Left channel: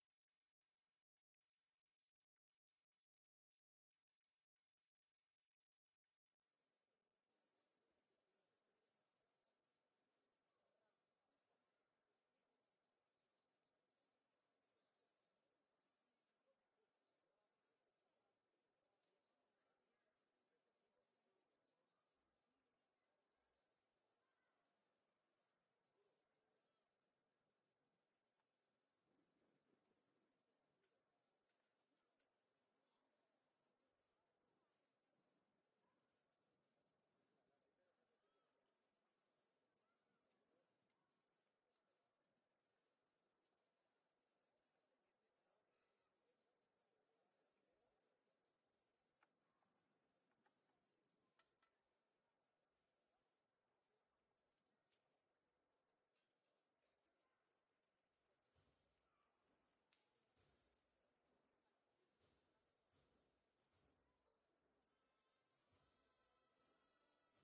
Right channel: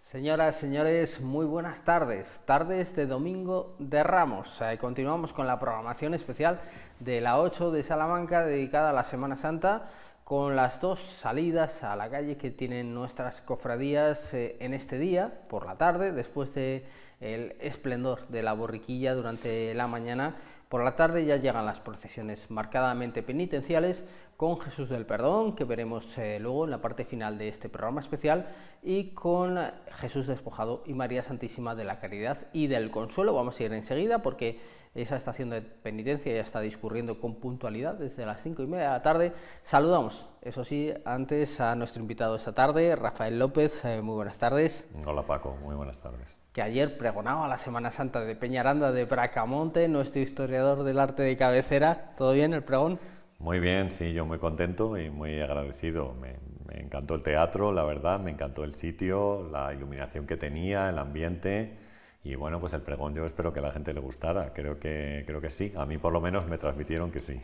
Señoras, señores, muy buenas tardes, tardes de Domingo de Ramos. Continuamos con la programación especial de la 8 de Salamanca dedicada a la Semana Santa, con las dos salidas a la calle que tienen nuestras cofradías en este día, por la tarde, después del esplendor de la borriquilla durante la mañana. Por la tarde ya llegan las procesiones marcadamente penitenciales con Jesús del Perdón, que veremos luego en la parte final de este programa especial, y con Jesús Despojado y María Santísima de la Caridad y del Consuelo. Vamos a ir enseguida porque esa estación de penitencia ya está discurriendo con puntualidad desde las 5:30 de la tarde. Saludamos, eso sí, antes a nuestro invitado esta tarde, Rafael López. Muy buenas tardes. Hola Paco, muy buenas tardes. Que ayer pregonaba la Semana Santa de Peñaranda de Bracamonte, nuestro historiador del arte de cabecera. ¿Todo bien el pregón? Muy bien, sí, yo muy contento y muy agradecido. Me encantó el teatro, la verdad, me encantó el sitio, la iluminación que tenía, el ambiente, y bueno, pues el pregón yo espero que a la gente le gustara, creo que sí, a mí por lo menos me transmitieron que sí.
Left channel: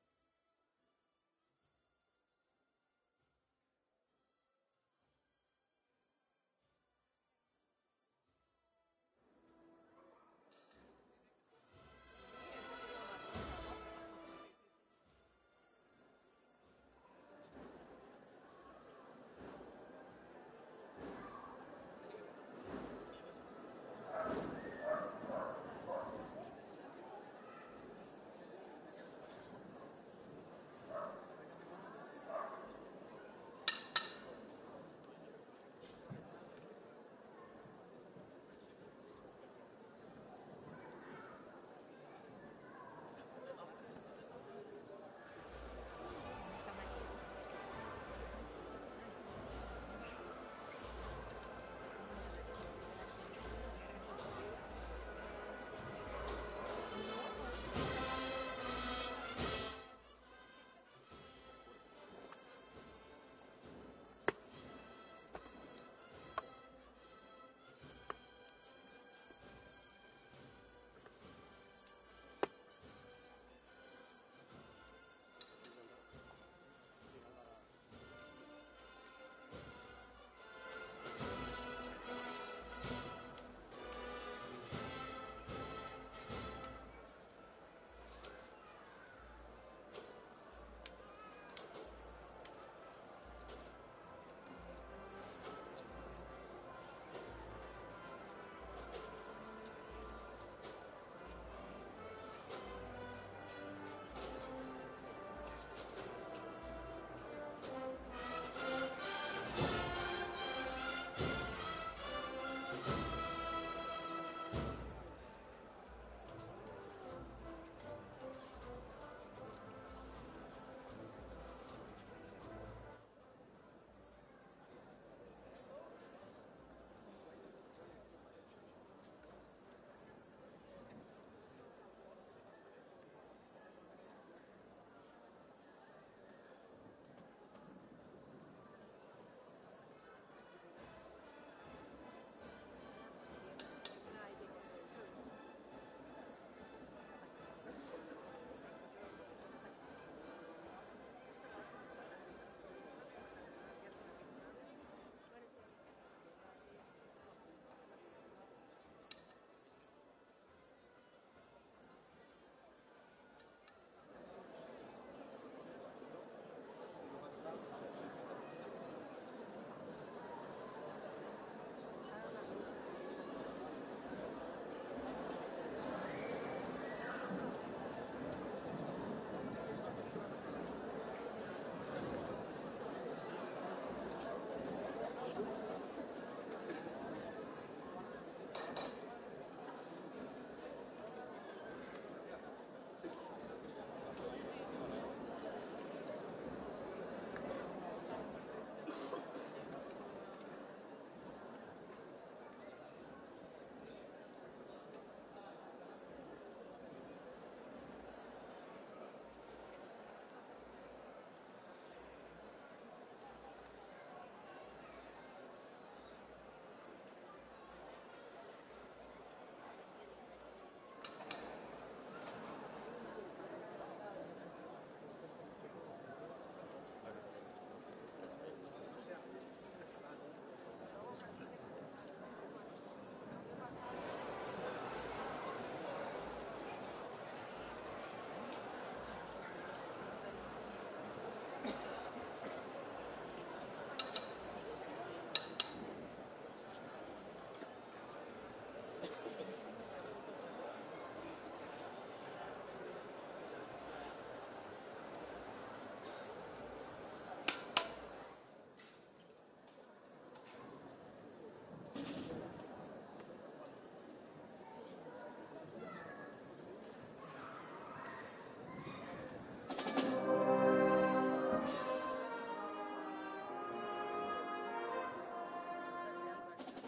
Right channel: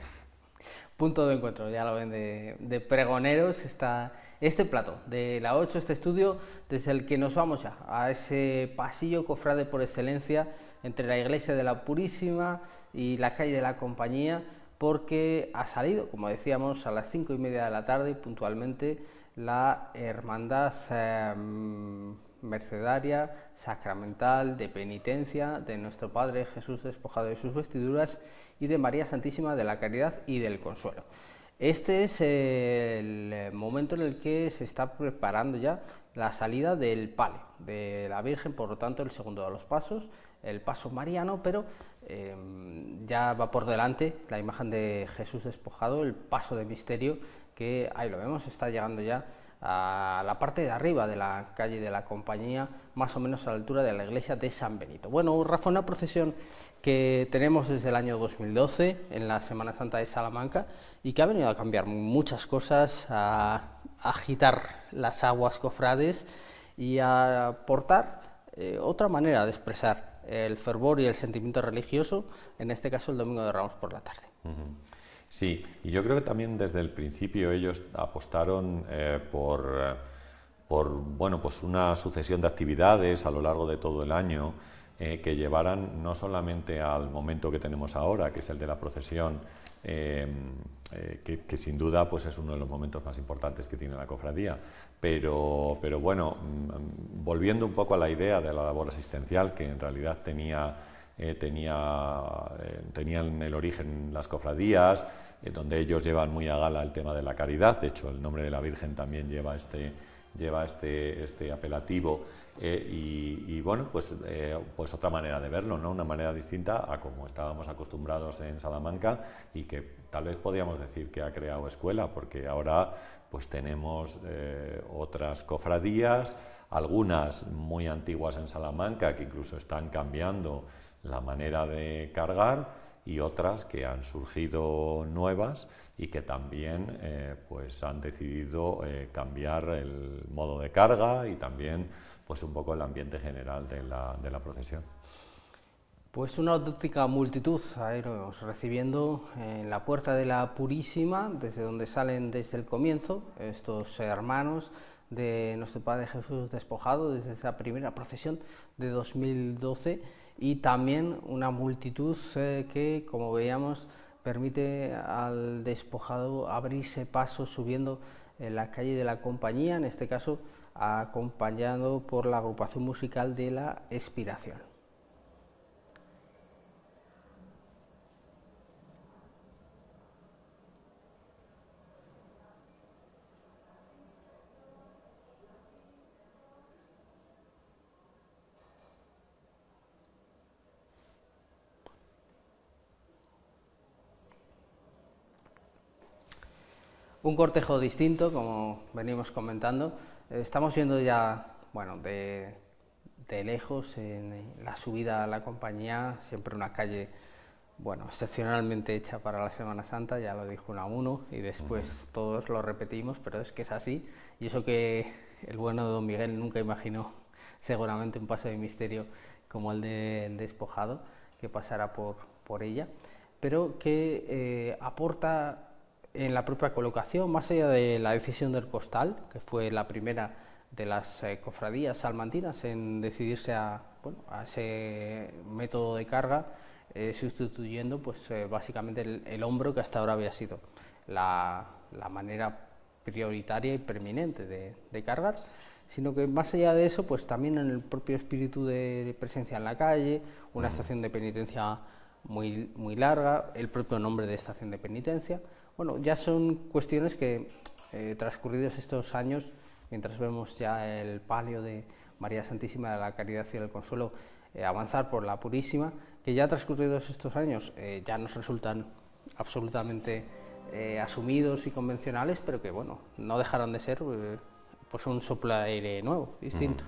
Punto de encuentro, ya lo ven, de pregoneros, está este plato de la 8, este estudio, desde el que nos vamos ya a ese pasillo cofrade por excelencia entre la iglesia de la Purísima y la calle de la Compañía, porque ha salido, como decíamos, a las 5:30 de la tarde puntualmente la Hermandad Mercedaria Sacramental de Penitencia de nuestro Padre Jesús Despojado de sus vestiduras y de María Santísima de la Caridad y del Consuelo. Este es el momento en el que se está preparando ya la salida del palio de la Virgen, por lo tanto el segundo de los pasos, el paso mariano, pero ya va por delante la imagen de Jesús Despojado, el paso del misterio, que ahí lo vemos, está llegando ya a la parte de arriba de la calle de la Compañía, más o menos a la altura de la iglesia de San Benito. Bueno, Rafa, una procesión que tenemos desde el año 2012 en la Semana Santa de Salamanca y que ha venido a cambiar muchas cosas, a agitar las aguas cofrades y a aportar otra manera de expresar el fervor y el sentimiento religioso, en este caso el Domingo de Ramos por la tarde. Sí, y yo creo que también desde el principio ellos apostaron por bueno, pues una sucesión de actividades a lo largo de todo el año que llevaran no solamente al momento que tenemos ahora, que es el de la procesión, que sin duda pues es uno de los momentos más importantes que tiene la cofradía, pero bueno, volviendo un poco a la idea de la labor asistencial que en realidad tenían el origen las cofradías, donde ellos llevan muy a gala el tema de la caridad. De hecho el nombre de la Virgen también lleva este apelativo, y bueno, pues otra manera de verlo, ¿no? Una manera distinta a como estábamos acostumbrados en Salamanca, y que tal vez podríamos decir que ha creado escuela, porque ahora pues tenemos otras cofradías, algunas muy antiguas en Salamanca que incluso están cambiando la manera de cargar, y otras que han surgido nuevas y que también pues han decidido cambiar el modo de carga y también pues un poco el ambiente general de la procesión. Pues una auténtica multitud a irnos recibiendo en la puerta de la Purísima, desde donde salen desde el comienzo estos hermanos de nuestro Padre Jesús Despojado, desde esa primera procesión de 2012, y también una multitud que, como veíamos, permite al Despojado abrirse paso subiendo en la calle de la Compañía, en este caso acompañado por la agrupación musical de la Expiración. Un cortejo distinto, como venimos comentando. Estamos viendo ya, bueno, de lejos en la subida a la Compañía, siempre una calle bueno, excepcionalmente hecha para la Semana Santa, ya lo dijo Unamuno, y después todos lo repetimos, pero es que es así. Y eso que el bueno de Don Miguel nunca imaginó seguramente un paso de misterio como el de Despojado, que pasara por ella, pero que aporta en la propia colocación, más allá de la decisión del costal, que fue la primera de las cofradías salmantinas en decidirse a ese método de carga, sustituyendo pues, básicamente el hombro, que hasta ahora había sido la manera prioritaria y preeminente de cargar, sino que más allá de eso, pues también en el propio espíritu de presencia en la calle, una estación de penitencia muy larga, el propio nombre de estación de penitencia. Bueno, ya son cuestiones que, transcurridos estos años, mientras vemos ya el palio de María Santísima de la Caridad y del Consuelo avanzar por la Purísima, que ya transcurridos estos años ya nos resultan absolutamente asumidos y convencionales, pero que bueno, no dejaron de ser pues un soplo de aire nuevo, distinto.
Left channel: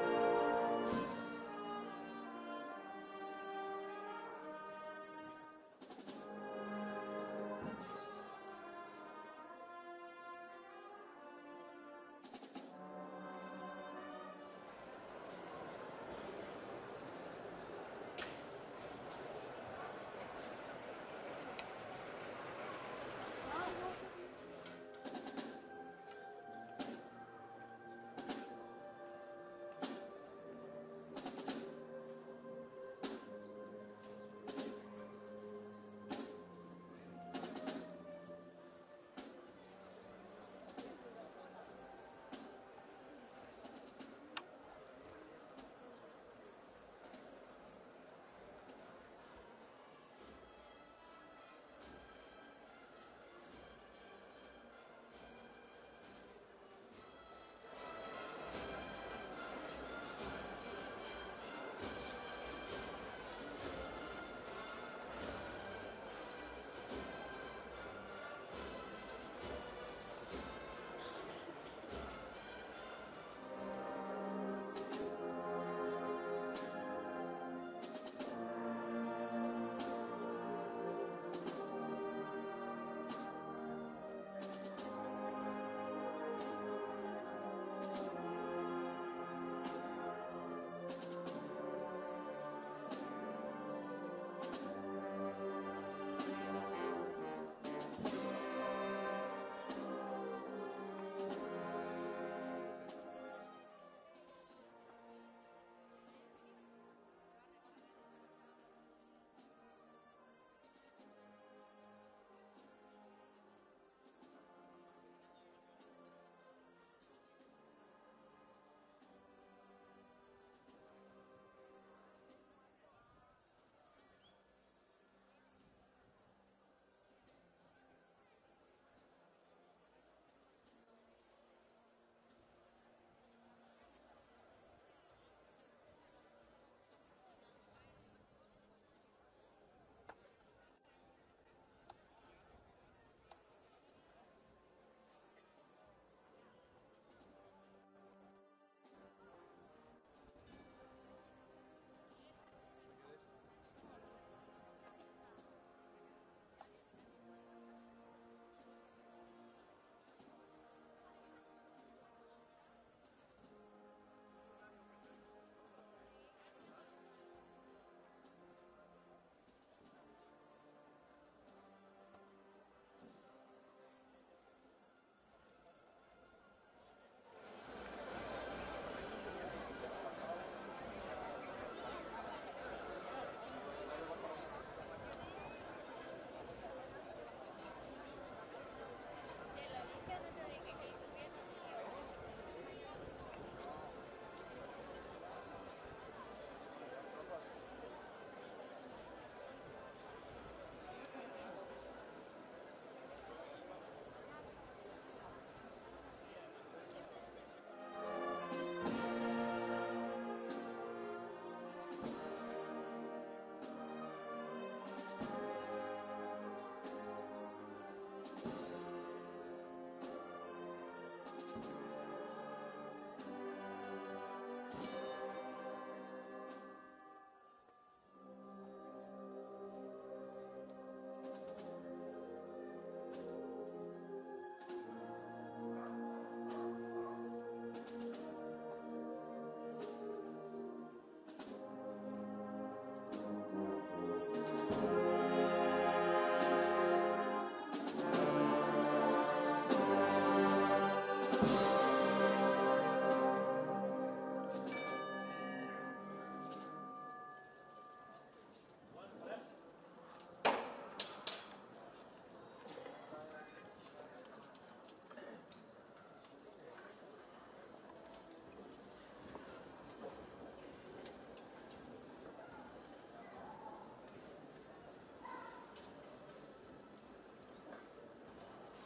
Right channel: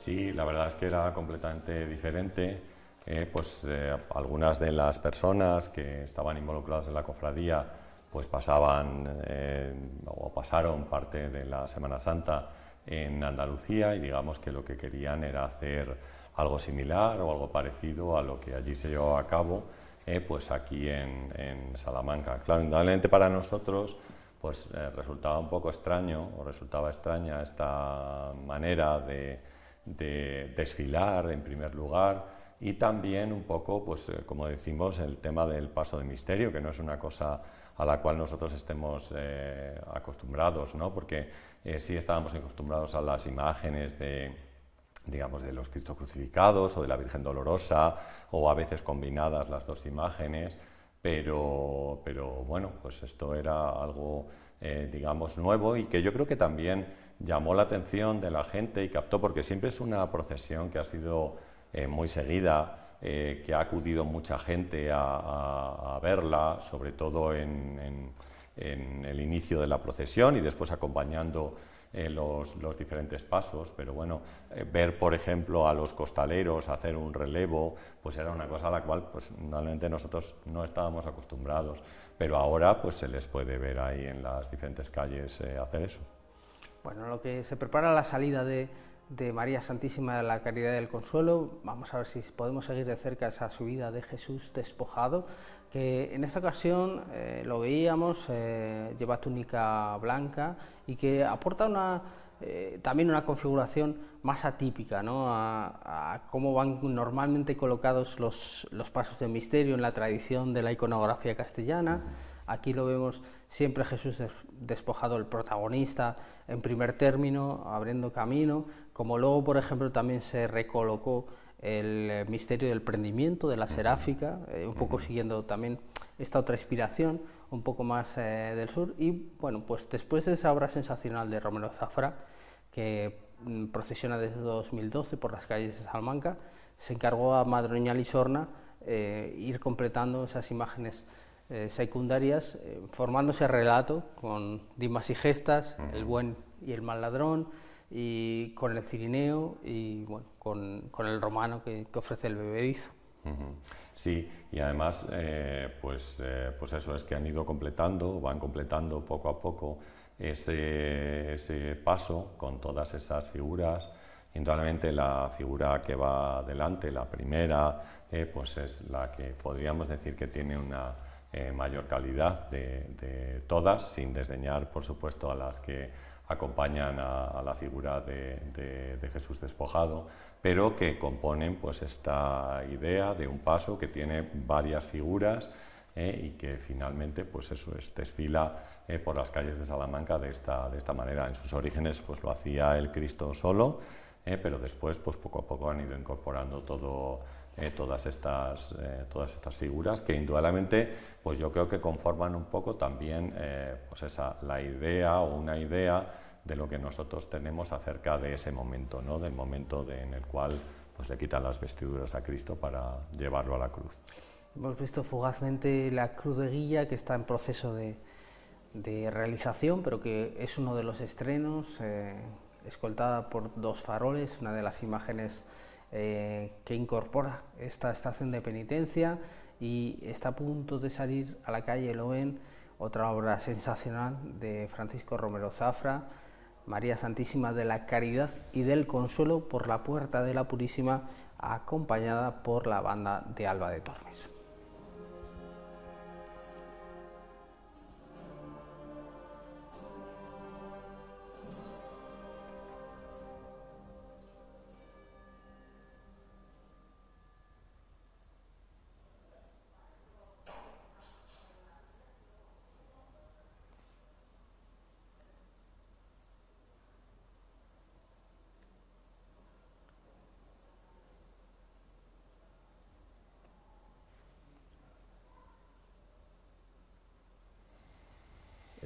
Sí, la verdad es que era completamente diferente. Algunas de las personas que estaban involucradas en la cofradía pues pasaron parte de la Semana Santa en Andalucía, y digamos que lo que querían era hacer algo similar o algo parecido a lo que allí se llevaba a cabo, pues aquí en Salamanca. Claro, indudablemente para nosotros pues resultaba un poco extraño, o resultaba extraña esta manera de desfilar en primer lugar, y también un poco, pues como decimos, el tema del paso de misterio, que no es una cosa a la cual nosotros estemos acostumbrados, ¿no? Porque sí estábamos acostumbrados a las imágenes de los Cristos crucificados o de la Virgen Dolorosa, o a veces combinadas las dos imágenes, pero bueno, pues esto era algo nuevo, y que yo creo que también llamó la atención de la gente y captó, porque siempre es una procesión que ha sido muy seguida, que ha acudido mucha gente a verla, sobre todo en el inicio de la procesión y después acompañando los diferentes pasos. Pero bueno, ver por ejemplo a los costaleros hacer un relevo, pues era una cosa a la cual pues normalmente nosotros no estábamos acostumbrados, pero ahora pues se les puede ver ahí en las diferentes calles hacer eso. Bueno, lo que se prepara la salida de María Santísima de la Caridad y del Consuelo, vamos a ver si podemos seguir de cerca esa subida de Jesús despojado, que en esta ocasión lo veíamos, lleva túnica blanca y que aporta también una configuración más atípica, ¿no? a cómo van normalmente colocados los pasos de misterio en la tradición de la iconografía castellana. Aquí lo vemos siempre Jesús despojado, el protagonista, en primer término, abriendo camino, como luego, por ejemplo, también se recolocó el misterio del prendimiento, de la seráfica, un poco siguiendo también esta otra inspiración, un poco más del sur. Y bueno, pues después de esa obra sensacional de Romero Zafra, que procesiona desde 2012 por las calles de Salamanca, se encargó a Madroñal y Sorna ir completando esas imágenes secundarias, formándose relato con dimas y gestas, el buen y el mal ladrón, y con el cirineo y bueno, con el romano que ofrece el bebedizo. Sí, y además pues eso es que van completando poco a poco ese paso con todas esas figuras. Indudablemente la figura que va delante, la primera, pues es la que podríamos decir que tiene una mayor calidad de todas, sin desdeñar por supuesto a las que acompañan a la figura de Jesús despojado, pero que componen pues esta idea de un paso que tiene varias figuras y que finalmente pues eso desfila por las calles de Salamanca de esta manera. En sus orígenes pues lo hacía el Cristo solo, pero después pues poco a poco han ido incorporando todas estas figuras, que indudablemente pues yo creo que conforman un poco también la idea o una idea de lo que nosotros tenemos acerca de ese momento, ¿no? Del momento en el cual pues le quitan las vestiduras a Cristo para llevarlo a la cruz. Hemos visto fugazmente la cruz de guilla, que está en proceso de realización, pero que es uno de los estrenos, escoltada por dos faroles, una de las imágenes que incorpora esta estación de penitencia y está a punto de salir a la calle, lo ven, otra obra sensacional de Francisco Romero Zafra, María Santísima de la Caridad y del Consuelo por la Puerta de la Purísima, acompañada por la banda de Alba de Tormes.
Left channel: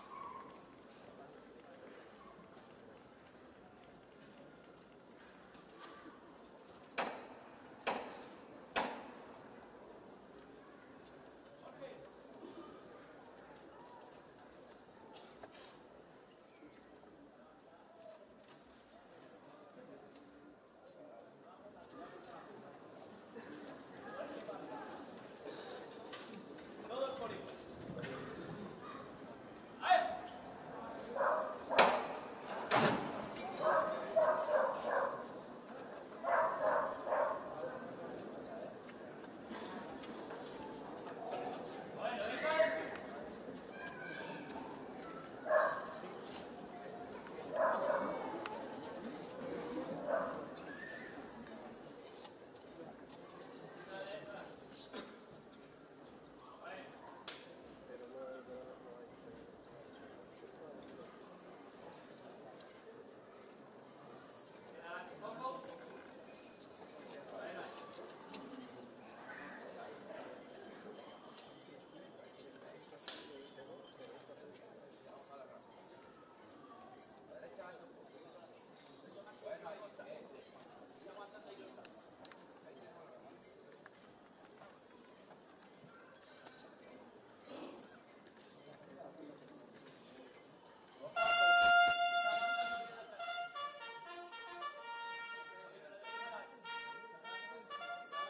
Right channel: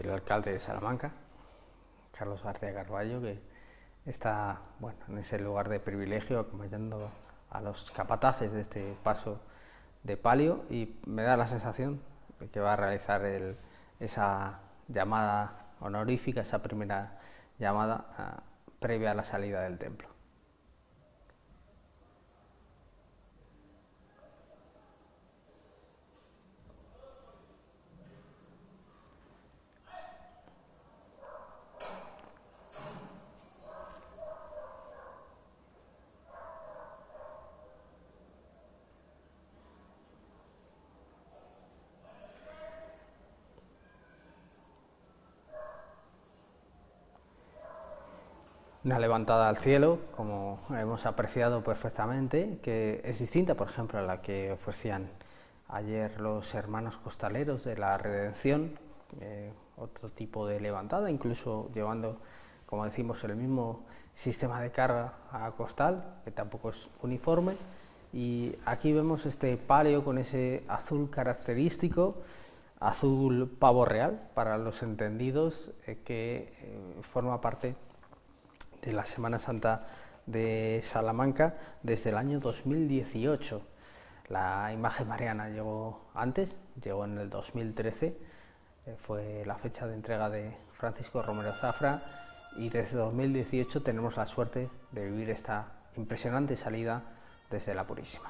El alcalde de Salamanca, Carlos García Carballo, que está en ese lugar de privilegio acompañando a los capataces de este paso de palio, y me da la sensación de que va a realizar esa llamada honorífica, esa primera llamada previa a la salida del templo. Una levantada al cielo, como hemos apreciado perfectamente, que es distinta, por ejemplo, a la que ofrecían ayer los hermanos costaleros de la Redención, otro tipo de levantada, incluso llevando, como decimos, el mismo sistema de carga a costal, que tampoco es uniforme. Y aquí vemos este palio con ese azul característico, azul pavo real para los entendidos, que forma parte de la Semana Santa de Salamanca desde el año 2018. La imagen mariana llegó antes, llegó en el 2013, fue la fecha de entrega de Francisco Romero Zafra, y desde 2018 tenemos la suerte de vivir esta impresionante salida desde la Purísima.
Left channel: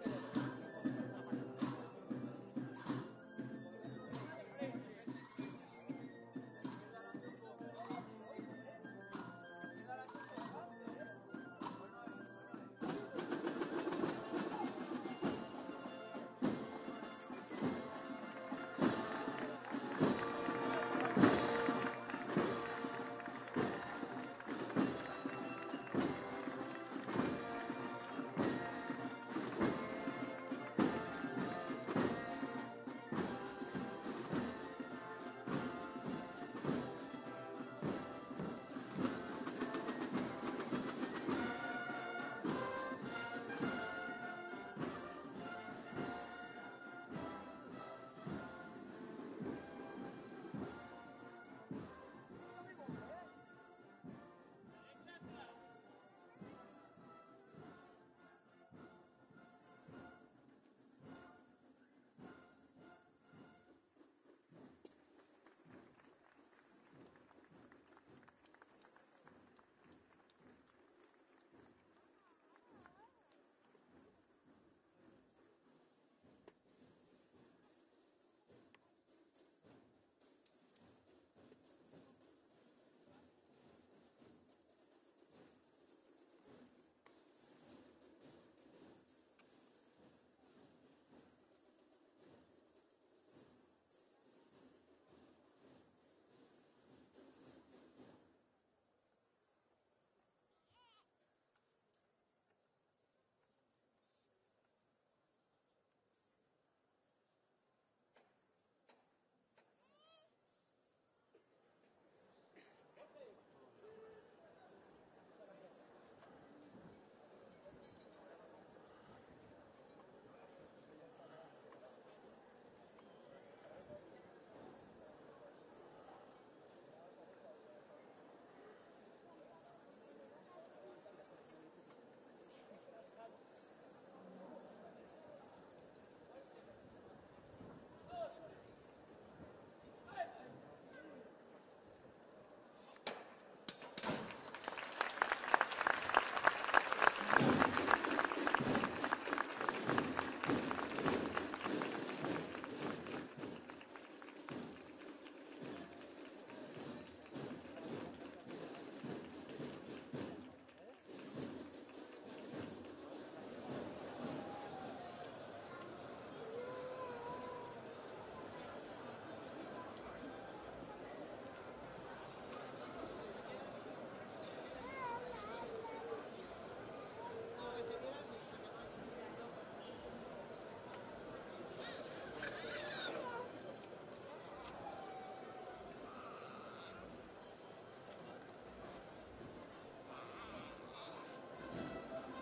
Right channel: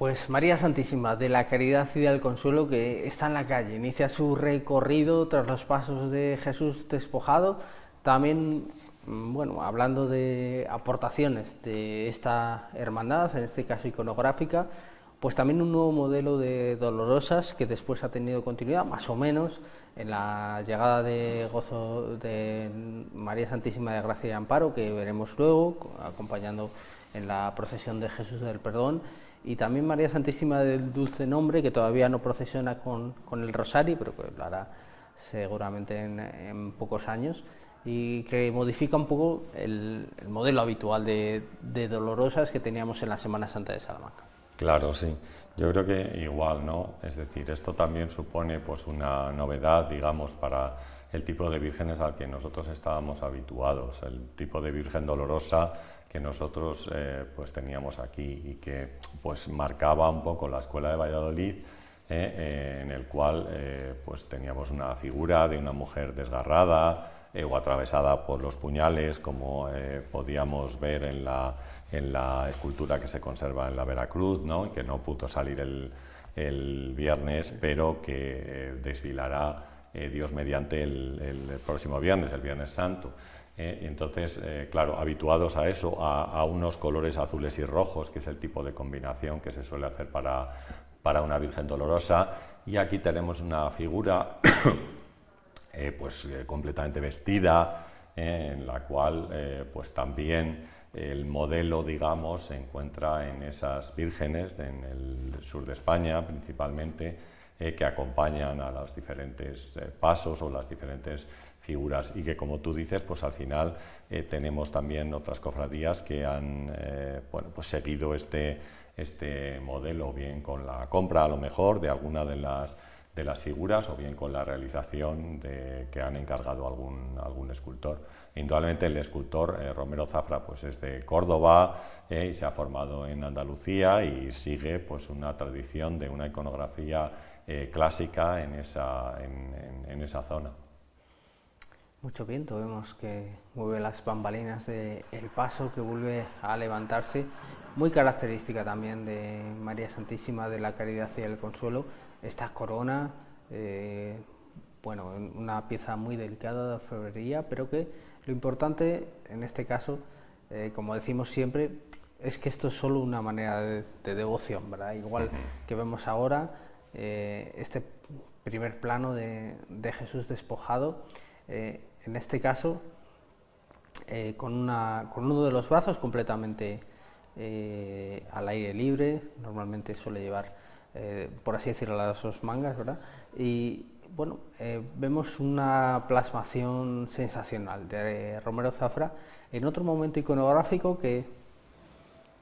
Pues María Santísima de la Caridad y del Consuelo, que está en la calle, inicia su recorrido tras los pasos de Jesús despojado. También, bueno, hablando de aportaciones de esta hermandad, en este caso iconográfica, pues también un nuevo modelo de Dolorosas que después ha tenido continuidad, más o menos, en la llegada de Gozo de María Santísima de Gracia y Amparo, que veremos luego, acompañando en la procesión de Jesús del Perdón, y también María Santísima del Dulce Nombre, que todavía no procesiona con el Rosario, pero que lo hará seguramente en pocos años, y que modifica un poco el modelo habitual de Dolorosas que teníamos en la Semana Santa de Salamanca. Claro, sí. Yo creo que igual, ¿no? Es decir, esto también supone pues una novedad, digamos, para el tipo de vírgenes al que nosotros estábamos habituados, el tipo de Virgen Dolorosa que nosotros pues teníamos aquí y que pues marcaba un poco la escuela de Valladolid, en el cual pues teníamos una figura de una mujer desgarrada o atravesada por los puñales, como podíamos ver en la escultura que se conserva en la Veracruz, ¿no? Y que no pudo salir el viernes, pero que desfilará Dios mediante el próximo viernes, el Viernes Santo. Entonces, claro, habituados a eso, a unos colores azules y rojos, que es el tipo de combinación que se suele hacer para una Virgen Dolorosa, y aquí tenemos una figura completamente vestida, en la cual pues también el modelo, digamos, se encuentra en esas vírgenes en el sur de España principalmente, que acompañan a los diferentes pasos o las diferentes figuras, y que, como tú dices, pues al final tenemos también otras cofradías que han pues seguido este modelo, bien con la compra a lo mejor de alguna de las figuras, o bien con la realización que han encargado algún escultor. Indudablemente el escultor Romero Zafra pues es de Córdoba y se ha formado en Andalucía y sigue pues una tradición de una iconografía clásica en esa zona. Mucho viento, vemos que mueve las bambalinas del paso, que vuelve a levantarse, muy característica también de María Santísima de la Caridad y del Consuelo, esta corona, bueno, una pieza muy delicada de orfebrería, pero que lo importante en este caso, como decimos siempre, es que esto es solo una manera de devoción, ¿verdad? Igual que vemos ahora, este primer plano de Jesús despojado, en este caso con uno de los brazos completamente al aire libre, normalmente suele llevar, por así decirlo, las dos mangas, ¿verdad? Y bueno, vemos una plasmación sensacional de Romero Zafra en otro momento iconográfico que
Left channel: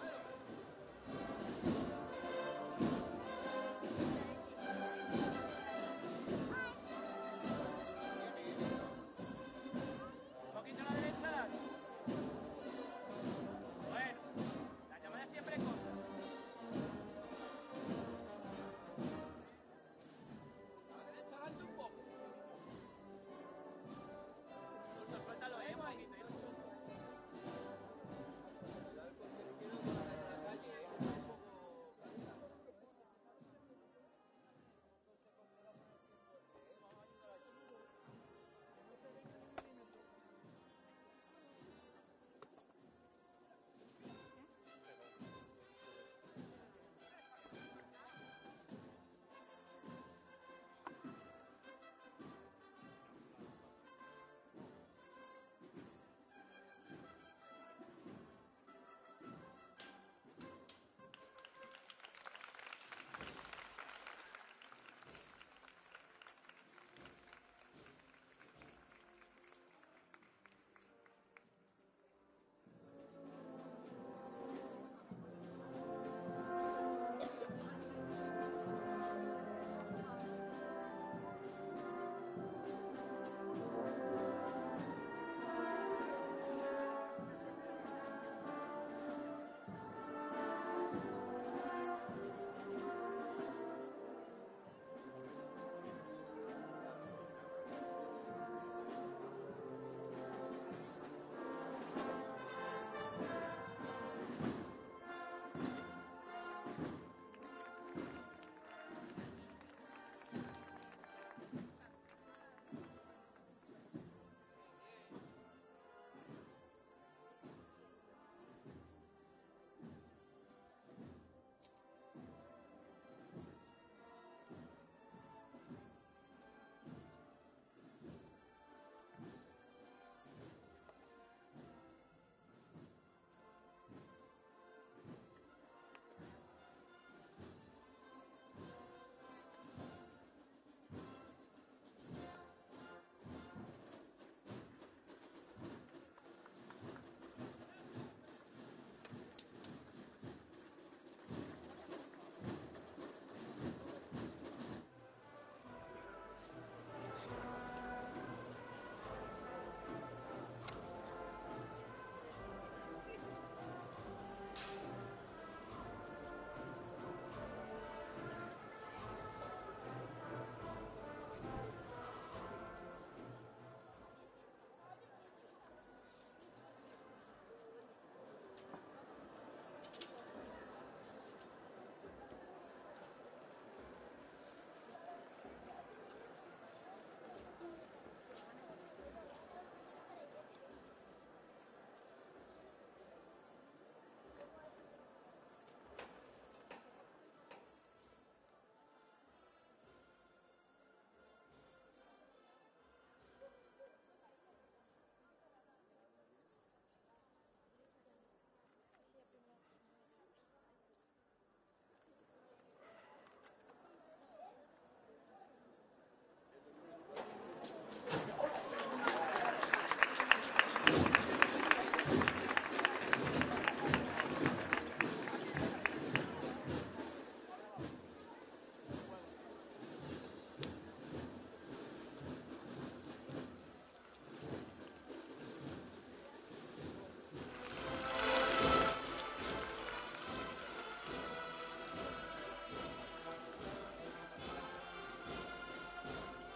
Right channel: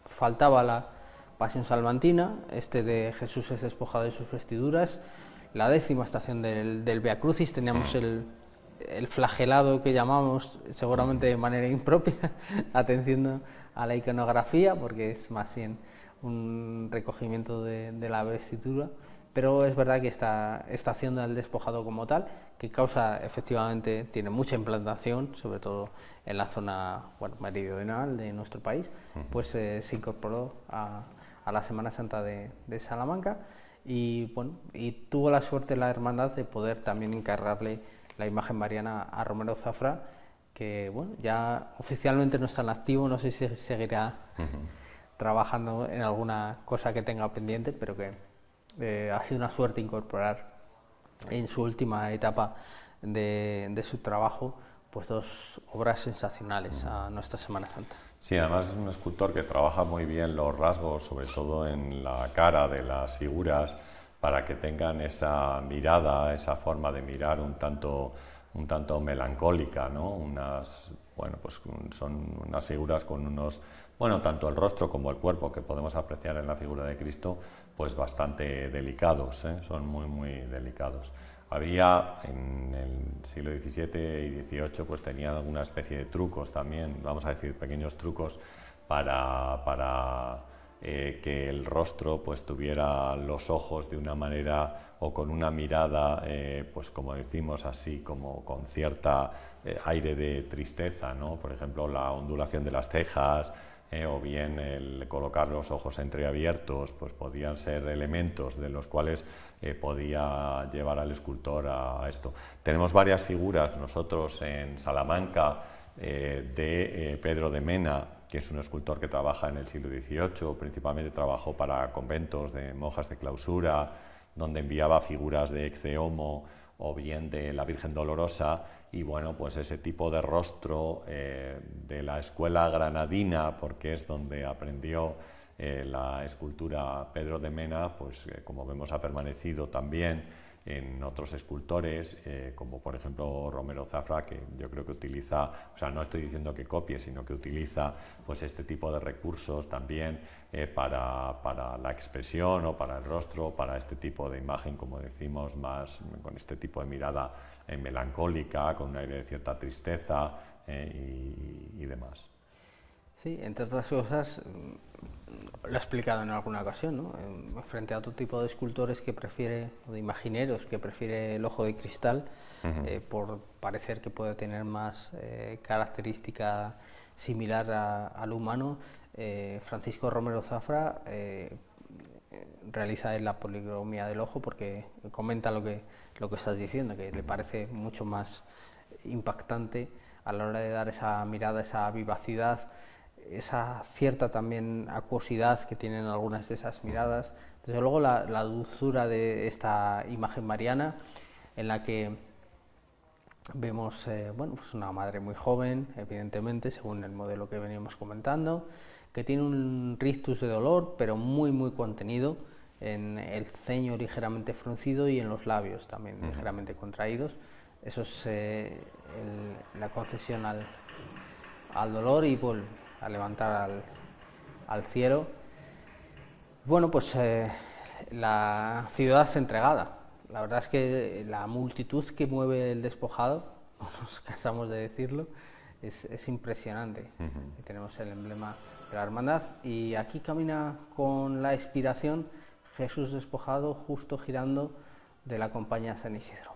faltaba la Pasión Salmantina, este de Jesús es despojado de sus vestiduras, la 10ª estación del Via Crucis, teníamos el flagelado que llamamos, seguramente de manera impropia, atención a la iconografía, porque es más bien un recogimiento de la vestidura, pero es verdad que esta estación del despojado como tal, que causa, efectivamente, tiene mucha implantación, sobre todo en la zona meridional de nuestro país, pues se incorporó a la Semana Santa de Salamanca y tuvo la suerte la hermandad de poder también encargarle la imagen mariana a Romero Zafra, que ya oficialmente no está en activo, no sé si seguirá trabajando en alguna cosa que tenga pendiente, pero que ha sido una suerte incorporar en su última etapa de su trabajo pues dos obras sensacionales a nuestra Semana Santa. Sí, además es un escultor que trabaja muy bien los rasgos, sobre todo en la cara de las figuras, para que tengan esa mirada, esa forma de mirar un tanto melancólica, ¿no? Pues son unas figuras con unos, tanto el rostro como el cuerpo que podemos apreciar en la figura de Cristo, pues bastante delicados, son muy delicados. Había en el siglo XVII y XVIII pues tenían alguna especie de trucos también, vamos a decir pequeños trucos para que el rostro pues tuviera los ojos de una manera o con una mirada, pues como decimos así, como con cierta aire de tristeza, ¿no? Por ejemplo, la ondulación de las cejas, o bien el colocar los ojos entreabiertos, pues podían ser elementos de los cuales podía llevar al escultor a esto. Tenemos varias figuras nosotros en Salamanca de Pedro de Mena, que es un escultor que trabaja en el siglo XVIII, principalmente trabajó para conventos de monjas de clausura, donde enviaba figuras de Ecce Homo o bien de la Virgen Dolorosa, y bueno, pues ese tipo de rostro de la escuela granadina, porque es donde aprendió la escultura Pedro de Mena, pues como vemos ha permanecido también en otros escultores, como por ejemplo Romero Zafra, que yo creo que utiliza, o sea, no estoy diciendo que copie, sino que utiliza pues este tipo de recursos también para la expresión o para el rostro, para este tipo de imagen, como decimos, más con este tipo de mirada melancólica, con un aire de cierta tristeza y demás. Sí, entre otras cosas, lo he explicado en alguna ocasión, ¿no? Frente a otro tipo de escultores que prefiere, o de imagineros, que prefiere el ojo de cristal, por parecer que puede tener más característica similar al humano, Francisco Romero Zafra realiza la policromía del ojo, porque comenta lo que estás diciendo, que le parece mucho más impactante a la hora de dar esa mirada, esa vivacidad, esa cierta también acuosidad que tienen algunas de esas miradas. Desde luego la dulzura de esta imagen mariana, en la que vemos bueno, pues una madre muy joven, evidentemente, según el modelo que veníamos comentando, que tiene un rictus de dolor, pero muy contenido, en el ceño ligeramente fruncido y en los labios también ligeramente contraídos. Eso es la concesión al dolor y bueno, a levantar al cielo. Bueno, pues la ciudad entregada. La verdad es que la multitud que mueve el despojado, no nos cansamos de decirlo, es impresionante. Tenemos el emblema de la hermandad y aquí camina con la inspiración Jesús despojado, justo girando de la compañía San Isidro.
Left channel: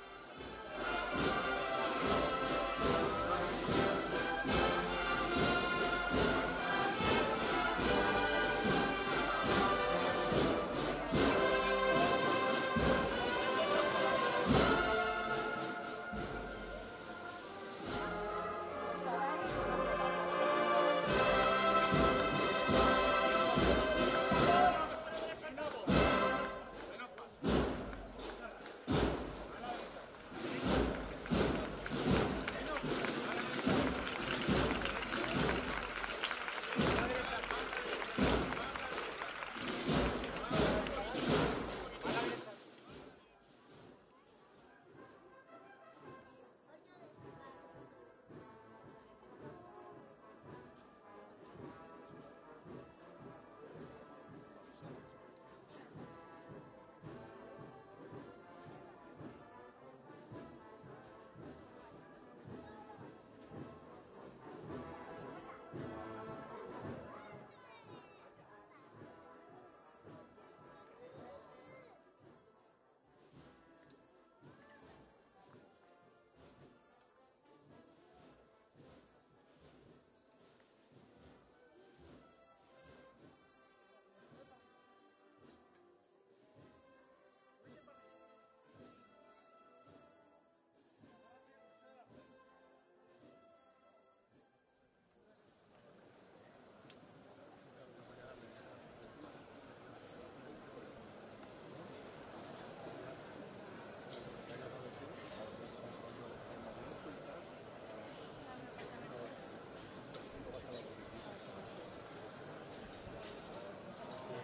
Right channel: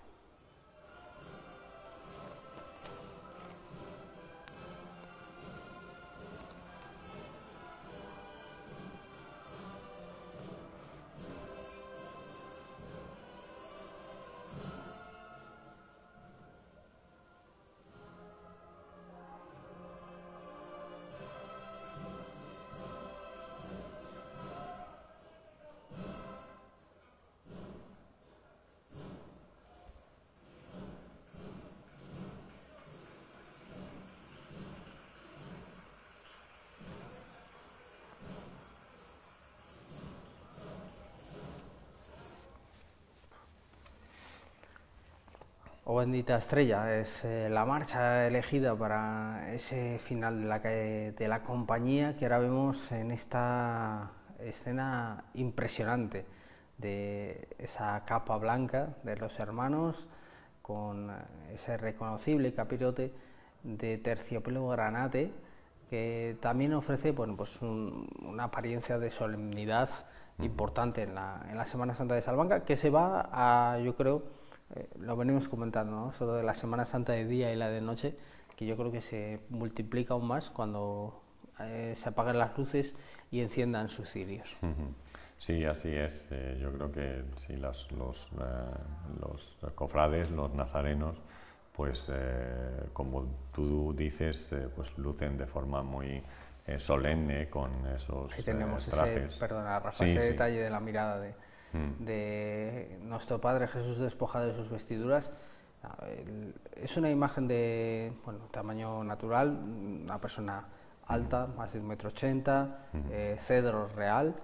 O bendita estrella es la marcha elegida para ese final de la compañía que ahora vemos en esta escena impresionante de esa capa blanca de los hermanos con ese reconocible capirote de terciopelo granate que también ofrece, bueno, pues una apariencia de solemnidad importante en la Semana Santa de Salamanca, que se va a, yo creo, lo venimos comentando, ¿no? Sobre de la Semana Santa de día y la de noche, que yo creo que se multiplica aún más cuando se apagan las luces y enciendan sus cirios. Sí, así es. Yo creo que sí, los cofrades, los nazarenos, pues como tú dices, pues lucen de forma muy solemne con esos Ahí tenemos trajes. ese detalle de la mirada de nuestro Padre Jesús despojado de sus vestiduras. Es una imagen de tamaño natural, una persona alta, más de 1,80 m, cedro real,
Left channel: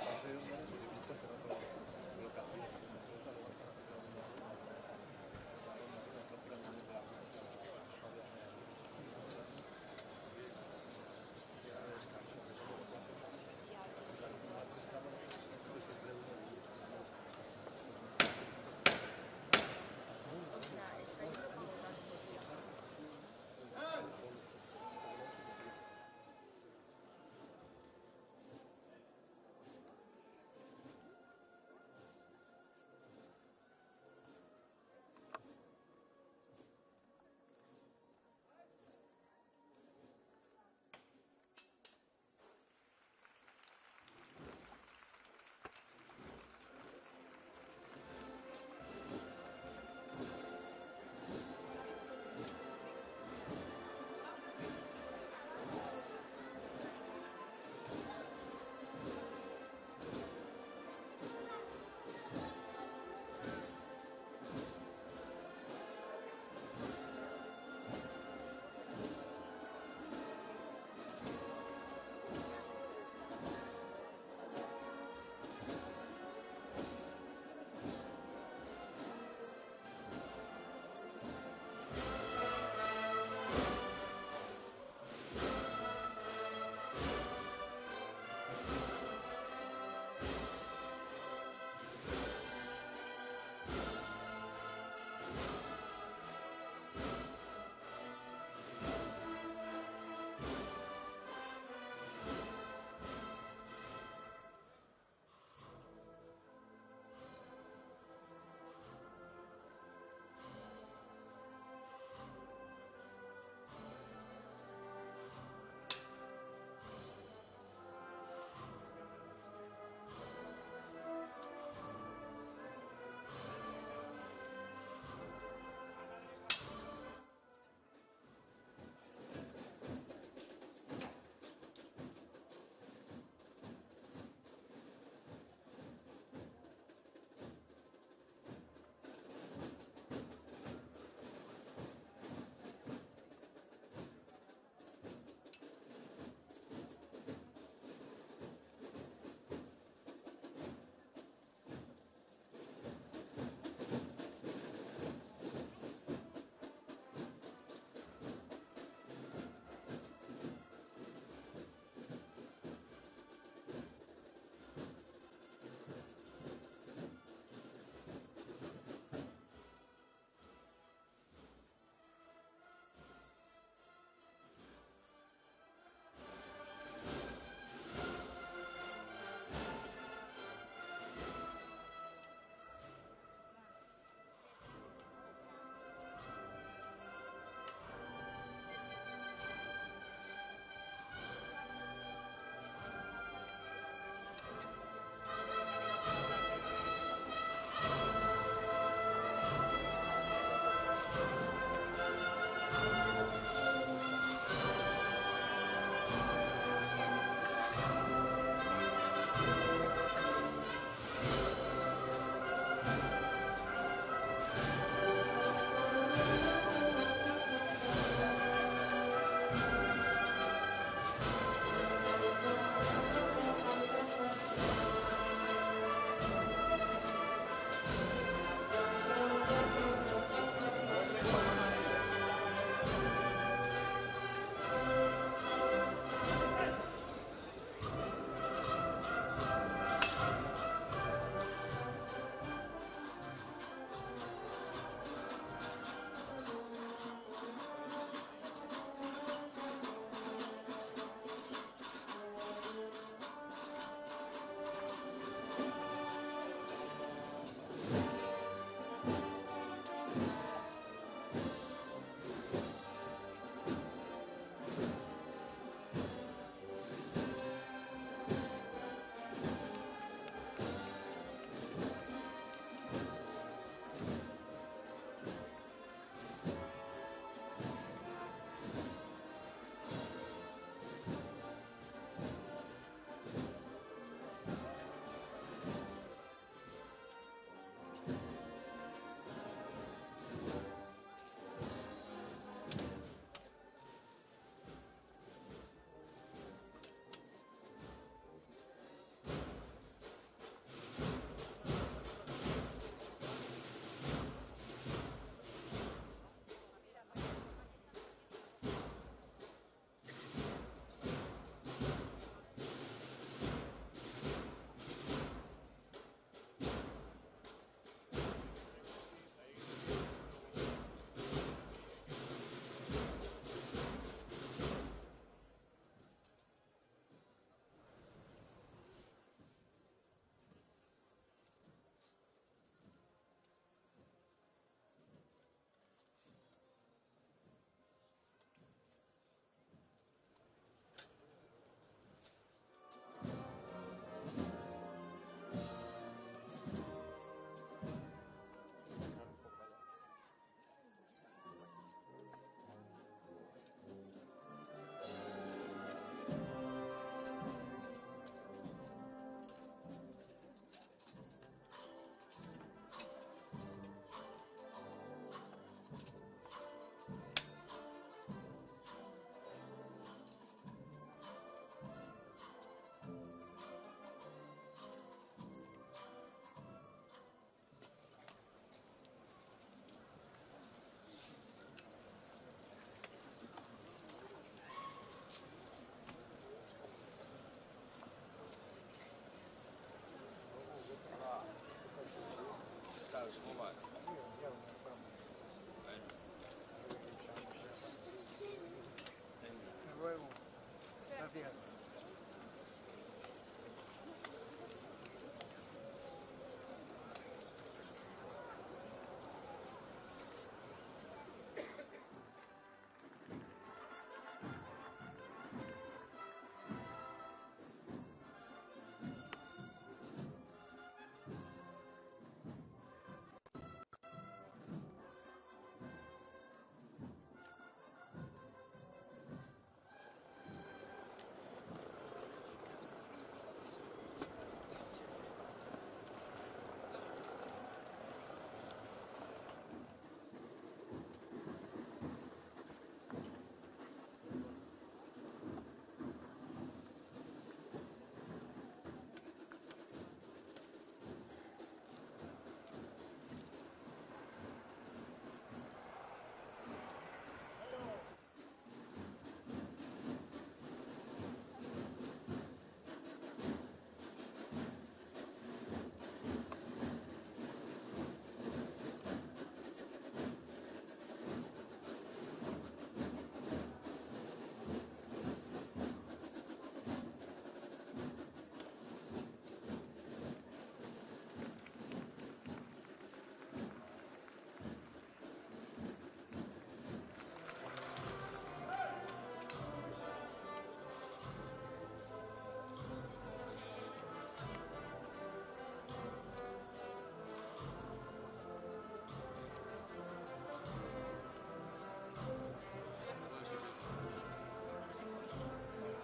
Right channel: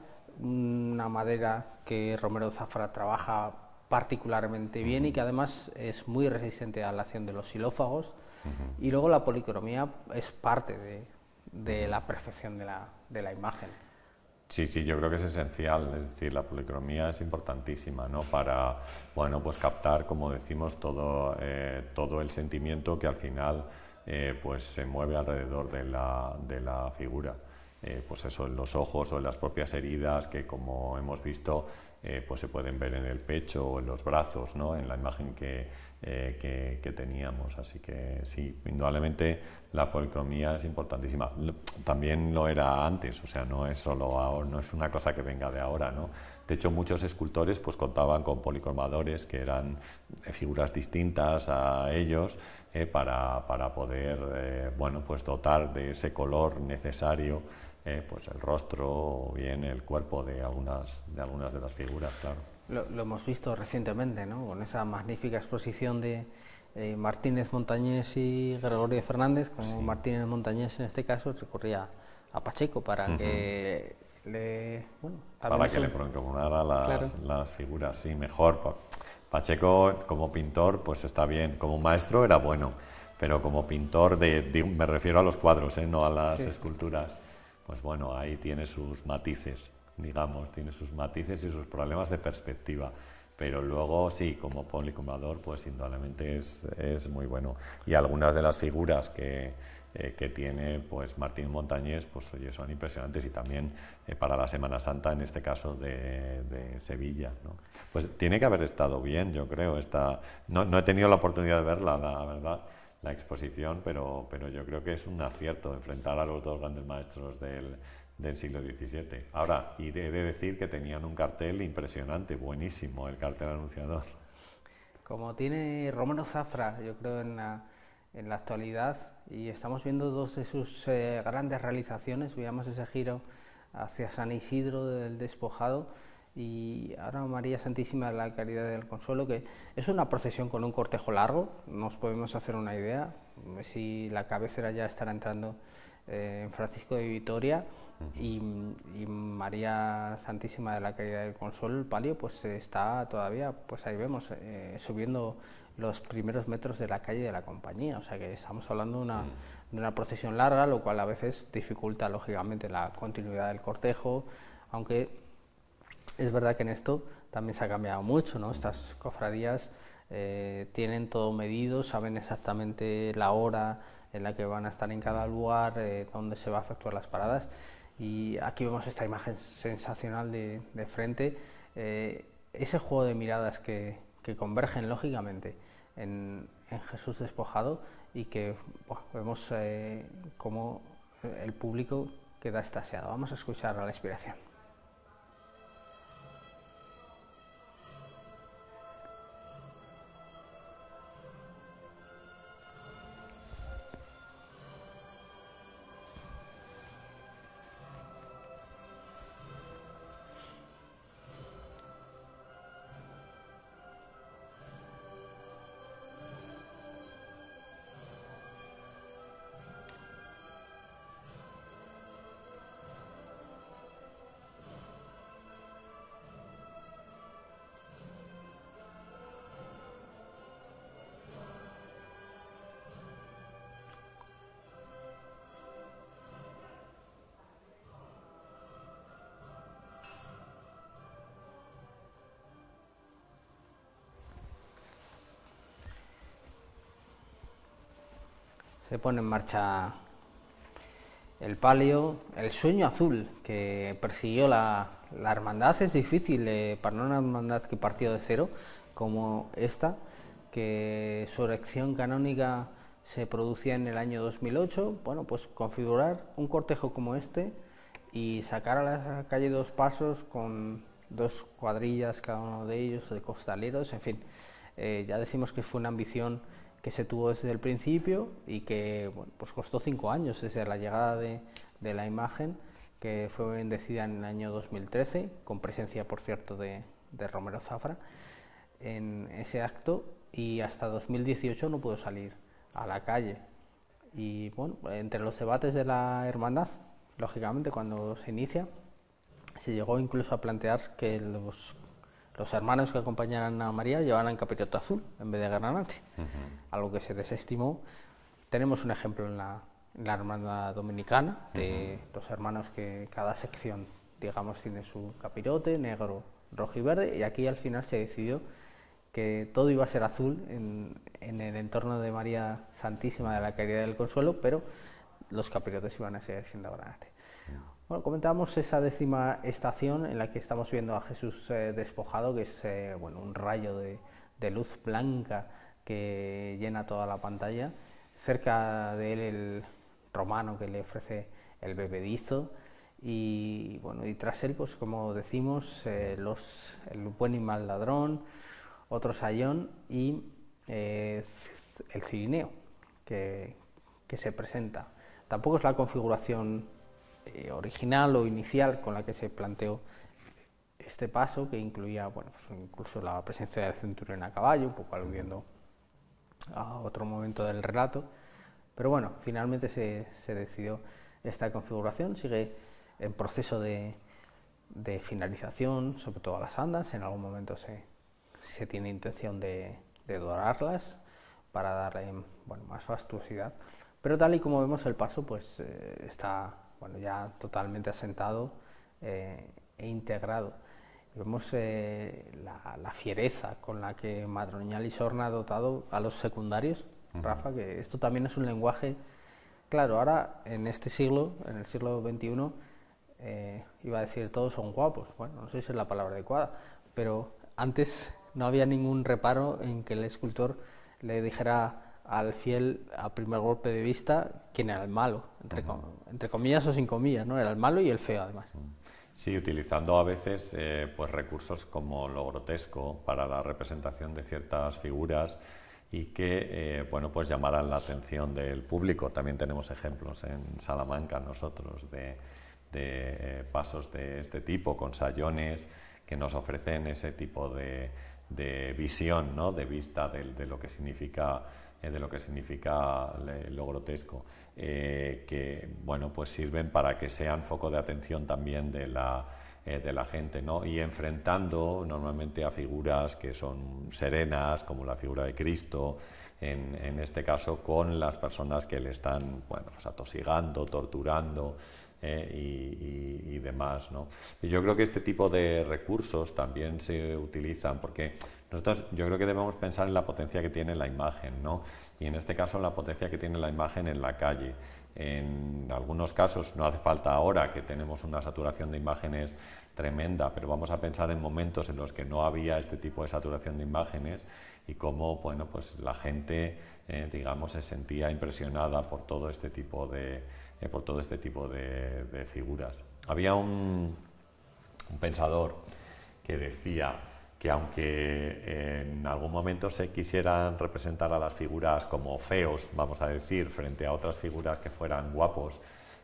una madera que Romero Zafra trabaja particularmente bien y que además es muy resistente a la acción de los xilófagos. Y luego la policromía es parte de la perfección de la imagen. Sí, yo creo que es esencial, es decir, la policromía es importantísima, ¿no? Para, bueno, pues captar, como decimos, todo el sentimiento que al final pues se mueve alrededor de la figura. Pues eso, en los ojos o en las propias heridas que, como hemos visto, pues se pueden ver en el pecho o en los brazos, ¿no? En la imagen que que teníamos. Así que sí, indudablemente la policromía es importantísima. También lo era antes, o sea, no es solo ahora, no es una cosa que venga de ahora, ¿no? De hecho, muchos escultores pues contaban con policromadores que eran figuras distintas a ellos para poder bueno, pues dotar de ese color necesario pues el rostro o bien el cuerpo de algunas de las figuras, claro. Lo hemos visto recientemente, ¿no? Con esa magnífica exposición de Martínez Montañés y Gregorio Fernández, como sí. Martínez Montañés en este caso recurría a Pacheco para que le... para que le procurara las figuras, sí, mejor. Pacheco como pintor pues está bien, como maestro era bueno, pero como pintor, me refiero a los cuadros, no a las esculturas, pues bueno, ahí tiene sus matices, digamos, tiene sus matices y sus problemas de perspectiva, pero luego sí, como policromador, pues indudablemente es muy bueno. Y algunas de las figuras que tiene pues Martín Montañés, pues oye, son impresionantes, y también para la Semana Santa, en este caso de Sevilla, ¿no? Pues tiene que haber estado bien, yo creo. No he tenido la oportunidad de verla, la verdad, la exposición, pero yo creo que es un acierto enfrentar a los dos grandes maestros del siglo XVII. Ahora, y he de decir que tenían un cartel impresionante, buenísimo, el cartel anunciador. Como tiene Romero Zafra, yo creo, en la actualidad, y estamos viendo dos de sus grandes realizaciones. Veíamos ese giro hacia San Isidro del Despojado, y ahora María Santísima de la Caridad y del Consuelo, que es una procesión con un cortejo largo. Nos podemos hacer una idea si la cabecera ya estará entrando en Francisco de Vitoria, y María Santísima de la Caridad y del Consuelo, el palio, pues está todavía, pues ahí vemos, subiendo los primeros metros de la calle de la Compañía. O sea que estamos hablando de una procesión larga, lo cual a veces dificulta lógicamente la continuidad del cortejo, aunque es verdad que en esto también se ha cambiado mucho, ¿no? Estas cofradías tienen todo medido, saben exactamente la hora en la que van a estar en cada lugar, dónde se va a efectuar las paradas, y aquí vemos esta imagen sensacional de frente, ese juego de miradas que convergen lógicamente en Jesús Despojado, y que vemos cómo el público queda extasiado. Vamos a escuchar la inspiración. Se pone en marcha el palio, el sueño azul que persiguió la hermandad. Es difícil para una hermandad que partió de cero como esta, que su erección canónica se producía en el año 2008, bueno, pues configurar un cortejo como este y sacar a la calle dos pasos con dos cuadrillas cada uno de ellos, de costaleros, en fin. Ya decimos que fue una ambición que se tuvo desde el principio y que, bueno, pues costó 5 años desde la llegada de la imagen, que fue bendecida en el año 2013, con presencia, por cierto, de Romero Zafra en ese acto, y hasta 2018 no pudo salir a la calle. Y bueno, entre los debates de la hermandad, lógicamente cuando se inicia, se llegó incluso a plantear que los hermanos que acompañaran a María llevaran capirote azul en vez de granate, algo que se desestimó. Tenemos un ejemplo en la hermandad dominicana, de los hermanos que cada sección, digamos, tiene su capirote, negro, rojo y verde, y aquí al final se decidió que todo iba a ser azul en el entorno de María Santísima de la Caridad y del Consuelo, pero los capirotes iban a seguir siendo granate. Bueno, comentábamos esa 10ª estación en la que estamos viendo a Jesús despojado, que es bueno, un rayo de luz blanca que llena toda la pantalla. Cerca de él el romano que le ofrece el bebedizo y bueno, y tras él, pues como decimos, el buen y mal ladrón, otro sayón y el cirineo que se presenta. Tampoco es la configuración original o inicial con la que se planteó este paso, que incluía, bueno, pues incluso la presencia del centurión a caballo, un poco aludiendo a otro momento del relato, pero bueno, finalmente se decidió esta configuración. Sigue en proceso de finalización, sobre todo a las andas. En algún momento se tiene intención de dorarlas para darle, bueno, más fastuosidad, pero tal y como vemos el paso, pues está, bueno, ya totalmente asentado e integrado. Vemos la fiereza con la que Madroñal y Sorna ha dotado a los secundarios, Rafa, que esto también es un lenguaje, claro, ahora en este siglo, en el siglo XXI, iba a decir todos son guapos, bueno, no sé si es la palabra adecuada, pero antes no había ningún reparo en que el escultor le dijera al fiel a primer golpe de vista quién era el malo, entre comillas o sin comillas, ¿no? Era el malo y el feo además. Sí, utilizando a veces pues recursos como lo grotesco para la representación de ciertas figuras y que bueno, pues llamaran la atención del público. También tenemos ejemplos en Salamanca nosotros de pasos de este tipo, con sayones que nos ofrecen ese tipo de visión, ¿no? De vista de lo que significa lo grotesco, que bueno, pues sirven para que sean foco de atención también de la gente, ¿no? Y enfrentando normalmente a figuras que son serenas, como la figura de Cristo, en este caso con las personas que le están, bueno, pues atosigando, torturando y demás, ¿no? Y yo creo que este tipo de recursos también se utilizan porque nosotros, yo creo que debemos pensar en la potencia que tiene la imagen, ¿no? Y en este caso la potencia que tiene la imagen en la calle. En algunos casos no hace falta ahora que tenemos una saturación de imágenes tremenda, pero vamos a pensar en momentos en los que no había este tipo de saturación de imágenes y cómo, bueno, pues la gente, digamos, se sentía impresionada por todo este tipo de figuras. Había un pensador que decía que aunque en algún momento se quisieran representar a las figuras como feos, vamos a decir, frente a otras figuras que fueran guapos,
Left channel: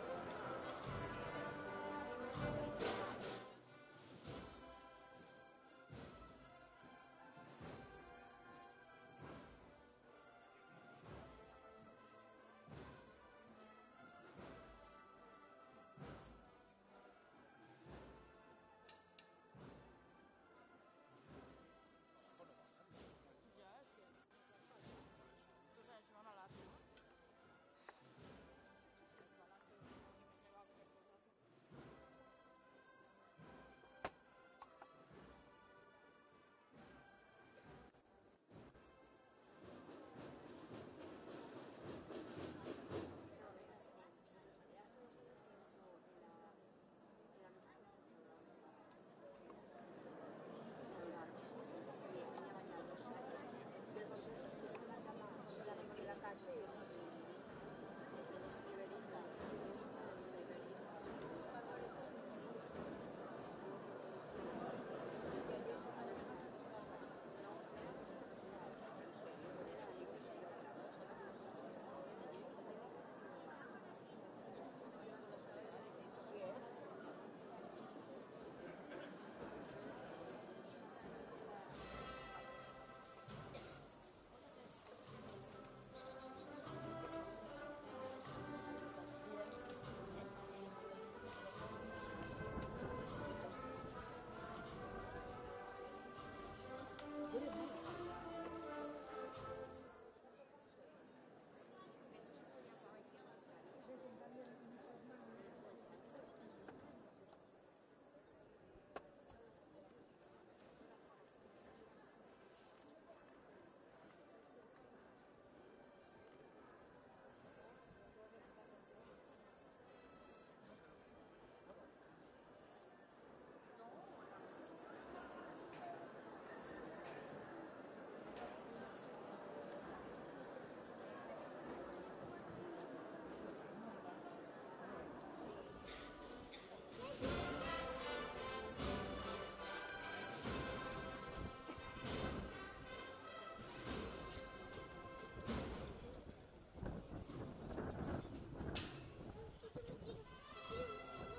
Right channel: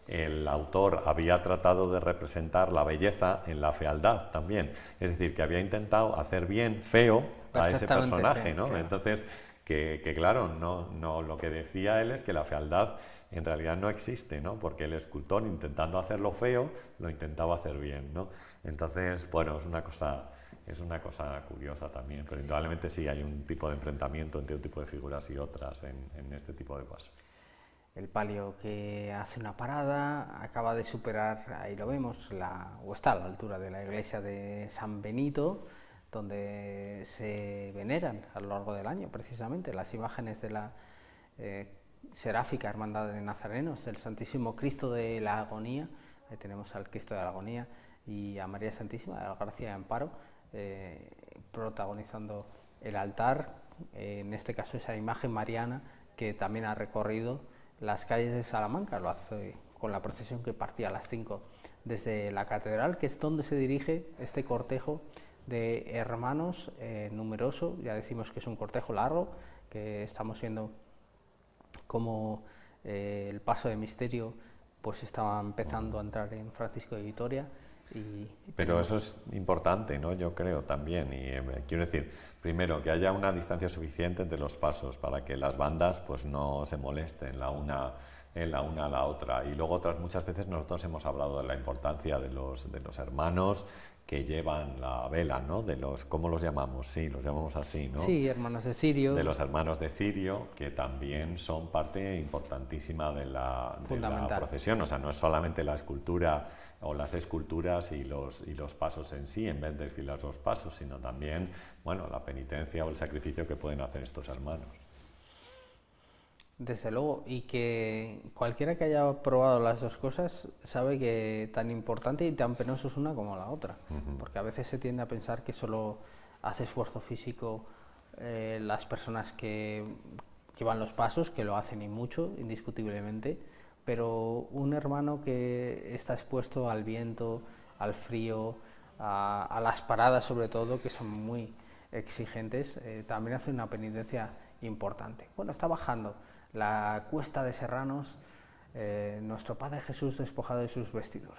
el autor había tratado de representar la belleza en la fealdad también. Es decir, que había intentado hacer bien feo a ese personaje, ¿no? Claro. Entonces, que claro, no, lo que decía él es que la fealdad en realidad no existe, ¿no? Porque el escultor, intentando hacerlo feo, lo intentaba hacer bien, ¿no? Entonces, bueno, es una cosa curiosa también, pero indudablemente sí hay un tipo de enfrentamiento entre un tipo de figuras y otras en este tipo de pasos. El palio que hace una parada acaba de superar, ahí lo vemos, o está a la altura de la iglesia de San Benito, donde se veneran a lo largo del año precisamente las imágenes de la seráfica Hermandad de Nazarenos, del Santísimo Cristo de la Agonía. Ahí tenemos al Cristo de la Agonía y a María Santísima de la Gracia y Amparo, protagonizando el altar, en este caso esa imagen mariana que también ha recorrido las calles de Salamanca. Lo hace con la procesión que partía a las 5 desde la catedral, que es donde se dirige este cortejo de hermanos numeroso. Ya decimos que es un cortejo largo, que estamos viendo como el paso de misterio pues estaba empezando a entrar en Francisco de Vitoria. Pero eso es importante, ¿no? Yo creo también, y quiero decir, primero, que haya una distancia suficiente entre los pasos para que las bandas pues no se molesten la una a la otra. Y luego muchas veces nosotros hemos hablado de la importancia de los hermanos que llevan la vela, ¿no? ¿Cómo los llamamos? Sí, los llamamos así, ¿no? Sí, hermanos de Cirio. De los hermanos de Cirio, que también son parte importantísima de la procesión. O sea, no es solamente la escultura o las esculturas y los pasos en sí, en vez de desfilar los pasos, sino también, bueno, la penitencia o el sacrificio que pueden hacer estos hermanos. Desde luego, y que cualquiera que haya probado las dos cosas sabe que tan importante y tan penoso es una como la otra, porque a veces se tiende a pensar que solo hace esfuerzo físico las personas que llevan los pasos, que lo hacen y mucho, indiscutiblemente, pero un hermano que está expuesto al viento, al frío, a las paradas sobre todo, que son muy exigentes, también hace una penitencia importante. Bueno, está bajando la cuesta de Serranos nuestro Padre Jesús despojado de sus vestiduras.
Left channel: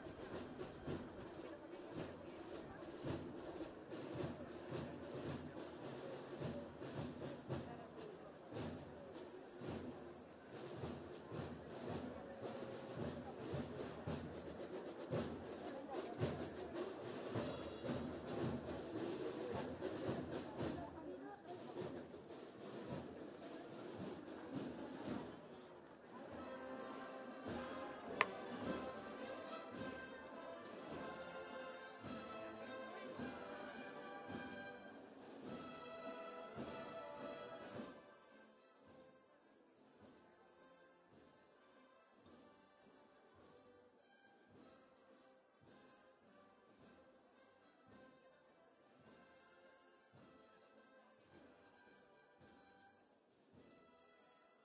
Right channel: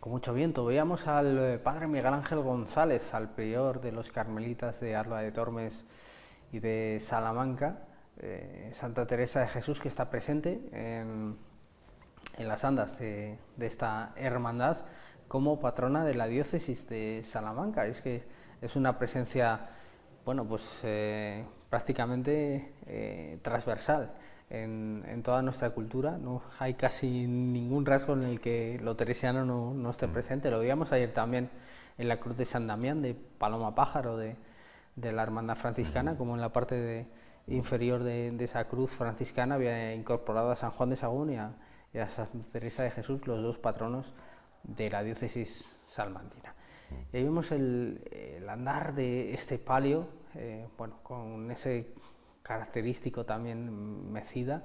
Con mucho viento veíamos al Padre Miguel Ángel González, al prior de los Carmelitas de Alba de Tormes y de Salamanca, Santa Teresa de Jesús, que está presente en las andas de esta hermandad como patrona de la diócesis de Salamanca. Es que es una presencia, bueno, pues prácticamente transversal en toda nuestra cultura. No hay casi ningún rasgo en el que lo teresiano no esté presente. Lo veíamos ayer también en la Cruz de San Damián de Paloma Pájaro de la hermandad franciscana, como en la parte inferior de esa cruz franciscana había incorporado a San Juan de Sagún y a Santa Teresa de Jesús, los dos patronos de la diócesis salmantina. Y ahí vemos el andar de este palio, bueno, con ese característico también mecida,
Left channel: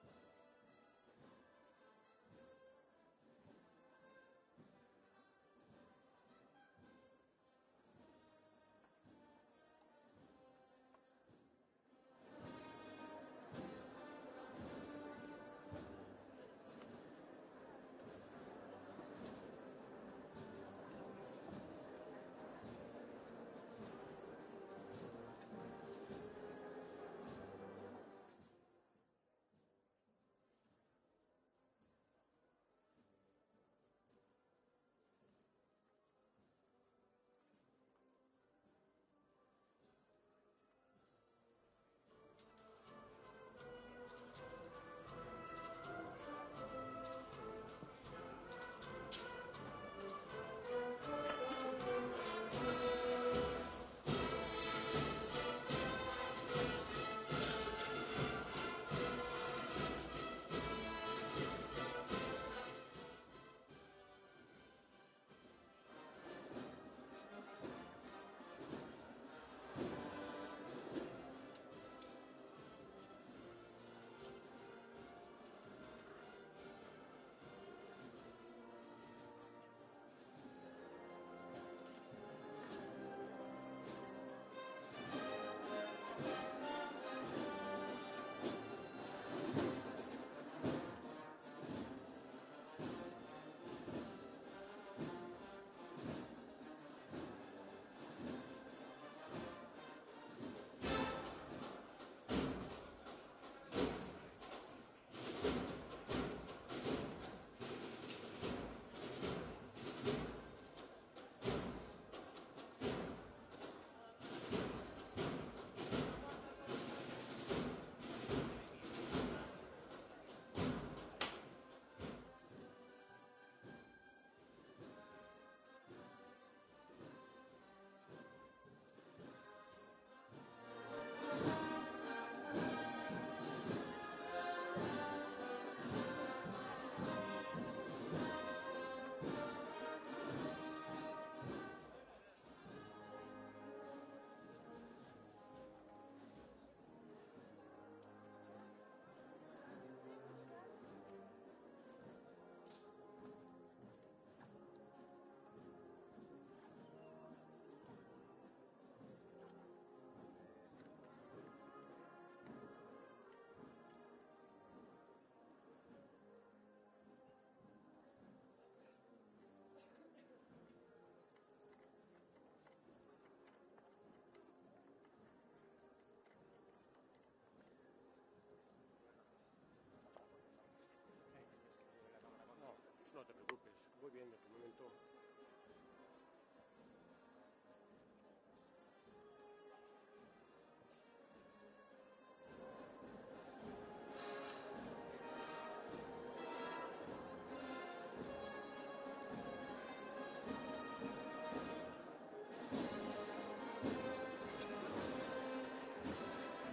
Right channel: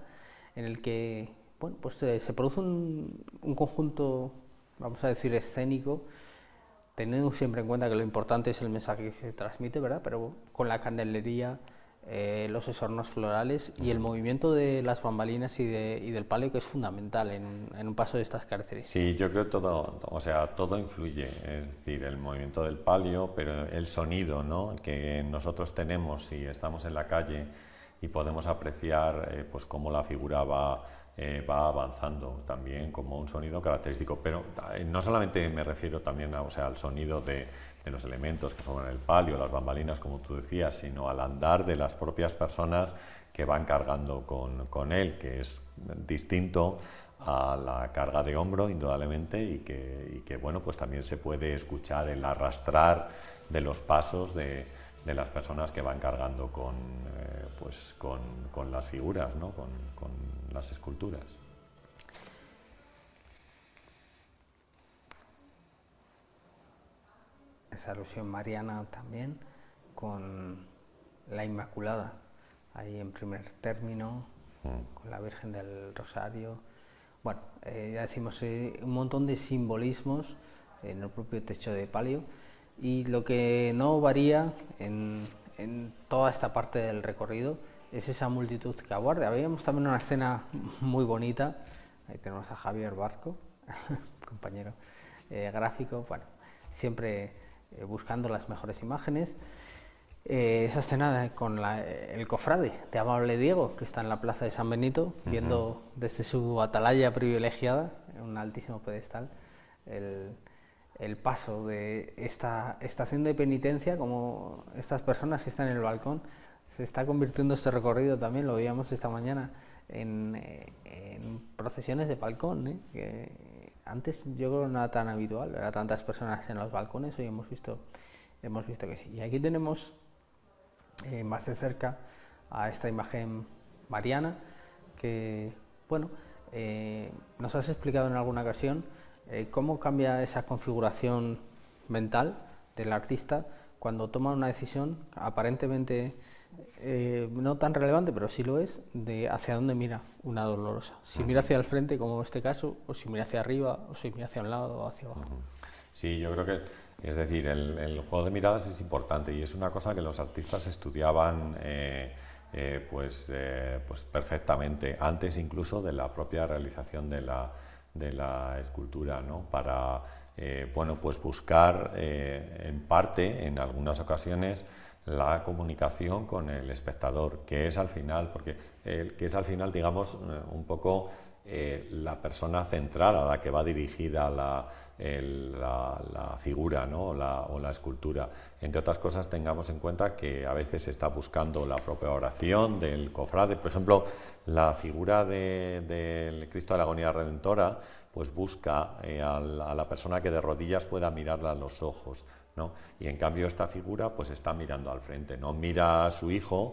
en el que, bueno, pues se produce un conjunto, vamos a decir, escénico, teniendo siempre en cuenta que lo importante es el mensaje que se transmite, ¿verdad? Pero con la candelería, los esornos florales y el movimiento de las bambalinas y del palio, que es fundamental en un paso de estas características. Sí, yo creo que todo, o sea, todo influye, es decir, el movimiento del palio, pero el sonido, ¿no?, que nosotros tenemos si estamos en la calle y podemos apreciar pues cómo la figura va avanzando también como un sonido característico, pero no solamente me refiero también a, o sea, al sonido de los elementos que forman el palio, las bambalinas, como tú decías, sino al andar de las propias personas que van cargando con él, que es distinto a la carga de hombro, indudablemente, y que bueno, pues también se puede escuchar el arrastrar de los pasos de las personas que van cargando con las figuras, ¿no?, con las esculturas. Esa alusión mariana también con la Inmaculada, ahí en primer término, con la Virgen del Rosario. Bueno, ya decimos, un montón de simbolismos en el propio techo de palio, y lo que no varía en toda esta parte del recorrido es esa multitud que aguarda. Veíamos también una escena muy bonita, ahí tenemos a Javier Barco, compañero gráfico, bueno, siempre buscando las mejores imágenes. Esa escena con el cofrade de Amable Diego, que está en la plaza de San Benito, viendo desde su atalaya privilegiada, en un altísimo pedestal, el paso de esta estación de penitencia, como estas personas que están en el balcón. Se está convirtiendo este recorrido también, lo veíamos esta mañana, en procesiones de balcón, que antes yo creo no era tan habitual, ver a tantas personas en los balcones. Hoy hemos visto que sí. Y aquí tenemos más de cerca a esta imagen mariana que, bueno, nos has explicado en alguna ocasión cómo cambia esa configuración mental del artista cuando toma una decisión aparentemente no tan relevante, pero sí lo es, de hacia dónde mira una dolorosa. Si mira hacia el frente, como en este caso, o si mira hacia arriba, o si mira hacia un lado o hacia abajo. Sí, yo creo que, es decir, el juego de miradas es importante y es una cosa que los artistas estudiaban pues perfectamente, antes incluso de la propia realización de la escultura, ¿no?, para bueno, pues buscar en parte, en algunas ocasiones, la comunicación con el espectador, que es al final, digamos, un poco la persona central a la que va dirigida la figura, ¿no?, o la escultura. Entre otras cosas, tengamos en cuenta que a veces se está buscando la propia oración del cofrade. Por ejemplo, la figura del Cristo de la Agonía Redentora pues busca a la persona que de rodillas pueda mirarla a los ojos, ¿no? Y en cambio esta figura pues está mirando al frente, no mira a su hijo,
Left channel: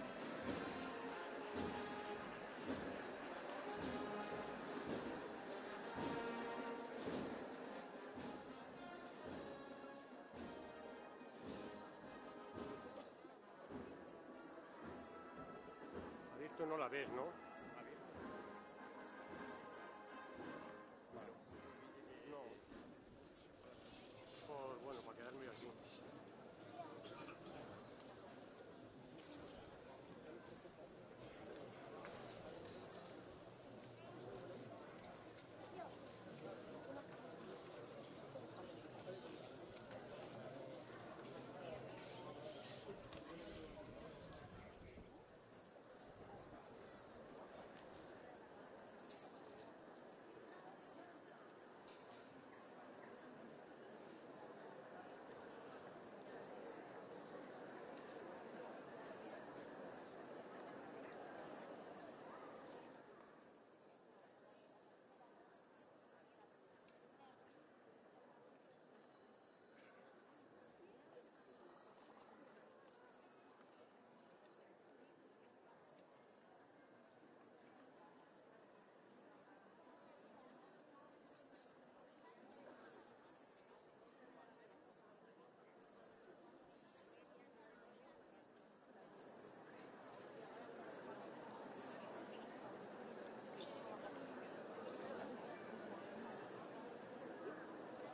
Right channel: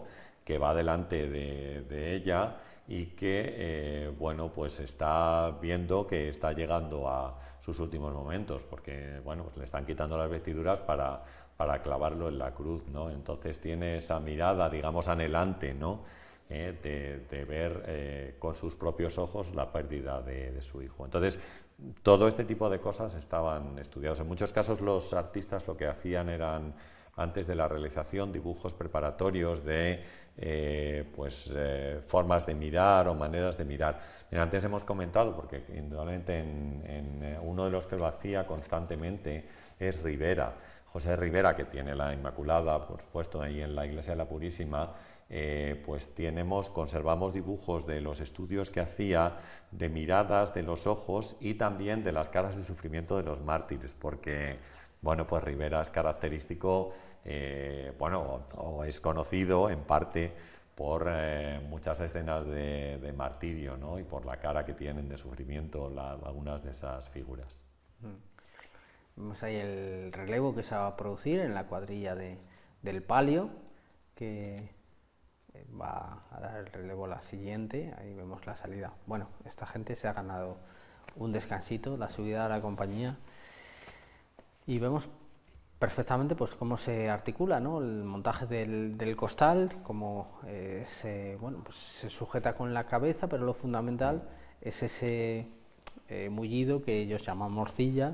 que va delante de ella y que, bueno, pues está viendo que está llegando a sus últimos momentos, porque, bueno, pues le están quitando las vestiduras para clavarlo en la cruz, ¿no? Entonces tiene esa mirada, digamos, anhelante, ¿no? De ver con sus propios ojos la pérdida de su hijo. Entonces, todo este tipo de cosas estaban estudiados. En muchos casos los artistas lo que hacían eran, antes de la realización, dibujos preparatorios de formas de mirar o maneras de mirar. Antes hemos comentado, porque indudablemente uno de los que lo hacía constantemente es Rivera, José Rivera, que tiene la Inmaculada, por supuesto, ahí en la Iglesia de la Purísima. Pues conservamos dibujos de los estudios que hacía, de miradas de los ojos y también de las caras de sufrimiento de los mártires, porque, bueno, pues Rivera es característico, o es conocido en parte por muchas escenas de martirio, ¿no? Y por la cara que tienen de sufrimiento algunas de esas figuras. Vemos ahí el relevo que se va a producir en la cuadrilla del palio, que va a dar el relevo la siguiente. Ahí vemos la salida. Bueno, esta gente se ha ganado un descansito, la subida a la compañía, y vemos perfectamente pues cómo se articula, ¿no? El montaje del costal, cómo se sujeta con la cabeza, pero lo fundamental es ese mullido que ellos llaman morcilla,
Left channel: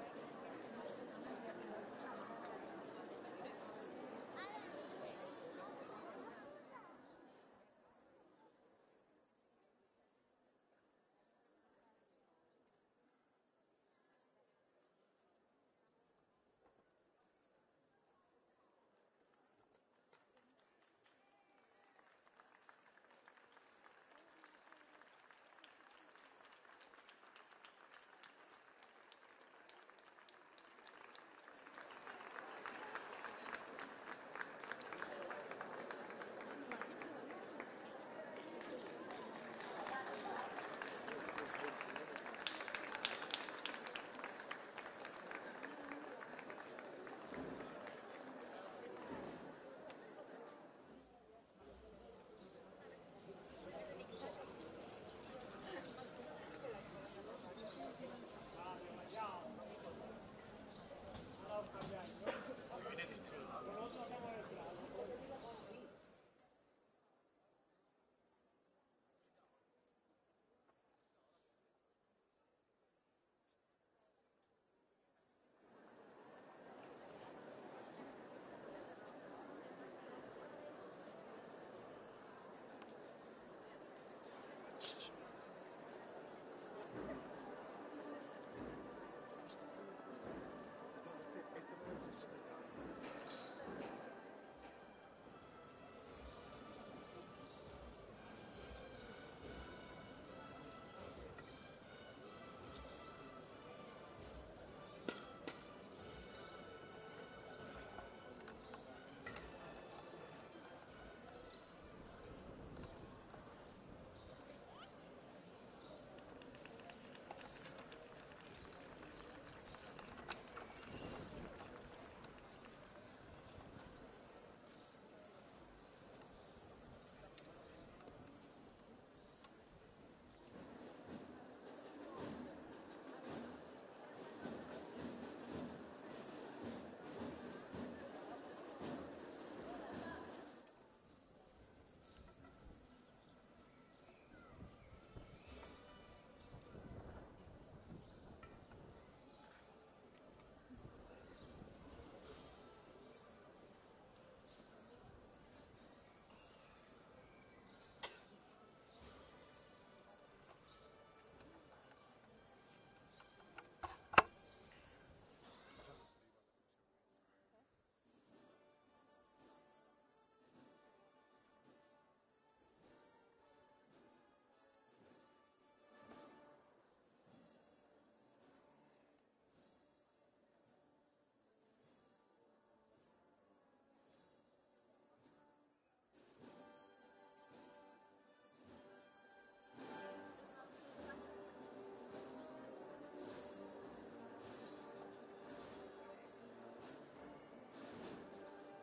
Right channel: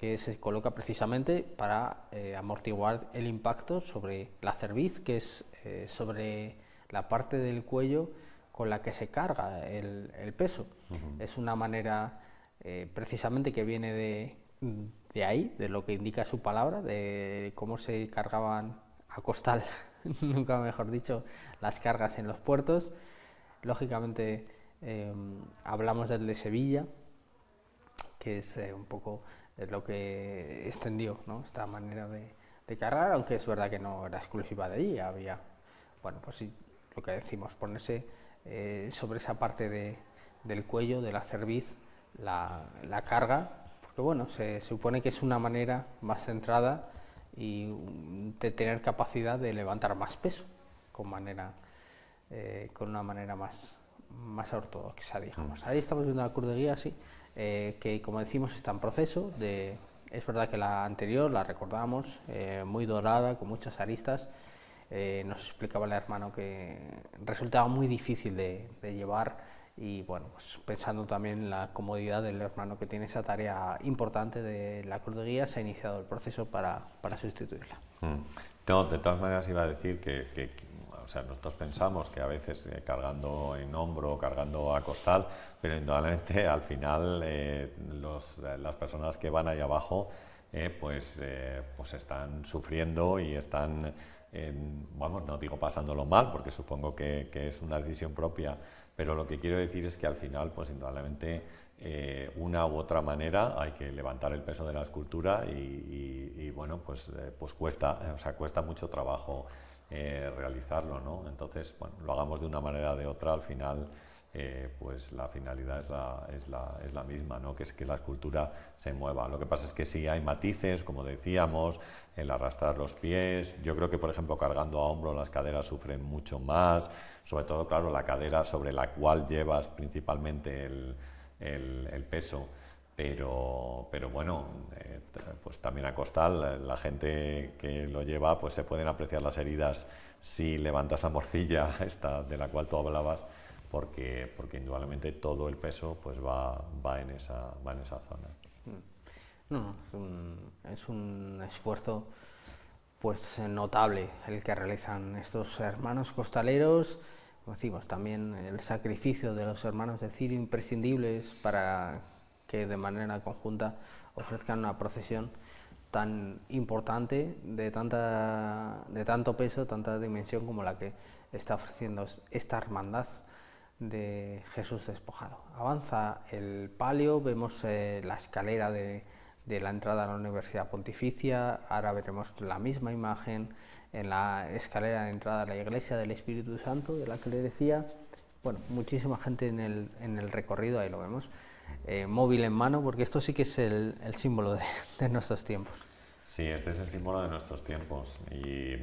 que se coloca precisamente para amortiguar el impacto sobre la cerviz, que es sobre la parte del cuello con la que se carga el peso. Es una manera precisamente que viene de ahí, de lo que indica su palabra, de cómo se cargaban a costal, nunca mejor dicho, las cargas en los puertos. Lógicamente hablamos del de Sevilla, que es un poco lo que extendió, ¿no?, esta manera de cargar, aunque es verdad que no era exclusiva de allí. Había, bueno, pues sí, lo que decimos, ponerse sobre esa parte del cuello, de la cerviz, la carga, que bueno, se supone que es una manera más centrada y de tener capacidad de levantar más peso con una manera más ortodoxa, digamos. Ahí estamos viendo la cruz de guía, sí, que como decimos está en proceso. Es verdad que la anterior la recordamos, muy dorada, con muchas aristas. Nos explicaba el hermano que resultaba muy difícil de llevar, y bueno, pues pensando también en la comodidad del hermano que tiene esa tarea importante de la cruz de guía, se ha iniciado el proceso para sustituirla. No, de todas maneras iba a decir que o sea, nosotros pensamos que a veces cargando en hombro, cargando a costal, pero indudablemente al final las personas que van ahí abajo pues están sufriendo y están, vamos, no digo pasándolo mal, porque supongo que es una decisión propia, pero lo que quiero decir es que al final, pues indudablemente, una u otra manera hay que levantar el peso de la escultura y bueno, pues cuesta, cuesta mucho trabajo realizarlo, ¿no? Entonces, bueno, lo hagamos de una manera o de otra, al final pues la finalidad es la misma, ¿no?, que es que la escultura se mueva. Lo que pasa es que sí hay matices, como decíamos, el arrastrar los pies. Yo creo que, por ejemplo, cargando a hombro las caderas sufren mucho más, sobre todo, claro, la cadera sobre la cual llevas principalmente el peso, pero bueno, pues también a costal, la gente que lo lleva, pues se pueden apreciar las heridas si levantas la morcilla esta de la cual tú hablabas, porque indudablemente todo el peso pues va en esa zona. No, es un esfuerzo pues notable el que realizan estos hermanos costaleros. Como decimos, también el sacrificio de los hermanos de Cirio, imprescindibles para que de manera conjunta ofrezcan una procesión tan importante, de tanto peso, tanta dimensión como la que está ofreciendo esta hermandad de Jesús despojado. Avanza el palio, vemos la escalera de la entrada a la Universidad Pontificia. Ahora veremos la misma imagen en la escalera de entrada a la Iglesia del Espíritu Santo, de la que le decía. Bueno, muchísima gente en el recorrido, ahí lo vemos, móvil en mano, porque esto sí que es el símbolo de nuestros tiempos. Sí, este es el símbolo de nuestros tiempos, y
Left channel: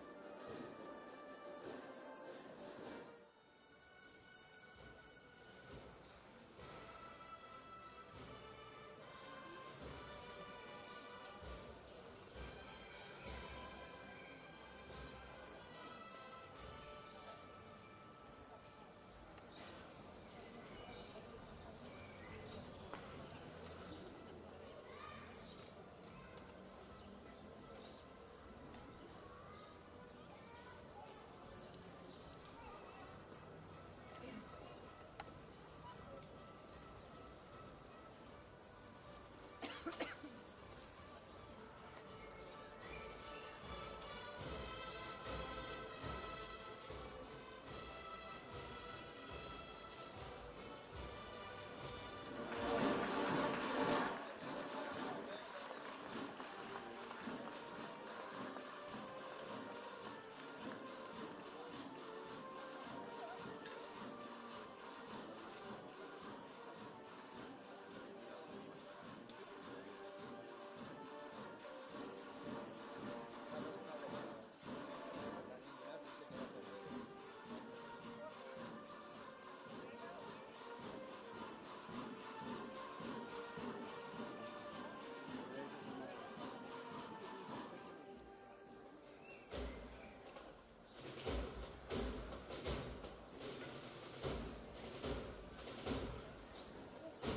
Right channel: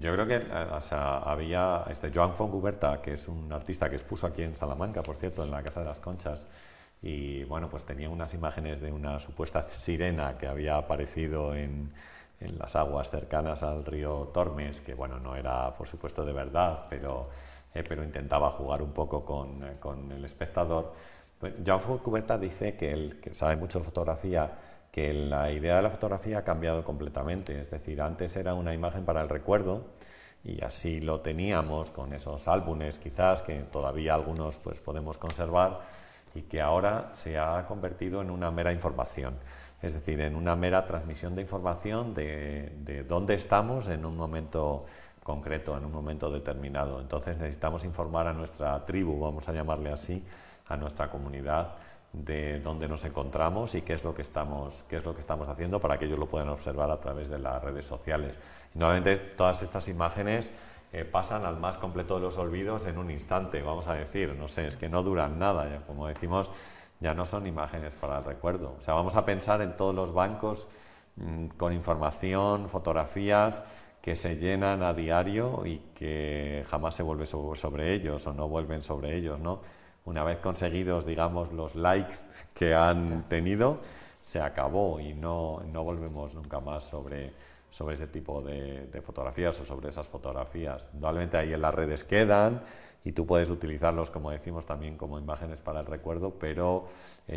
Yo creo que o sea, había Joan Fontcuberta, que es un artista que expuso aquí en Salamanca, por cierto, en la Casa de las Conchas, y bueno, pues tenía unas imágenes de una supuesta sirena que había aparecido en las aguas cercanas al río Tormes, que bueno, no era por supuesto de verdad, pero intentaba jugar un poco con el espectador. Pues Joan Fontcuberta dice que él, que sabe mucho de fotografía, que la idea de la fotografía ha cambiado completamente, es decir, antes era una imagen para el recuerdo y así lo teníamos con esos álbumes quizás que todavía algunos pues podemos conservar, y que ahora se ha convertido en una mera información, es decir, en una mera transmisión de información de dónde estamos en un momento concreto, en un momento determinado. Entonces necesitamos informar a nuestra tribu, vamos a llamarle así, a nuestra comunidad, de dónde nos encontramos y qué es lo que estamos haciendo, para que ellos lo puedan observar a través de las redes sociales. Normalmente todas estas imágenes pasan al más completo de los olvidos en un instante, vamos a decir, no sé, es que no duran nada, ya, como decimos, ya no son imágenes para el recuerdo. O sea, vamos a pensar en todos los bancos con información, fotografías que se llenan a diario y que jamás se vuelve sobre ellos o no vuelven sobre ellos, ¿no? Una vez conseguidos, digamos, los likes que han tenido, se acabó y no volvemos nunca más sobre ese tipo de fotografías o sobre esas fotografías. Probablemente ahí en las redes quedan y tú puedes utilizarlos, como decimos, también como imágenes para el recuerdo, pero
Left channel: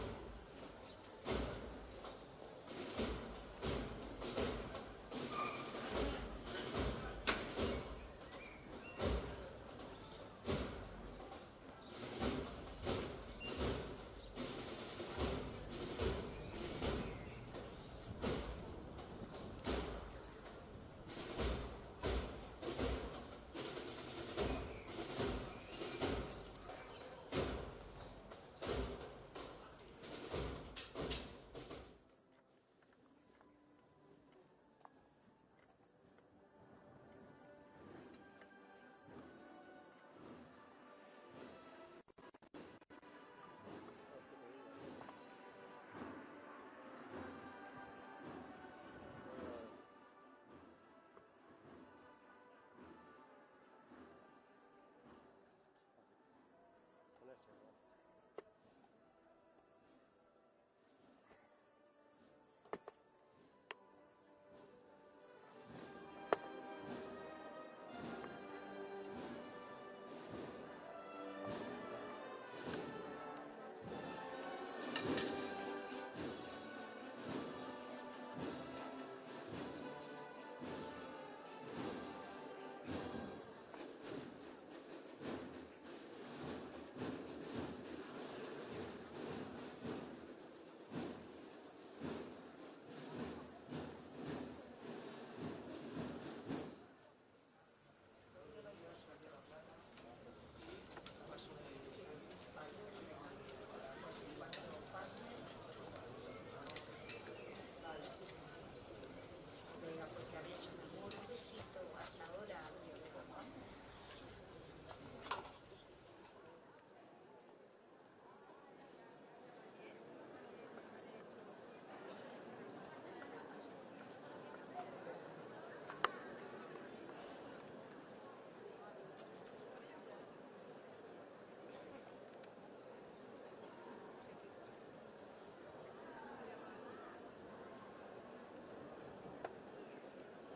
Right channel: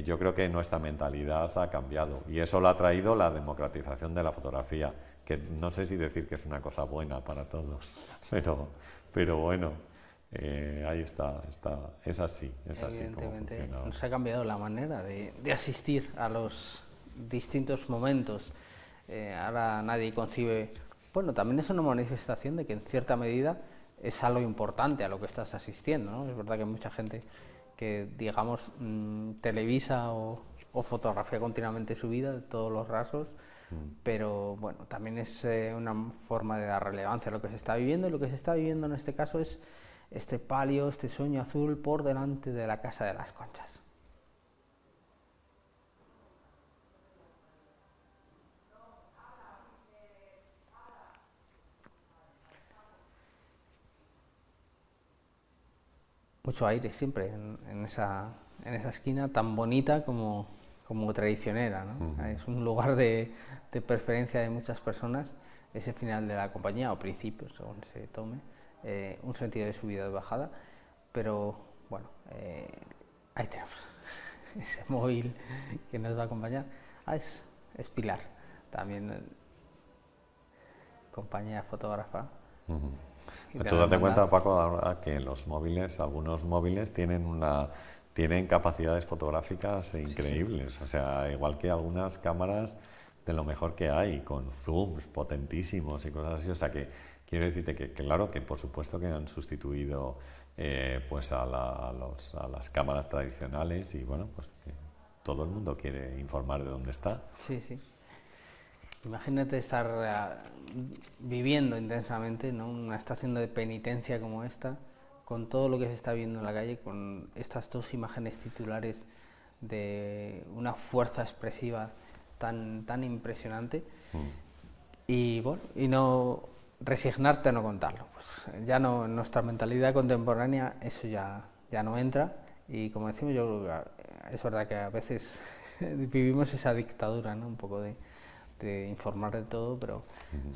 yo creo que nuestra mentalidad ha cambiado y eso lo ha traído la democratización de la fotografía, que no sé si decir que es una cosa buena para todos, pero bueno. Ahí está, es así como funciona. Nos ha cambiado la manera de asistir a los distintos momentos. Ahora nadie concibe, bueno, también es una manifestación de que en cierta medida es algo importante a lo que estás asistiendo, ¿no? Es verdad que hay mucha gente que, digamos, televisa o fotografía continuamente su vida de todos los rasgos, pero bueno, también es una forma de dar relevancia a lo que se está viviendo, y lo que se está viviendo en este caso es este palio, este sueño azul por delante de la Casa de las Conchas. Mucho aire siempre en esa esquina tan bonita como traicionera, ¿no? Es un lugar de preferencia de muchas personas, ese final de la compañía o principio, según se tome. Un sentido de subida y bajada, pero bueno, ahí tenemos ese móvil que nos va a acompañar. Es Pilar, también compañera fotógrafa. Tú date cuenta, Paco, ahora que los móviles, algunos móviles tienen capacidades fotográficas increíbles, sí. O sea, igual que algunas cámaras de lo mejor que hay, con zooms potentísimos y cosas así, o sea que quiero decirte que claro, que por supuesto que han sustituido pues a las cámaras tradicionales y bueno, pues todo el mundo quiere informar de dónde está. Sí, sí. Imagínate estar viviendo intensamente, ¿no?, una estación de penitencia como esta, con todo lo que se está viendo en la calle, con estas dos imágenes titulares de una fuerza expresiva tan impresionante. Y bueno, y no resignarte a no contarlo, pues ya no, en nuestra mentalidad contemporánea eso ya no entra, y como decimos, yo es verdad que a veces vivimos esa dictadura, ¿no?, un poco de informar de todo, pero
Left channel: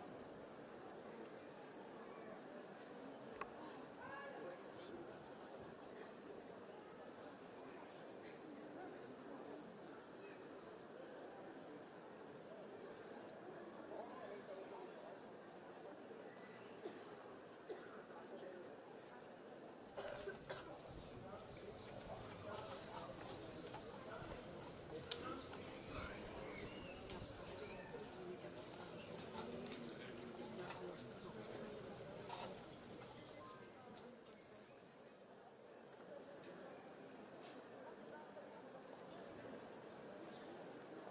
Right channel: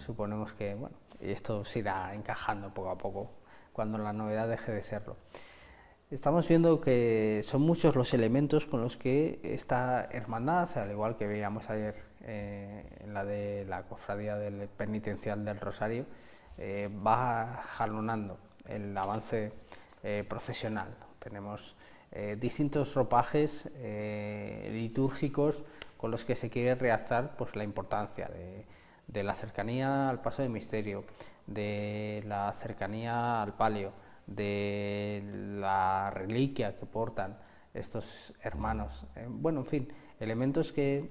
suponemos que bueno, esto se irá encajando poco a poco cuando la novedad deje de serlo. Estamos viendo que son muchos los elementos con los que esta hermandad, al igual que veíamos ayer la de la Cofradía del Penitencial del Rosario, va jalonando el avance procesional. Tenemos distintos ropajes litúrgicos con los que se quiere realzar pues, la importancia de la cercanía al paso de misterio, de la cercanía al palio, de la reliquia que portan estos hermanos. Bueno, en fin, elementos que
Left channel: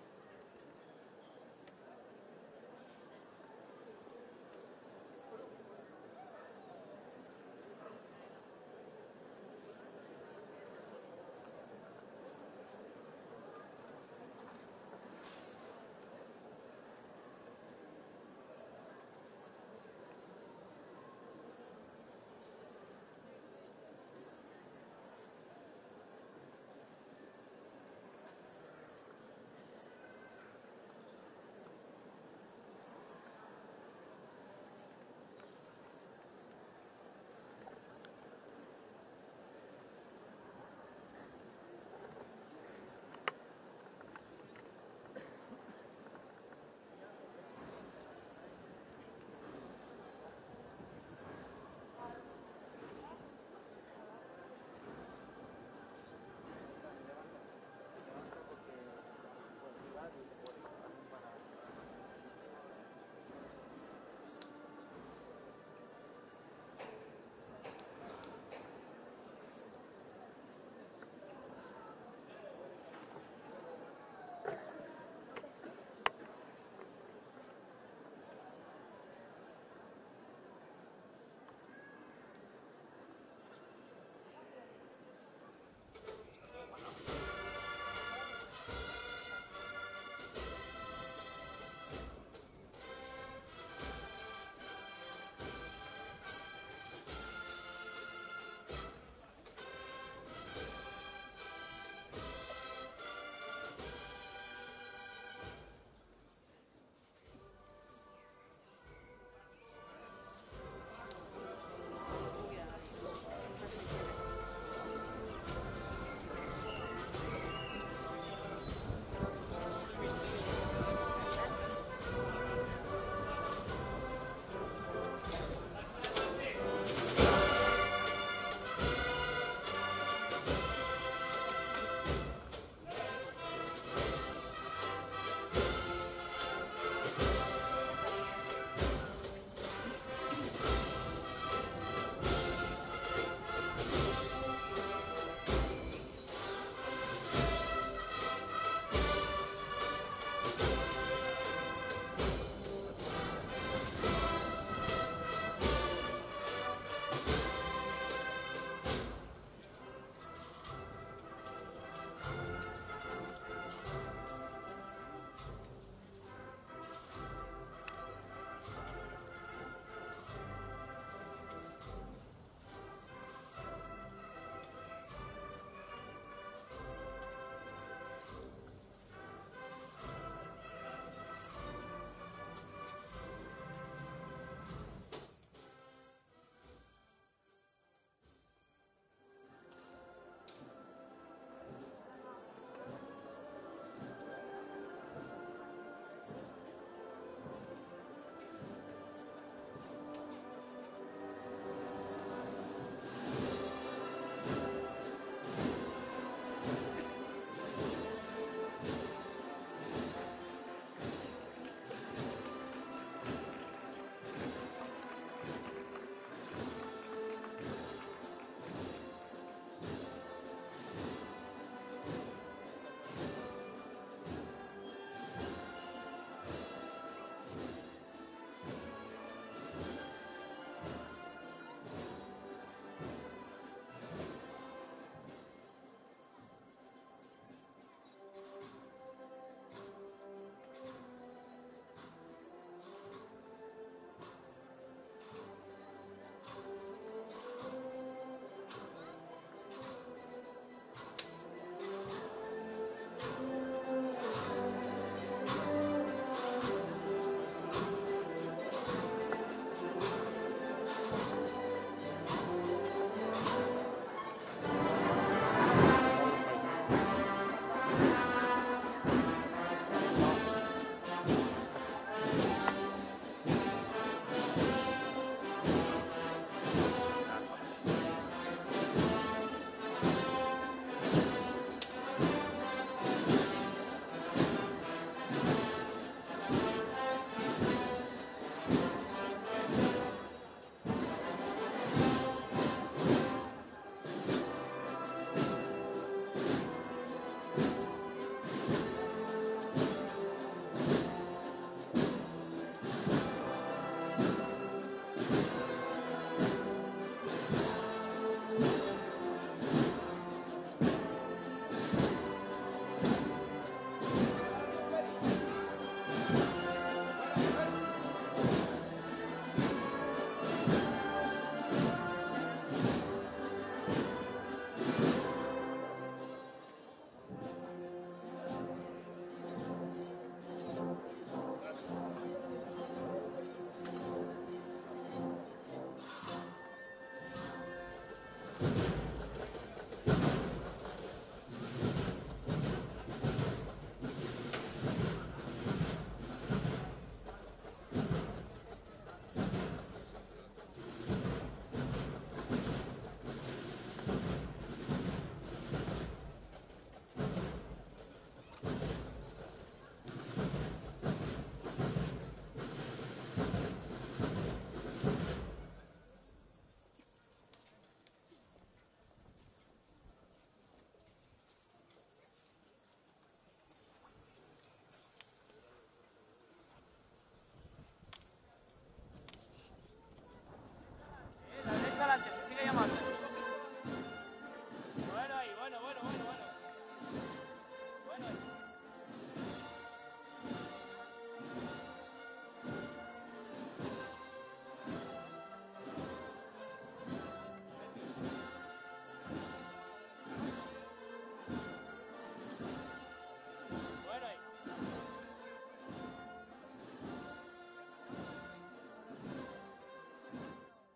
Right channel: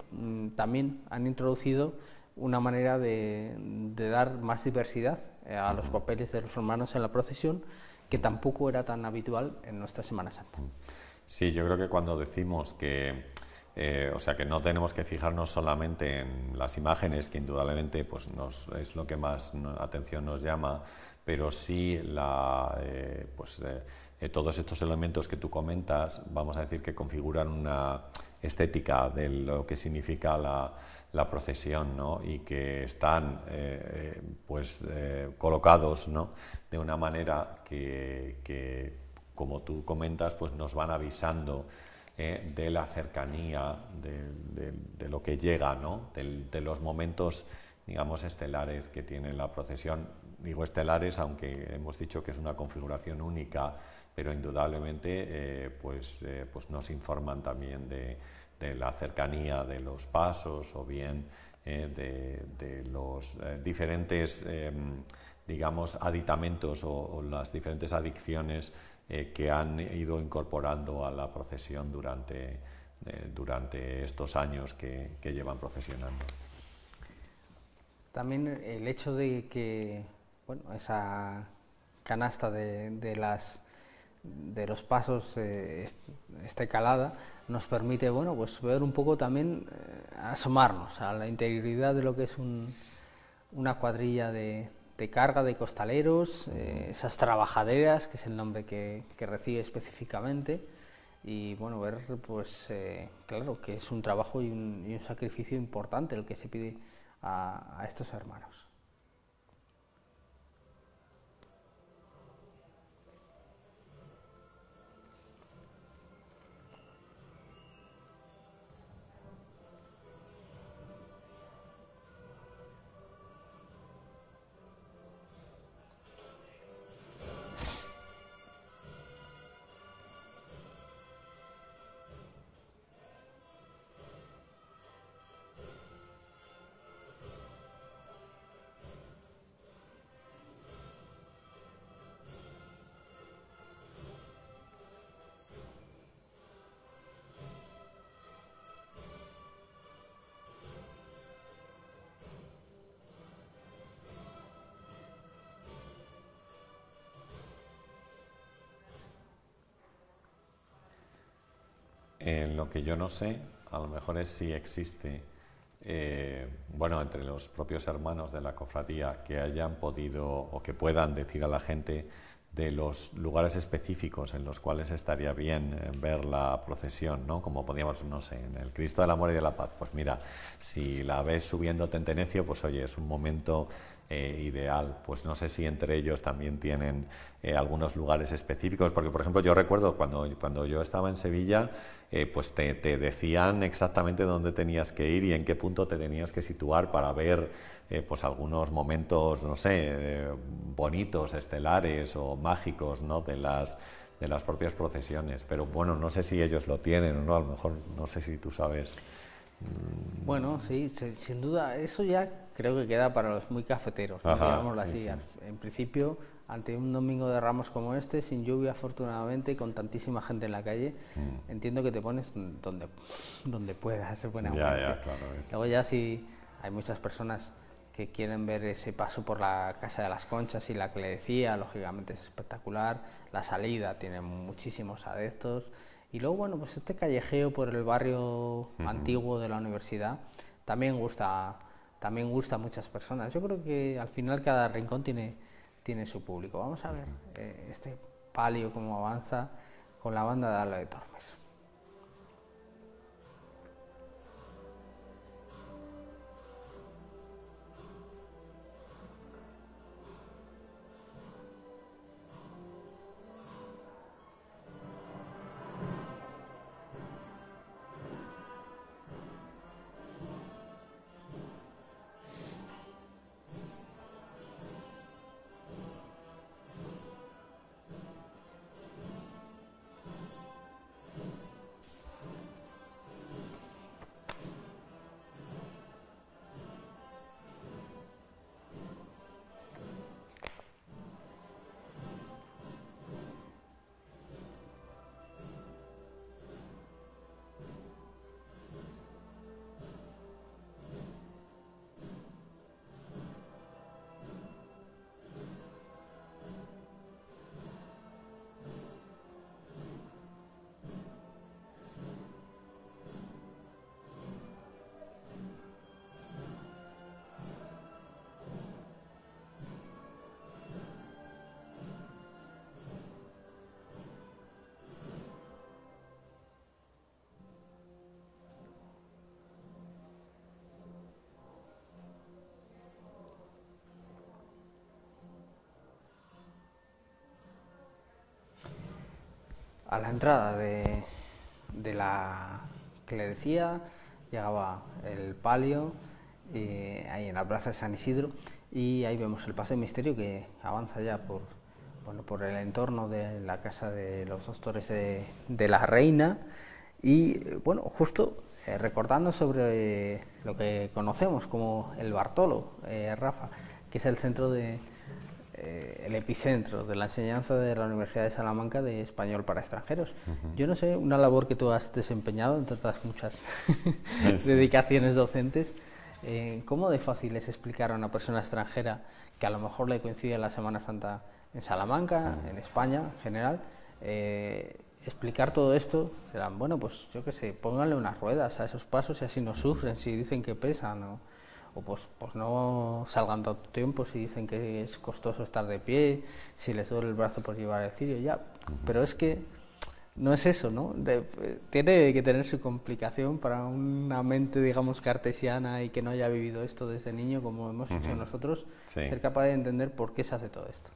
también han introducido una manera de dar más diversidad a los papeles de los hermanos en la procesión, que tampoco era tan habitual en nuestra Semana Santa. Sí, yo creo que cuando decimos que O sea que no tenemos que fijarnos solamente en las imágenes, que indudablemente pues, es lo que más atención nos llama, pero sí todos estos elementos que tú comentas, vamos a decir que configuran una estética de lo que significa la procesión, ¿no? Y que están colocados, ¿no? De una manera que, como tú comentas, pues nos van avisando de la cercanía, de lo que llega, ¿no? De los momentos, digamos, estelares que tiene la procesión. Digo estelares, aunque hemos dicho que es una configuración única, pero indudablemente pues nos informan también de la cercanía de los pasos o bien de los diferentes, digamos, aditamentos o las diferentes adicciones que han ido incorporando a la procesión durante estos años que llevan procesionando. También el hecho de que esa canasta de los pasos esté calada nos permite pues ver un poco también, asomarnos a la interioridad de lo que es una cuadrilla de carga de costaleros, esas trabajaderas, que es el nombre que recibe específicamente, y ver pues claro que es un trabajo y un sacrificio importante el que se pide a estos hermanos. Lo que yo no sé, a lo mejor es si existe, entre los propios hermanos de la cofradía que hayan podido o que puedan decir a la gente de los lugares específicos en los cuales estaría bien ver la procesión, ¿no? Como podíamos, no sé, en el Cristo del Amor y de la Paz, pues mira, si la ves subiendo Tentenecio, pues oye, es un momento ideal. Pues no sé si entre ellos también tienen algunos lugares específicos, porque por ejemplo yo recuerdo cuando yo estaba en Sevilla, pues te decían exactamente dónde tenías que ir y en qué punto te tenías que situar para ver pues algunos momentos, no sé, bonitos, estelares o mágicos, ¿no? de las propias procesiones. Pero bueno, no sé si ellos lo tienen o no, a lo mejor no sé si tú sabes. Bueno, sí, sin duda, eso ya creo que queda para los muy cafeteros, digámoslo así. Sí. En principio, ante un domingo de Ramos como este, sin lluvia afortunadamente, con tantísima gente en la calle, entiendo que te pones donde puedas, se pone claro. Luego ya sí hay muchas personas que quieren ver ese paso por la Casa de las Conchas y la que le decía, lógicamente es espectacular, la salida tiene muchísimos adeptos. Y luego, pues este callejeo por el barrio antiguo de la universidad también gusta a muchas personas. Yo creo que al final cada rincón tiene su público. Vamos a ver este palio cómo avanza con la banda de Ala de Tormes. a la entrada de la clerecía, llegaba el palio, ahí en la plaza de San Isidro, y ahí vemos el paso de misterio que avanza ya por el entorno de la casa de los dos torres de la Reina, y bueno, justo recordando sobre lo que conocemos como el Bartolo, Rafa, que es el centro el epicentro de la enseñanza de la Universidad de Salamanca de español para extranjeros. Yo no sé, una labor que tú has desempeñado entre otras muchas dedicaciones docentes, ¿cómo de fácil es explicar a una persona extranjera que a lo mejor le coincide la Semana Santa en Salamanca, en España en general, explicar todo esto? Bueno, pues yo qué sé, pónganle unas ruedas a esos pasos y así no sufren si dicen que pesan, o pues no salgan tanto tiempo si dicen que es costoso estar de pie, si les duele el brazo por llevar el cirio, ya. Pero es que no es eso, ¿no? Tiene que tener su complicación para una mente, digamos, cartesiana y que no haya vivido esto desde niño, como hemos hecho nosotros, ser capaz de entender por qué se hace todo esto.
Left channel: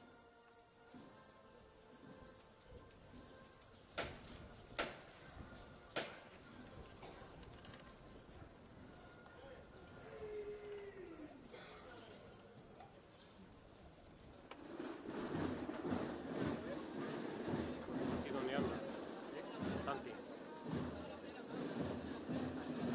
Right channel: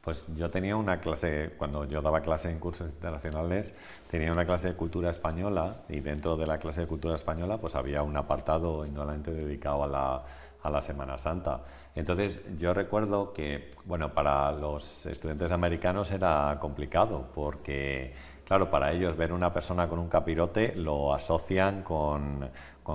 Pues yo tenía una clase, cuando yo daba clase en cursos internacionales, tenía una clase de cultura española, y dentro de la clase de cultura española pues había un apartado indudablemente dedicado a la Semana Santa. Entonces yo recuerdo que, bueno, para los estudiantes americanos era complicado, porque claro, para ellos ver una persona con un capirote lo asocian con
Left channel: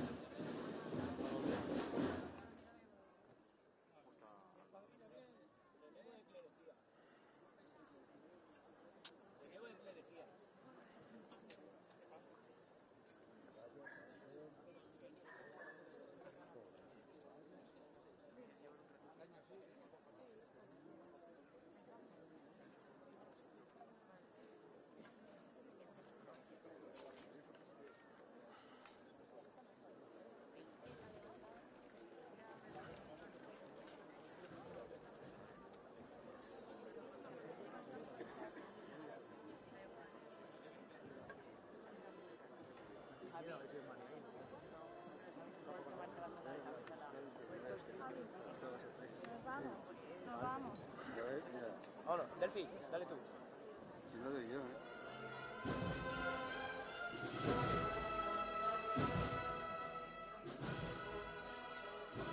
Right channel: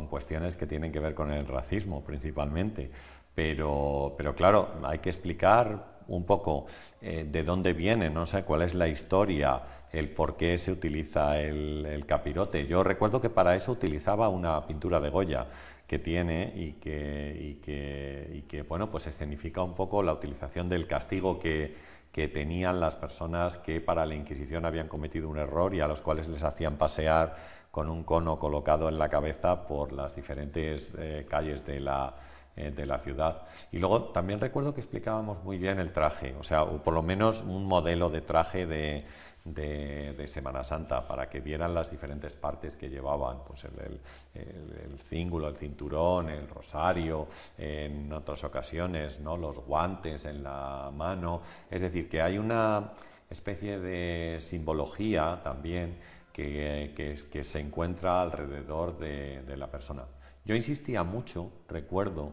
cuestiones que tienen que ver con el racismo principalmente, pero claro, hay que explicar un poco de dónde viene, no sé cuál es la historia, el por qué se utiliza el capirote. Yo recuerdo que para eso utilizaba una pintura de Goya que tiene y que bueno, pues escenifica un poco la utilización del castigo que tenían las personas que para la Inquisición habían cometido un error y a los cuales les hacían pasear con un cono colocado en la cabeza por las diferentes calles de la ciudad. Y luego también recuerdo que explicábamos muy bien el traje, o sea, o por lo menos un modelo de traje de Semana Santa, para que vieran las diferentes partes que llevaban, pues el cíngulo, el cinturón, el rosario, en otras ocasiones, ¿no?, los guantes en la mano. Es decir, que hay una especie de simbología también que se encuentra alrededor de la persona. Yo insistía mucho, recuerdo,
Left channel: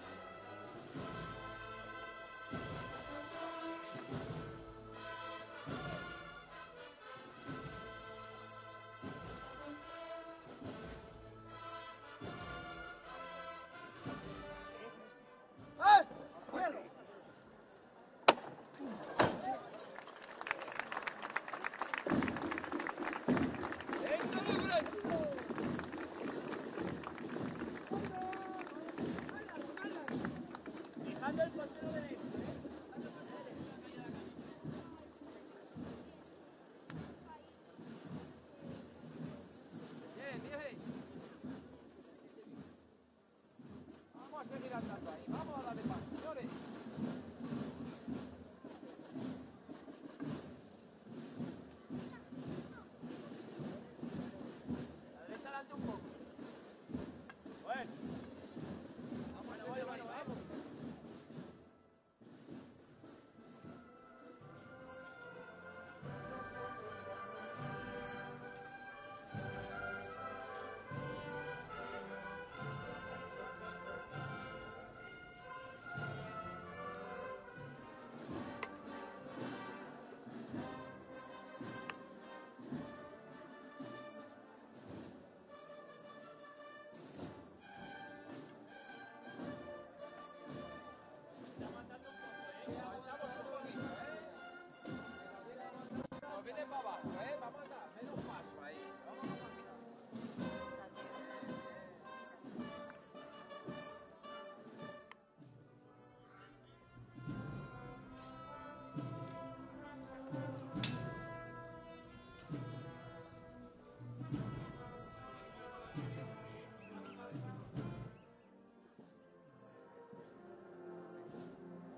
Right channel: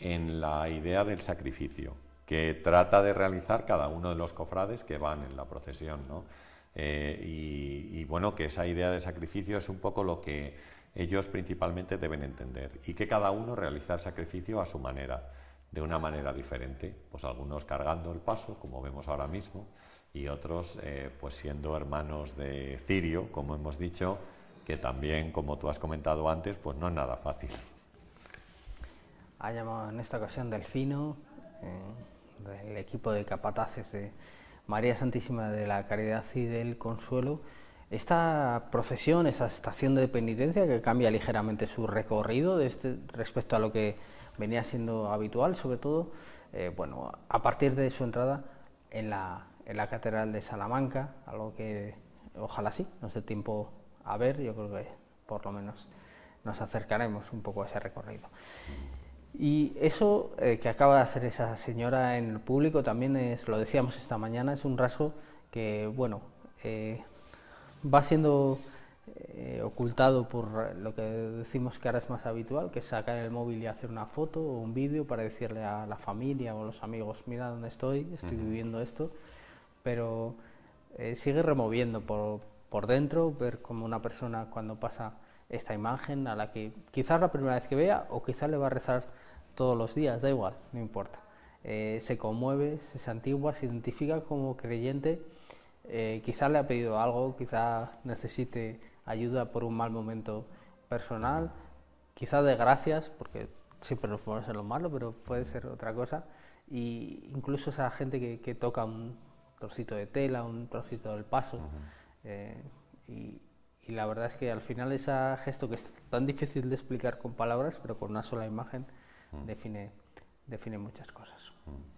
en la idea del sacrificio que trata de realizar cada uno de los cofrades que van en la procesión, ¿no? Y bueno, que esa idea de sacrificio es un poco lo que ellos principalmente deben entender, y que cada uno realiza el sacrificio a su manera, de una manera diferente, pues algunos cargando el paso, como vemos ahora mismo, y otros pues siendo hermanos de cirio, como hemos dicho, que también, como tú has comentado antes, pues no es nada fácil. Ha llamado en esta ocasión Delfino, el equipo de capataces de María Santísima de la Caridad y del Consuelo. Esta procesión, esta estación de penitencia que cambia ligeramente su recorrido respecto a lo que venía siendo habitual, sobre todo, bueno, a partir de su entrada en la Catedral de Salamanca, algo que ojalá sí nos dé tiempo a ver. Yo creo que por lo menos nos acercaremos un poco a ese recorrido. Y eso que acaba de hacer esa señora en el público también es, lo decíamos esta mañana, es un rasgo que, bueno, va siendo ocultado por lo que decimos que ahora es más habitual, que es sacar el móvil y hacer una foto o un vídeo para decirle a la familia o a los amigos, mira dónde estoy viviendo esto, pero sigue removiendo por dentro, ver como una persona cuando pasa esta imagen, a la que quizás la primera vez que vea o quizás le va a rezar todos los días, da igual, no importa, se conmueve, se santigua, se identifica como creyente, quizás le ha pedido algo, quizás necesite ayuda por un mal momento personal, quizás de gracias, porque siempre nos podemos hacer lo malo, pero puede ser otra cosa, y incluso esa gente que toca un trocito de tela, un trocito del paso, y la verdad es que al final ese gesto que es tan difícil de explicar con palabras, pero con una sola imagen, define muchas cosas.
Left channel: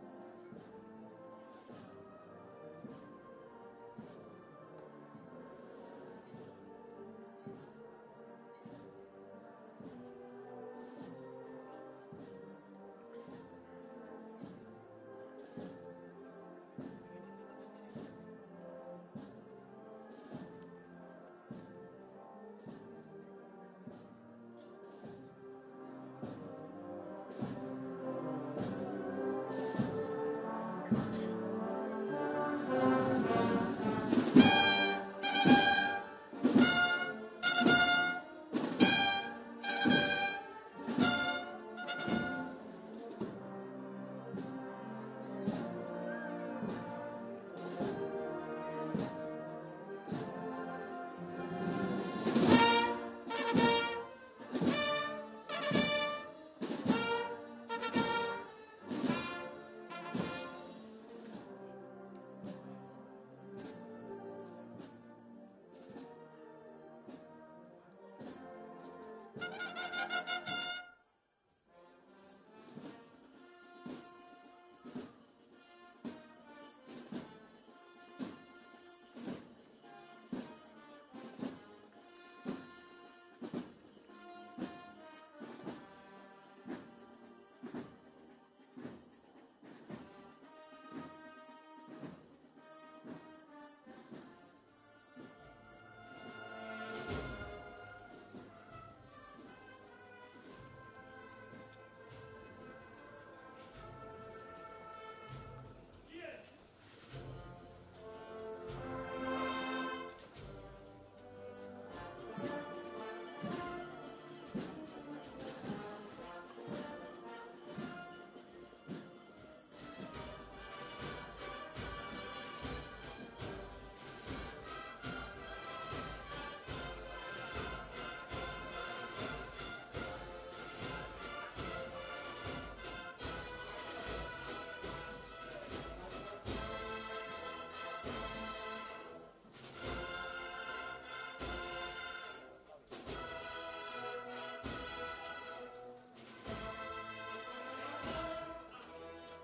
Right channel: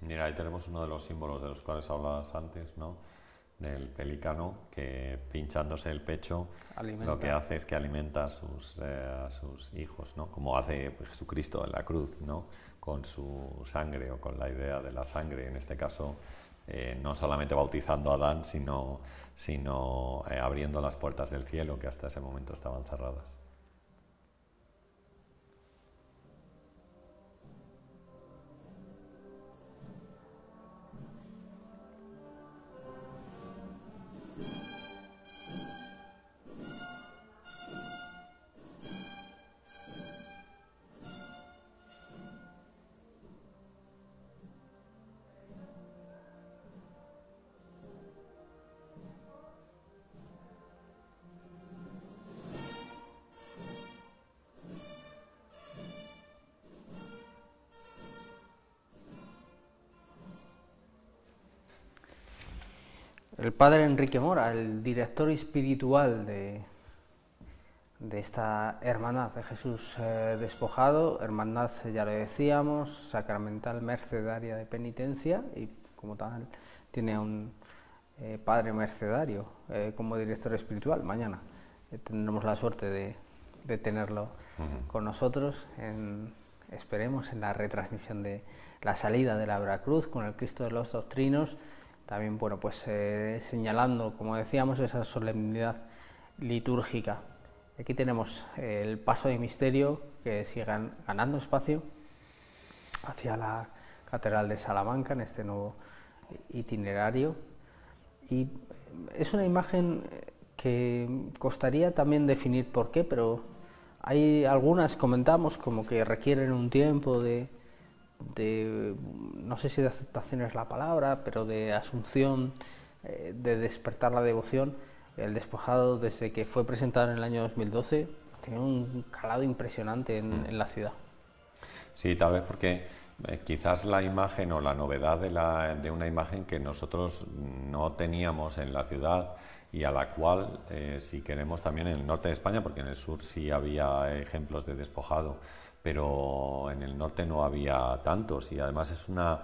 Mira, ahí tenemos uno de los símbolos de los cuales hablabas antes, ¿no?, del pelícano, que pinchándose el pecho lo que hace es que alimenta a sus hijos, ¿no?, como hace Jesucristo en la cruz, ¿no?, con su sangre, o con la idea de la sangre, en este caso no solamente bautizando a Adán, sino abriendo las puertas del cielo, que hasta ese momento estaban cerradas. El padre Enrique Mora, el director espiritual de esta hermandad de Jesús despojado, hermandad, ya lo decíamos, sacramental mercedaria de penitencia, y como tal tiene a un padre mercedario como director espiritual. Mañana tendremos la suerte de tenerlo con nosotros, esperemos, en la retransmisión de la salida de la Veracruz con el Cristo de los Doctrinos. También, bueno, pues señalando, como decíamos, esa solemnidad litúrgica. Aquí tenemos el paso de misterio que sigue ganando espacio hacia la Catedral de Salamanca en este nuevo itinerario. Y es una imagen que costaría también definir por qué, pero hay algunas, comentamos, como que requieren un tiempo de no sé si de aceptación es la palabra, pero de asunción, de despertar la devoción. El despojado, desde que fue presentado en el año 2012, tiene un calado impresionante en la ciudad. Sí, tal vez porque quizás la imagen o la novedad de una imagen que nosotros no teníamos en la ciudad y a la cual, si queremos, también en el norte de España, porque en el sur sí había ejemplos de despojado, pero en el norte no había tantos, y además es una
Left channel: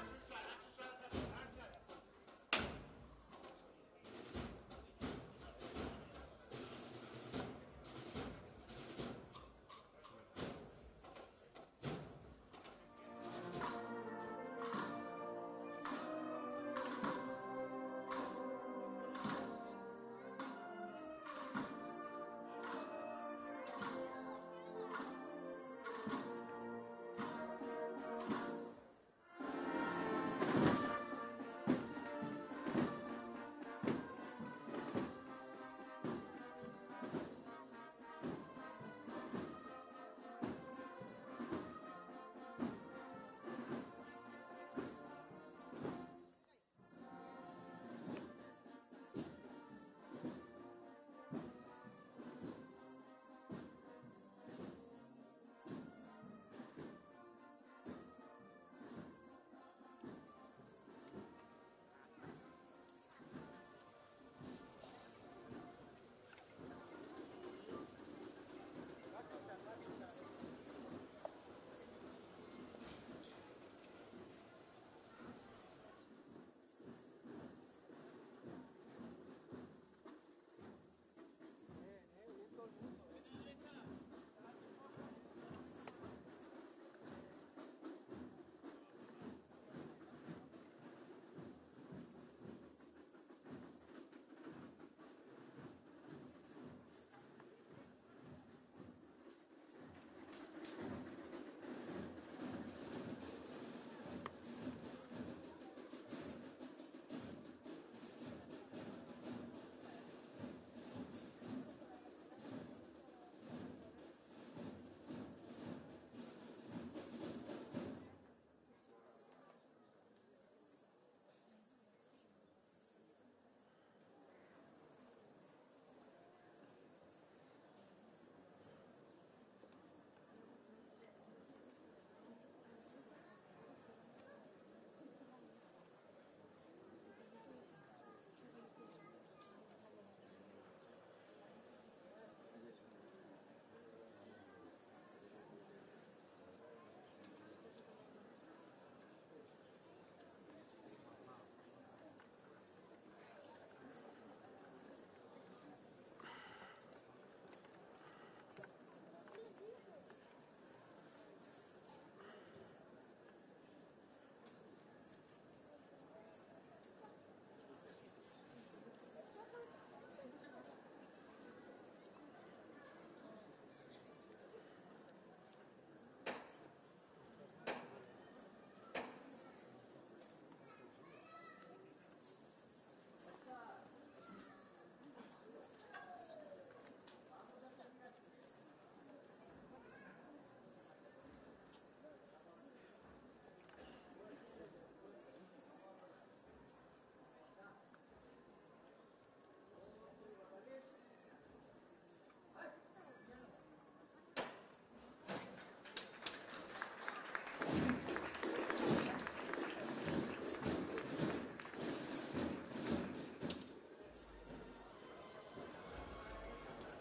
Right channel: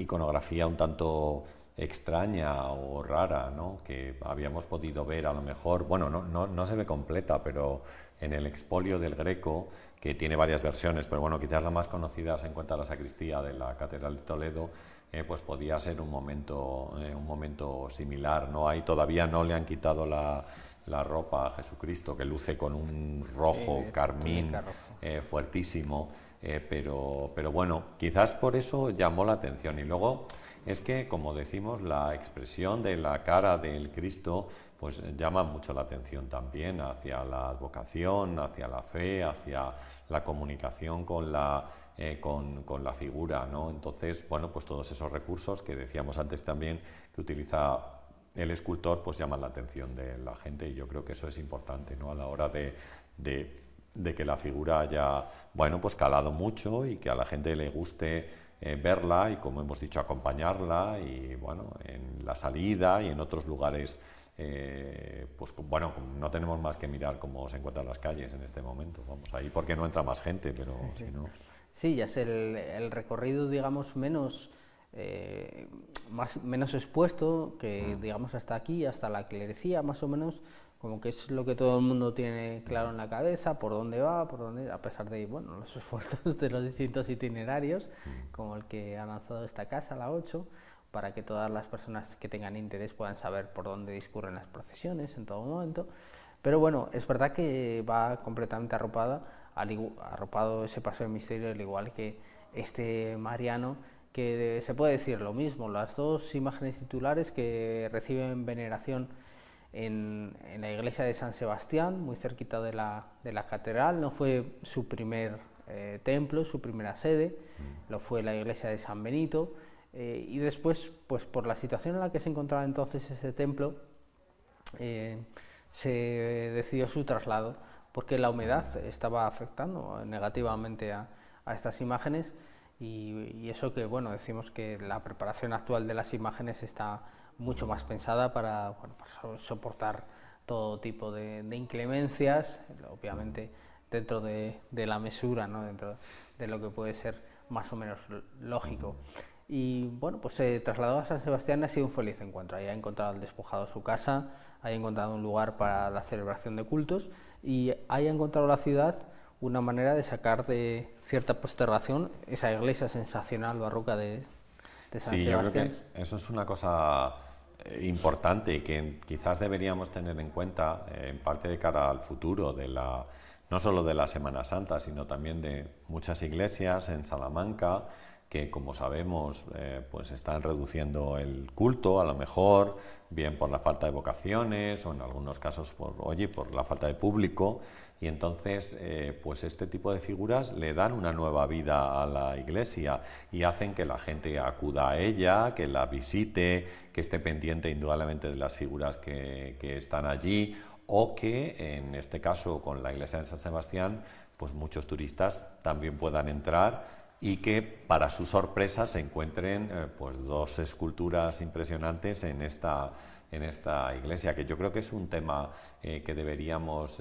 iconografía un tanto extraña o rara, ¿no? Que habíamos podido ver a lo mejor, bueno, no se ve completa, pero en el expolio del Greco, que tiene varias versiones, pero bueno, quizás la más conocida se encuentra en la sacristía de la Catedral de Toledo, pues podía ser un momento similar, ¿no? Ahí todavía no le han quitado la ropa a Jesucristo, que luce con un rojo carmín fuertísimo, pero bueno, quizás por eso llamó la atención. Y luego es que, como decimos, la expresión de la cara del Cristo pues llama mucho la atención también hacia la advocación, hacia la fe, hacia la comunicación con la figura, ¿no? Entonces, bueno, pues todos esos recursos que decíamos antes también que utiliza el escultor, pues llaman la atención de la gente, y yo creo que eso es importante, ¿no? A la hora de que la figura haya, bueno, pues calado mucho y que a la gente le guste verla y, como hemos dicho, acompañarla, y bueno, en la salida y en otros lugares, pues bueno, no tenemos más que mirar cómo se encuentran las calles en este momento. Vamos ahí porque no entra más gente, pero si no... Sí, ya es el recorrido, digamos, menos expuesto, que digamos hasta aquí, hasta la clerecía, más o menos, como que es lo que todo el mundo tiene claro en la cabeza, por dónde va, a pesar de, bueno, los esfuerzos de los distintos itinerarios, como el que ha lanzado esta casa, la 8, para que todas las personas que tengan interés puedan saber por dónde discurren las procesiones en todo momento. Pero bueno, es verdad que va completamente arropado ese paso de misterio, al igual que este mariano, que se puede decir lo mismo. Las dos imágenes titulares que reciben veneración en la iglesia de San Sebastián, muy cerquita de la catedral. No fue su primer templo, su primera sede, lo fue la iglesia de San Benito, y después, pues por la situación en la que se encontraba entonces ese templo, se decidió su traslado, porque la humedad estaba afectando negativamente a estas imágenes, y eso que, bueno, decimos que la preparación actual de las imágenes está mucho más pensada para, bueno, para soportar todo tipo de inclemencias, obviamente dentro de la mesura, ¿no? Dentro de lo que puede ser más o menos lógico. Y bueno, pues se trasladó a San Sebastián, ha sido un feliz encuentro. Ahí ha encontrado al despojado su casa, ahí ha encontrado un lugar para la celebración de cultos, y ahí ha encontrado la ciudad una manera de sacar de cierta postergación esa iglesia sensacional barroca de de San Sí, Sebastián. yo creo que eso es una cosa importante y que quizás deberíamos tener en cuenta en parte de cara al futuro no solo de la Semana Santa, sino también de muchas iglesias en Salamanca que, como sabemos, pues están reduciendo el culto, a lo mejor, bien por la falta de vocaciones o en algunos casos por la falta de público. Y entonces, pues este tipo de figuras le dan una nueva vida a la iglesia y hacen que la gente acuda a ella, que la visite, que esté pendiente indudablemente de las figuras que están allí, o que en este caso con la iglesia de San Sebastián, pues muchos turistas también puedan entrar y que para su sorpresa se encuentren pues dos esculturas impresionantes en esta iglesia, que yo creo que es un tema que deberíamos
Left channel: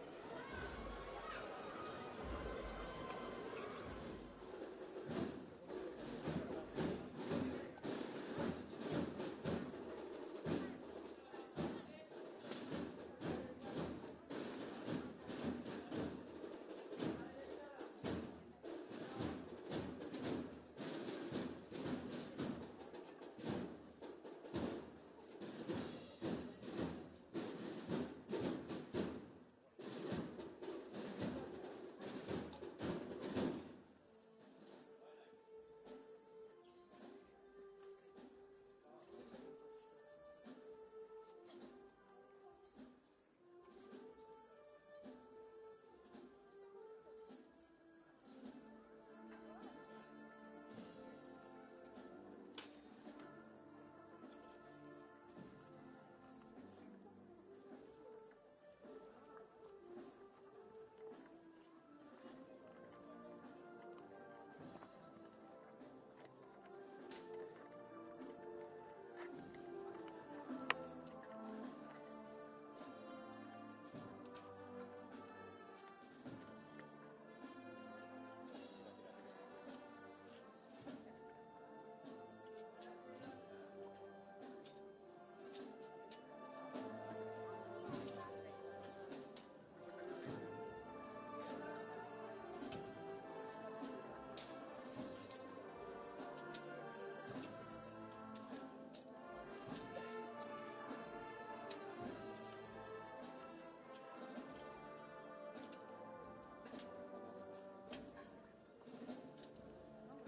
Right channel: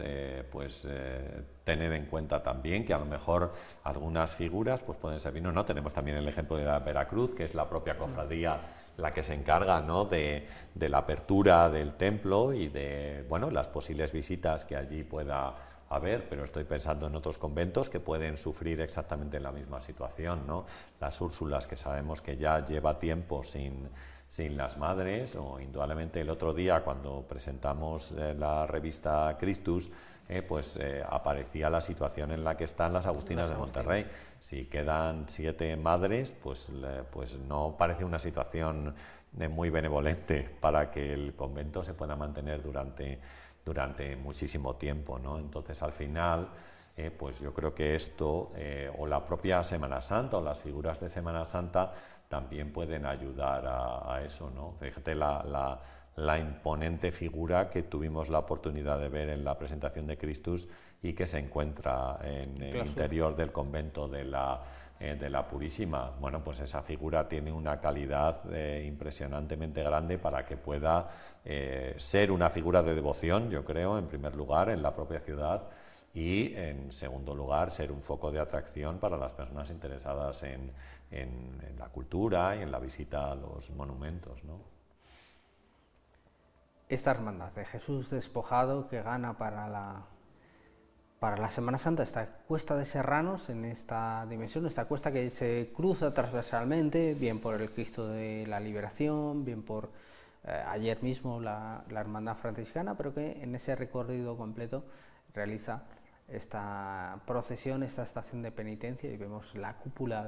tener en cuenta también, que a lo mejor algunas figuras pues pueden servir, no. Tenemos también el ejemplo de la Veracruz, que es la propia cofradía la que se encarga, ¿no?, de la apertura del templo y de, bueno, las posibles visitas que allí pueda haber, pero estoy pensando en otros conventos que pueden sufrir exactamente la misma situación, ¿no? Las Úrsulas, que sabemos que ya lleva tiempo sin las madres, o indudablemente el otro día cuando presentamos la revista Christus, aparecía la situación en la que están las Agustinas de Monterrey. Si quedan 7 madres, pues no parece una situación muy benevolente para que el convento se pueda mantener durante muchísimo tiempo, ¿no? Entonces, al final, pues yo creo que esto, o la propia Semana Santa, o las figuras de Semana Santa, también pueden ayudar a eso, ¿no? Fíjate la imponente figura que tuvimos la oportunidad de ver en la presentación de Christus y que se encuentra en el interior del convento de la Purísima. Bueno, pues esa figura tiene una calidad impresionantemente grande para que pueda ser una figura de devoción, yo creo, en primer lugar, en la propia ciudad, y en segundo lugar, ser un foco de atracción para las personas interesadas en la cultura y en la visita a los monumentos, ¿no? Esta hermandad de Jesús despojado que gana para la Semana Santa, esta cuesta de Serranos, en esta dimensión, esta cuesta que se cruza transversalmente, bien por el Cristo de la Liberación, bien por ayer mismo la hermandad franciscana, pero que en ese recorrido completo realiza esta procesión, esta estación de penitencia, y vemos la cúpula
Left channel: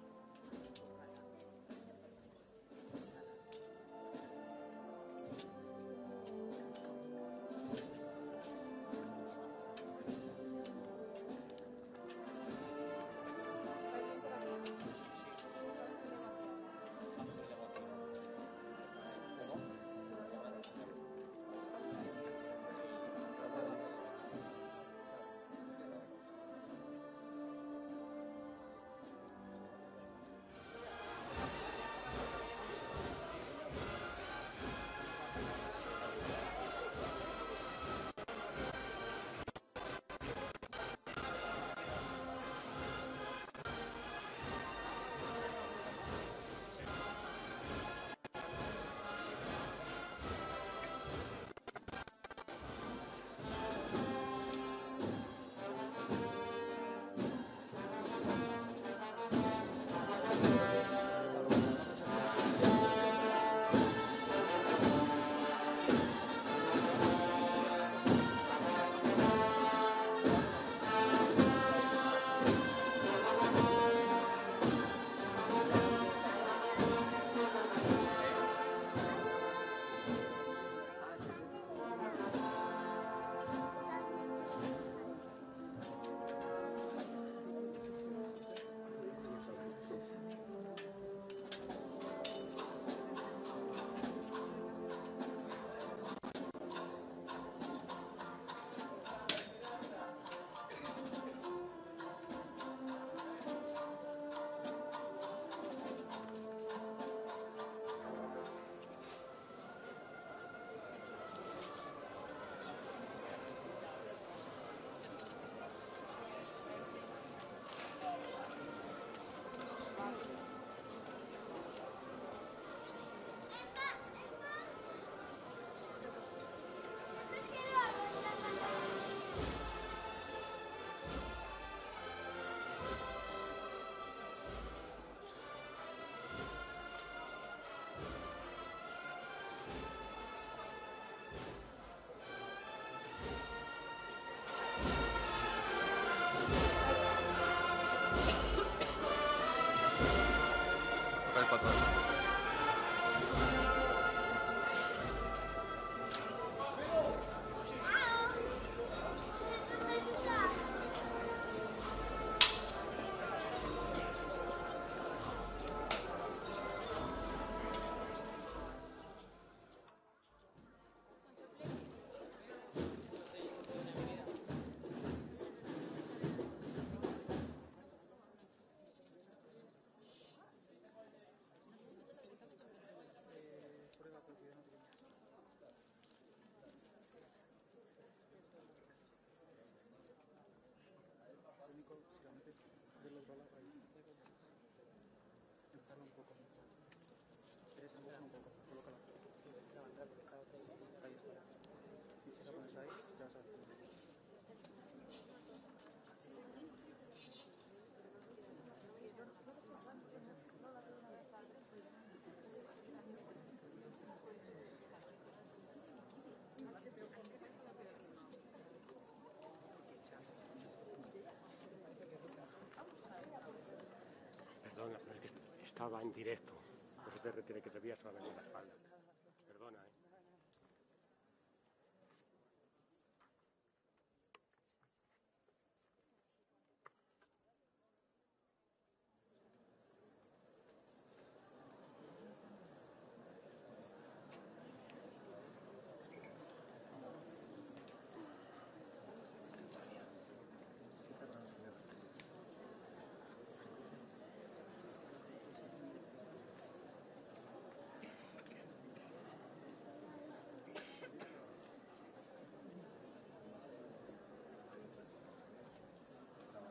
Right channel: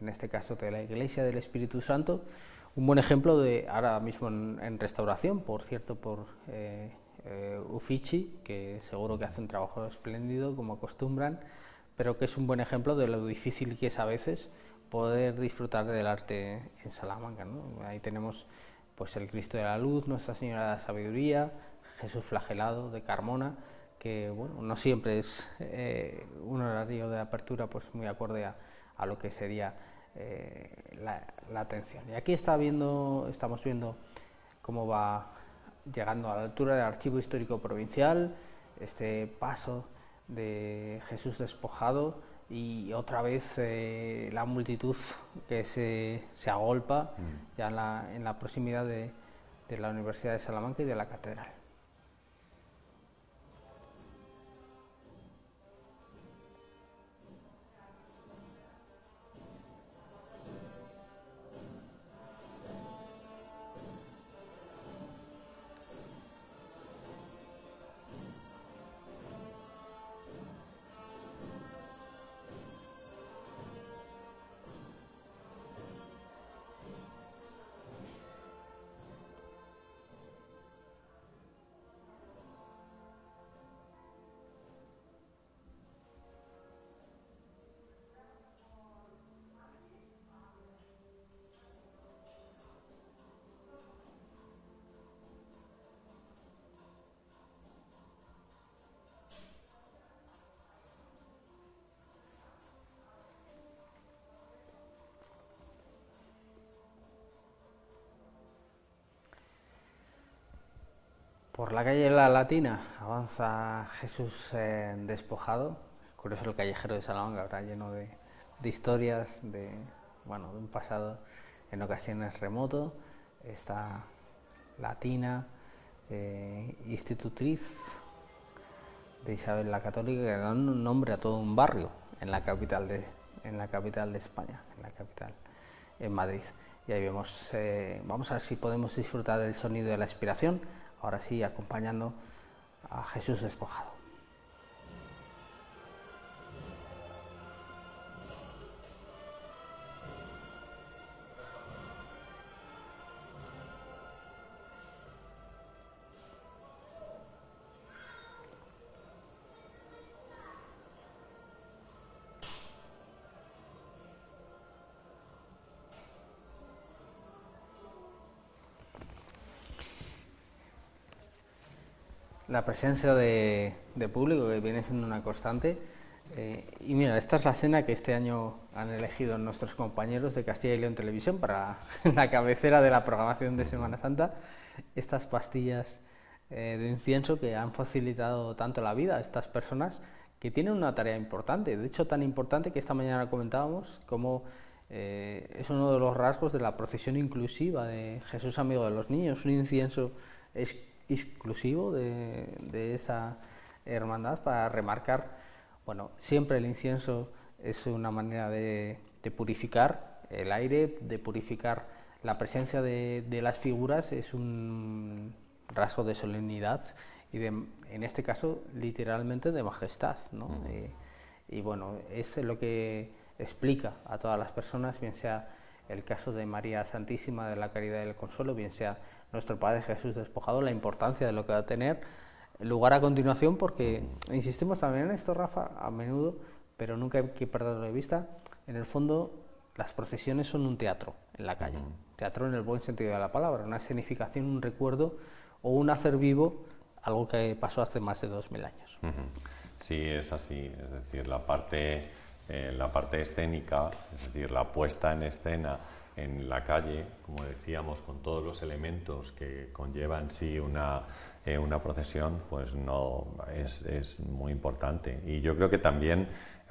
en este caso de la Iglesia del Espíritu Santo, un buen ejemplo de ahora mismo en restauración, por cierto, por Uffizi, que seguro que hace un trabajo espléndido como acostumbran, pero que es un buen ejemplo de lo difícil que es a veces poder disfrutar del arte en Salamanca, ¿no? Ahí tenemos pues el Cristo de la Luz, Nuestra Señora de la Sabiduría, Jesús flagelado de Carmona, que bueno, no siempre es un horario de apertura pues muy acorde a lo que sería la atención. Y aquí estamos viendo cómo va llegando a la altura del Archivo Histórico Provincial, este paso de Jesús despojado, y otra vez la multitud que se agolpa ya en la proximidad de la Universidad de Salamanca y de la Catedral. Por la calle La Latina avanza Jesús despojado, por eso el callejero de Salamanca habrá lleno de historias, de un pasado en ocasiones remoto. Esta latina, institutriz de Isabel la Católica, que da un nombre a todo un barrio en la capital de España, en Madrid. y ahí vemos, vamos a ver si podemos disfrutar del sonido de la expiración, ahora sí acompañando a Jesús despojado. La presencia de público que viene siendo una constante. Y mira, esta es la escena que este año han elegido nuestros compañeros de Castilla y León Televisión para la cabecera de la programación de Semana Santa. Estas pastillas de incienso que han facilitado tanto la vida a estas personas que tienen una tarea importante. De hecho, tan importante que esta mañana comentábamos como es uno de los rasgos de la procesión inclusiva de Jesús Amigo de los Niños, un incienso exclusivo de esa hermandad para remarcar, bueno, siempre el incienso es una manera de purificar el aire, de purificar la presencia de las figuras, es un rasgo de solemnidad y en este caso literalmente de majestad, ¿no? Y bueno, es lo que explica a todas las personas, bien sea el caso de María Santísima de la Caridad y del Consuelo, bien sea nuestro Padre Jesús despojado, la importancia de lo que va a tener lugar a continuación, porque insistimos también en esto, Rafa, a menudo, pero nunca hay que perderlo de vista. En el fondo, las procesiones son un teatro en la calle, teatro en el buen sentido de la palabra, una escenificación, un recuerdo o un hacer vivo algo que pasó hace más de 2000 años. Sí, es así, es decir, la parte escénica, es decir, la puesta en escena en la calle, como decíamos, con todos los elementos que conlleva en sí una procesión, pues no es muy importante. Y yo creo que también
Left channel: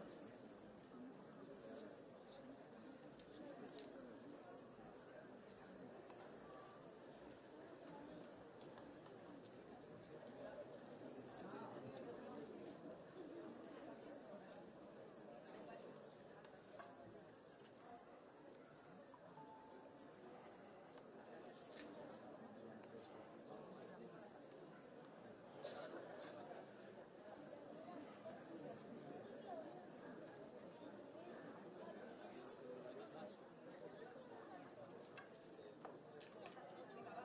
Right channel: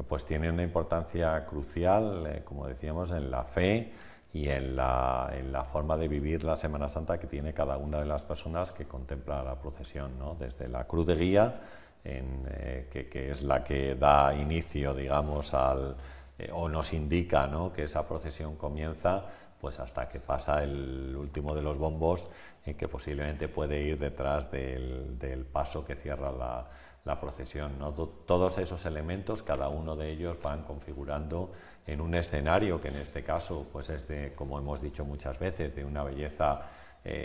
pues tiene una importancia crucial, como decíamos, en la fe y en la forma de vivir la Semana Santa que tiene cada una de las personas que contempla la procesión, ¿no? Desde la cruz de guía, que es la que da inicio, digamos, o nos indica, ¿no?, que esa procesión comienza, pues hasta que pasa el último de los bombos, que posiblemente puede ir detrás del paso que cierra la procesión, ¿no? Todos esos elementos, cada uno de ellos van configurando en un escenario que en este caso pues es como hemos dicho muchas veces, de una belleza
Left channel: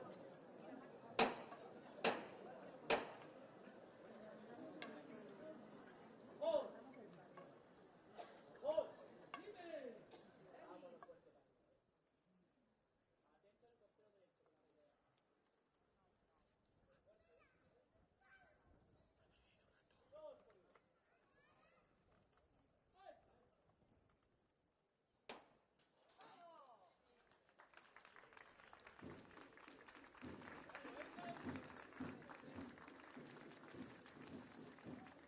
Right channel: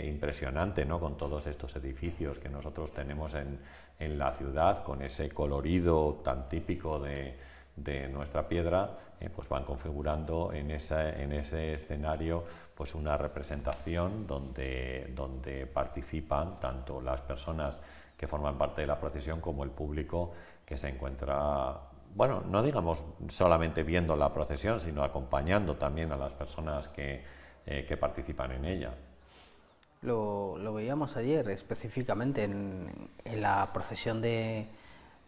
impresionante, ¿no?, con todos estos edificios que nosotros tenemos en la ciudad, con ese colorido tan típico de nuestra piedra, pues van configurando en ese escenario pues una representación donde participan tanto las personas que forman parte de la procesión como el público que se encuentra, bueno, no digamos solamente viendo la procesión, sino acompañando también a las personas que participan en ella. Lo veíamos ayer específicamente en la procesión de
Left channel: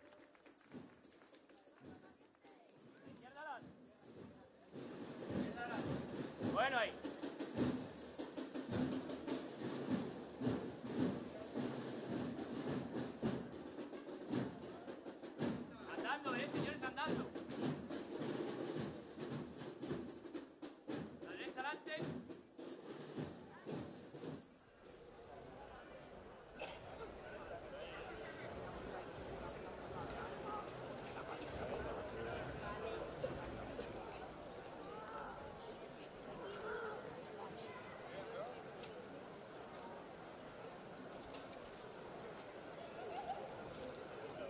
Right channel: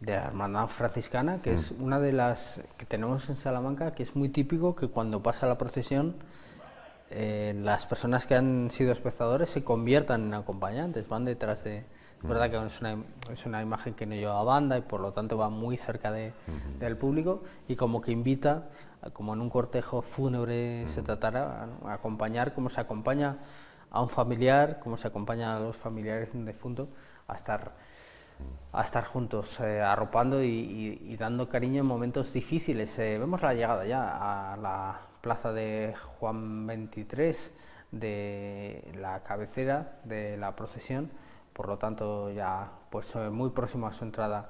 la Hermandad Franciscana, que es una de las que tenemos en Salamanca, que es muy típico que cuando pasa la procesión las personas que han sido espectadores se conviertan en acompañantes, van detrás de... Es verdad que es una imagen que no lleva banda y por lo tanto va muy cerca del público y como que invita, como en un cortejo fúnebre se tratará, a acompañar como se acompaña a un familiar, como se acompaña a los familiares de un defunto, a estar juntos, arropando y dando cariño en momentos difíciles. Vemos la llegada ya a la plaza de Juan 23, de la cabecera de la procesión, por lo tanto ya pues muy próximo a su entrada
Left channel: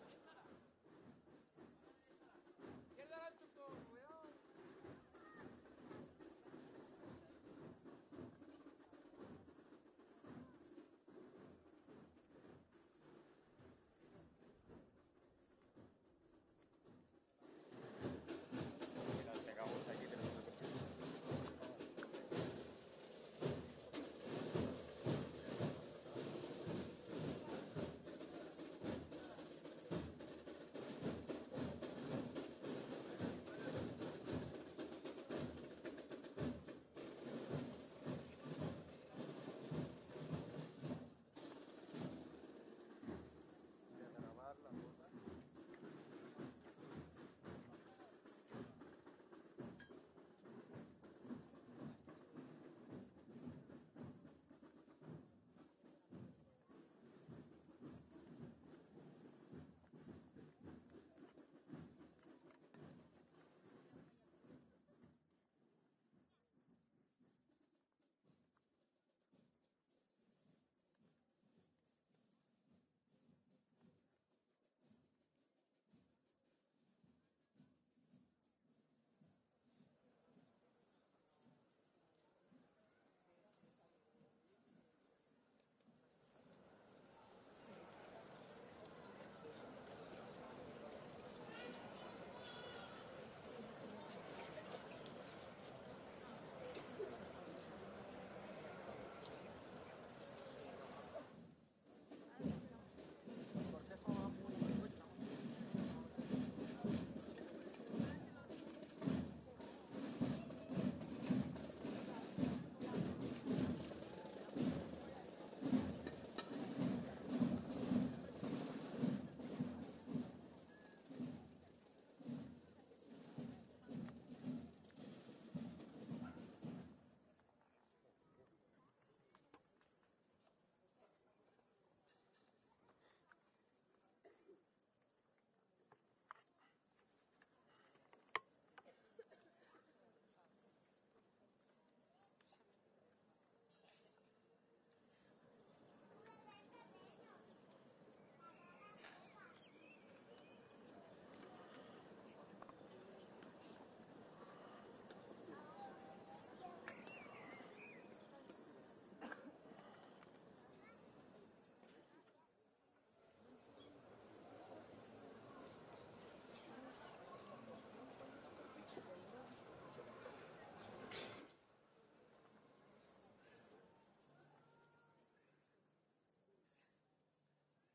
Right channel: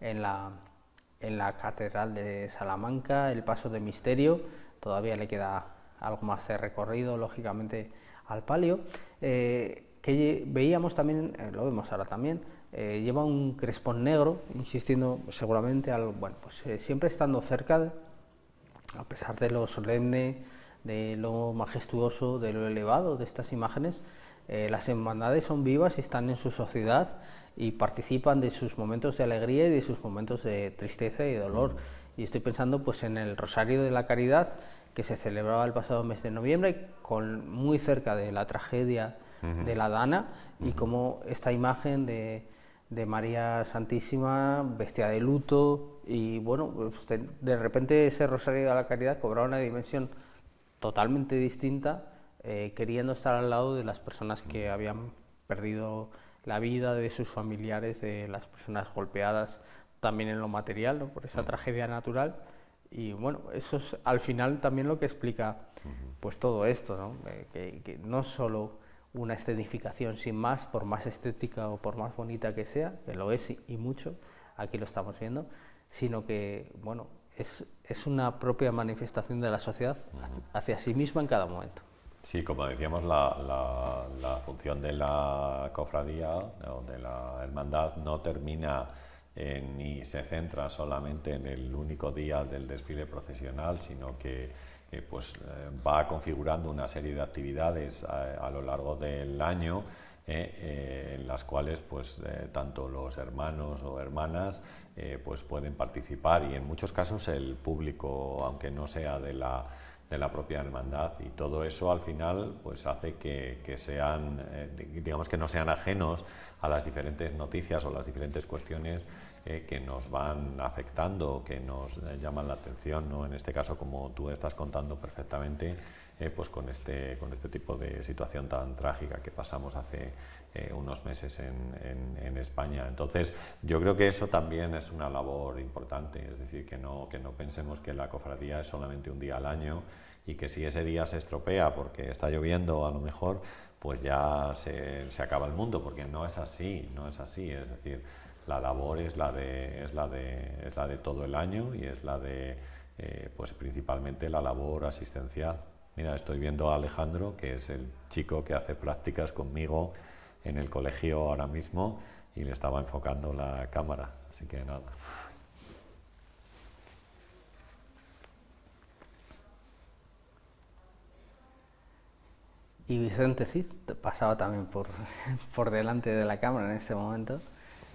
en la Catedral de Salamanca, el paso de misterio, todavía le queda algo más de recorrido, lógicamente, al palio, que veíamos también, lo vemos ahora también, lleva un crespón negro, insistiendo seguramente, bueno, pues siempre estando cerca, a pesar de lo solemne, de lo majestuoso, de lo elevado de estas imágenes, las hermandades son vivas y están en su sociedad y participan de sus momentos de alegría y de sus momentos de tristeza y dolor. Y estoy pensando pues en el Rosario de la Caridad, que se celebraba el pasado mes de noviembre, muy cerca de la tragedia de la Dana, y como esta imagen de María Santísima, vestida de luto, y bueno, pues de repente ese Rosario de la Caridad cobraba una dimensión totalmente distinta, queriendo estar al lado de las personas que habían perdido la vida, de sus familiares, de las personas golpeadas también en lo material, ¿no? Por esa tragedia natural. Y bueno, eso es al final también lo que explica pues todo esto, ¿no? Que no solo una escenificación sin más, por más estética o por más bonita que sea, que lo es y mucho, aquí lo estamos viendo, sino que bueno, es una propia manifestación de la sociedad hacia sí misma en cada momento. Sí, como decíamos, la función de la cofradía o de la hermandad no termina ni se centra solamente en el único día del desfile procesional, sino que va configurando una serie de actividades a lo largo del año, en las cuales tanto los hermanos o hermanas pueden participar, y en muchos casos el público, aunque no sea de la propia hermandad, y todo eso al final hace que sean, digamos, que no sean ajenos a las diferentes noticias o las diferentes cuestiones que nos van afectando, que nos llaman la atención, ¿no? En este caso, como tú estás contando perfectamente, con este tipo de situación tan trágica que pasamos hace unos meses en España. Entonces, yo creo que eso también es una labor importante, es decir, que no pensemos que la cofradía es solamente un día al año, y que si ese día se estropea porque está lloviendo, a lo mejor, pues ya se acaba el mundo, porque no es así, es decir, la labor es la de todo el año, y es la de principalmente la labor asistencial. Mira, estoy viendo a Alejandro, que es el chico que hace prácticas conmigo en el colegio ahora mismo, y le estaba enfocando la cámara, así que nada. Y Vicente Cid pasaba también por delante de la cámara en este momento,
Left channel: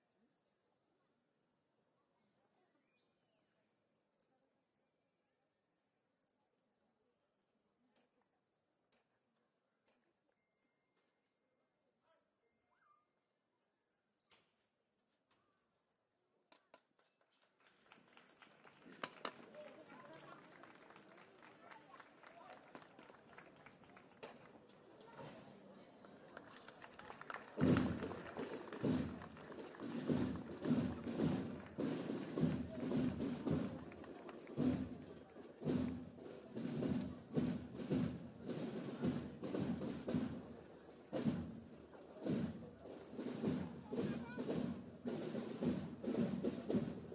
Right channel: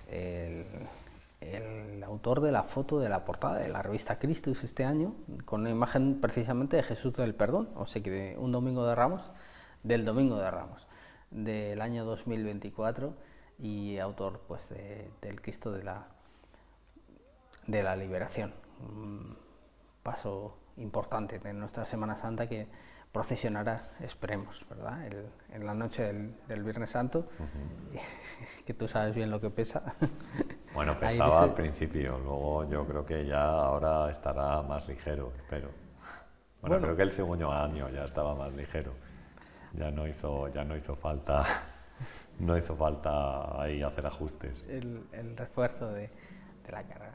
el autor de la foto de la portada de la revista Christus este año, con una imagen precisamente de Jesús del Perdón, o sea que de un Domingo de Ramos, del Domingo de Ramos, del año 2024, y autor del Cristo de la Liberación. Un paso importante de nuestra Semana Santa que procesionará, esperemos, ¿verdad? En la noche del Viernes Santo, que tú sabes bien lo que pesa. Bueno, pesaba al principio, luego yo creo que ya ahora estará más ligero, pero bueno, creo que el segundo año ya estaba más ligero, ya no hizo falta, ahí hacer ajustes. El refuerzo de la carga.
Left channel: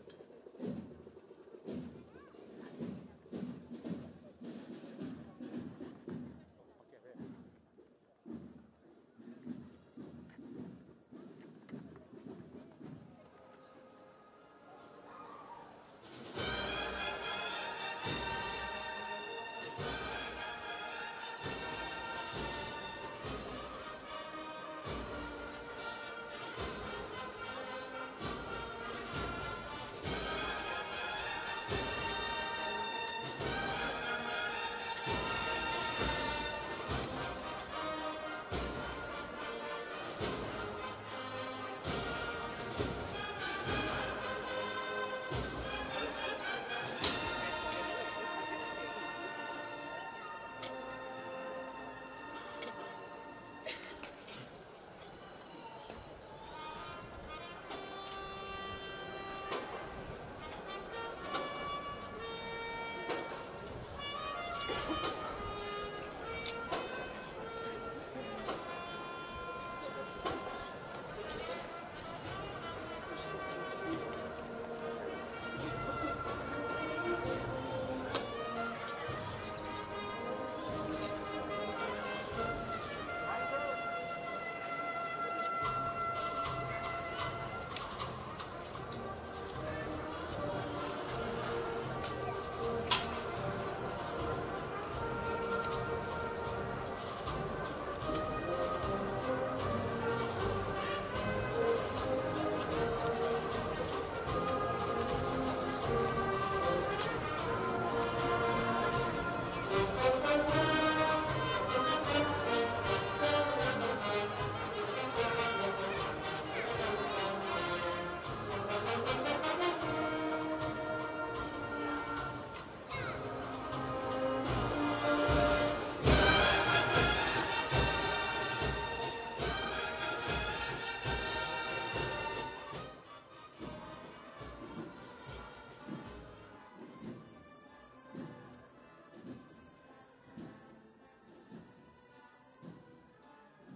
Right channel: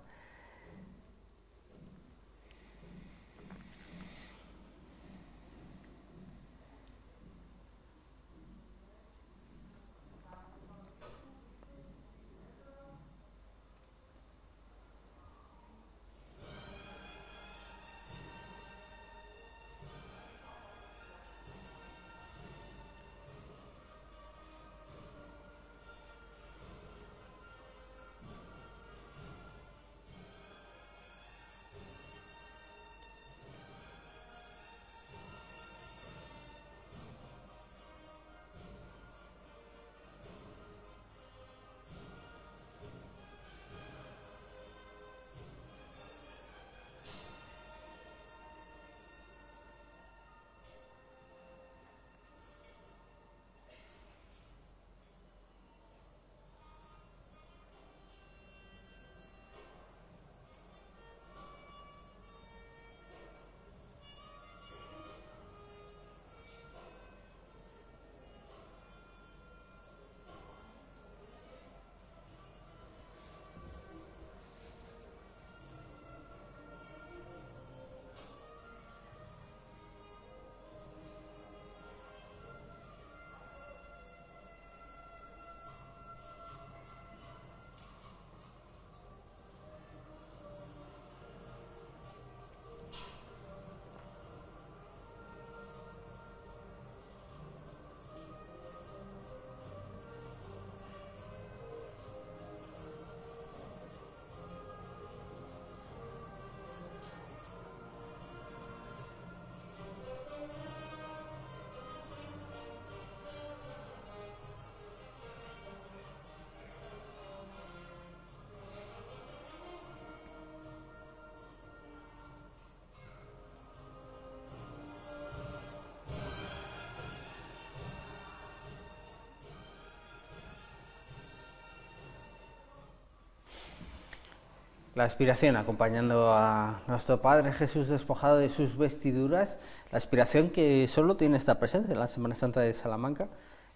La aspiración acompañando a nuestro Padre Jesús despojado de sus vestiduras, la aspiración que solo tiene esta presencia en la Semana Santa de Salamanca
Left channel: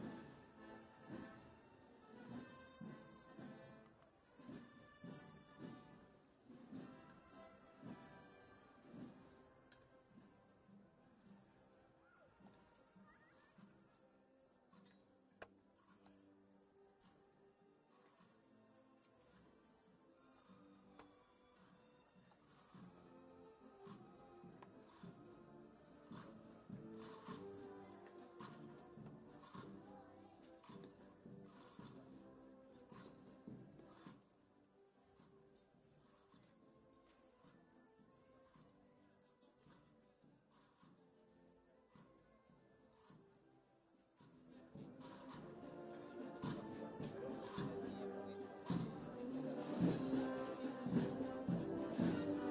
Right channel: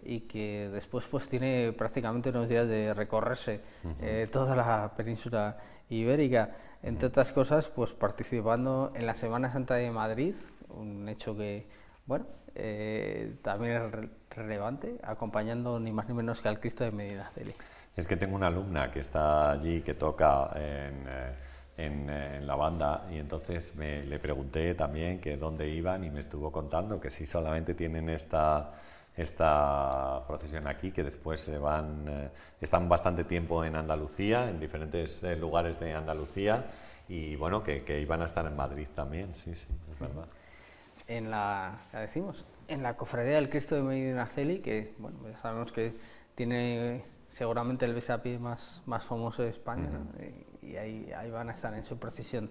y que después pues tiene prácticamente unos días de recorrerse toda la península ibérica, entre otras cosas pues participando en la Semana Santa de Madrid, un hecho que bueno también es relevante, acompañando ni más ni menos que al Cristo de Medinaceli. Es que tengo una alumna que está allí, que toca en la banda, y entonces le pregunté también que dónde iban y me estuvo contando que si solamente tienen esta procesión aquí, que después están bastante tiempo en Andalucía, en diferentes lugares de Andalucía, y bueno, que iban a estar en Madrid también, sí, sí, es verdad. Ya decimos, en la Cofradía del Cristo de Medinaceli, que bueno, sabemos que tiene seguramente el besapié más famoso de España, y ahí van a estar en su procesión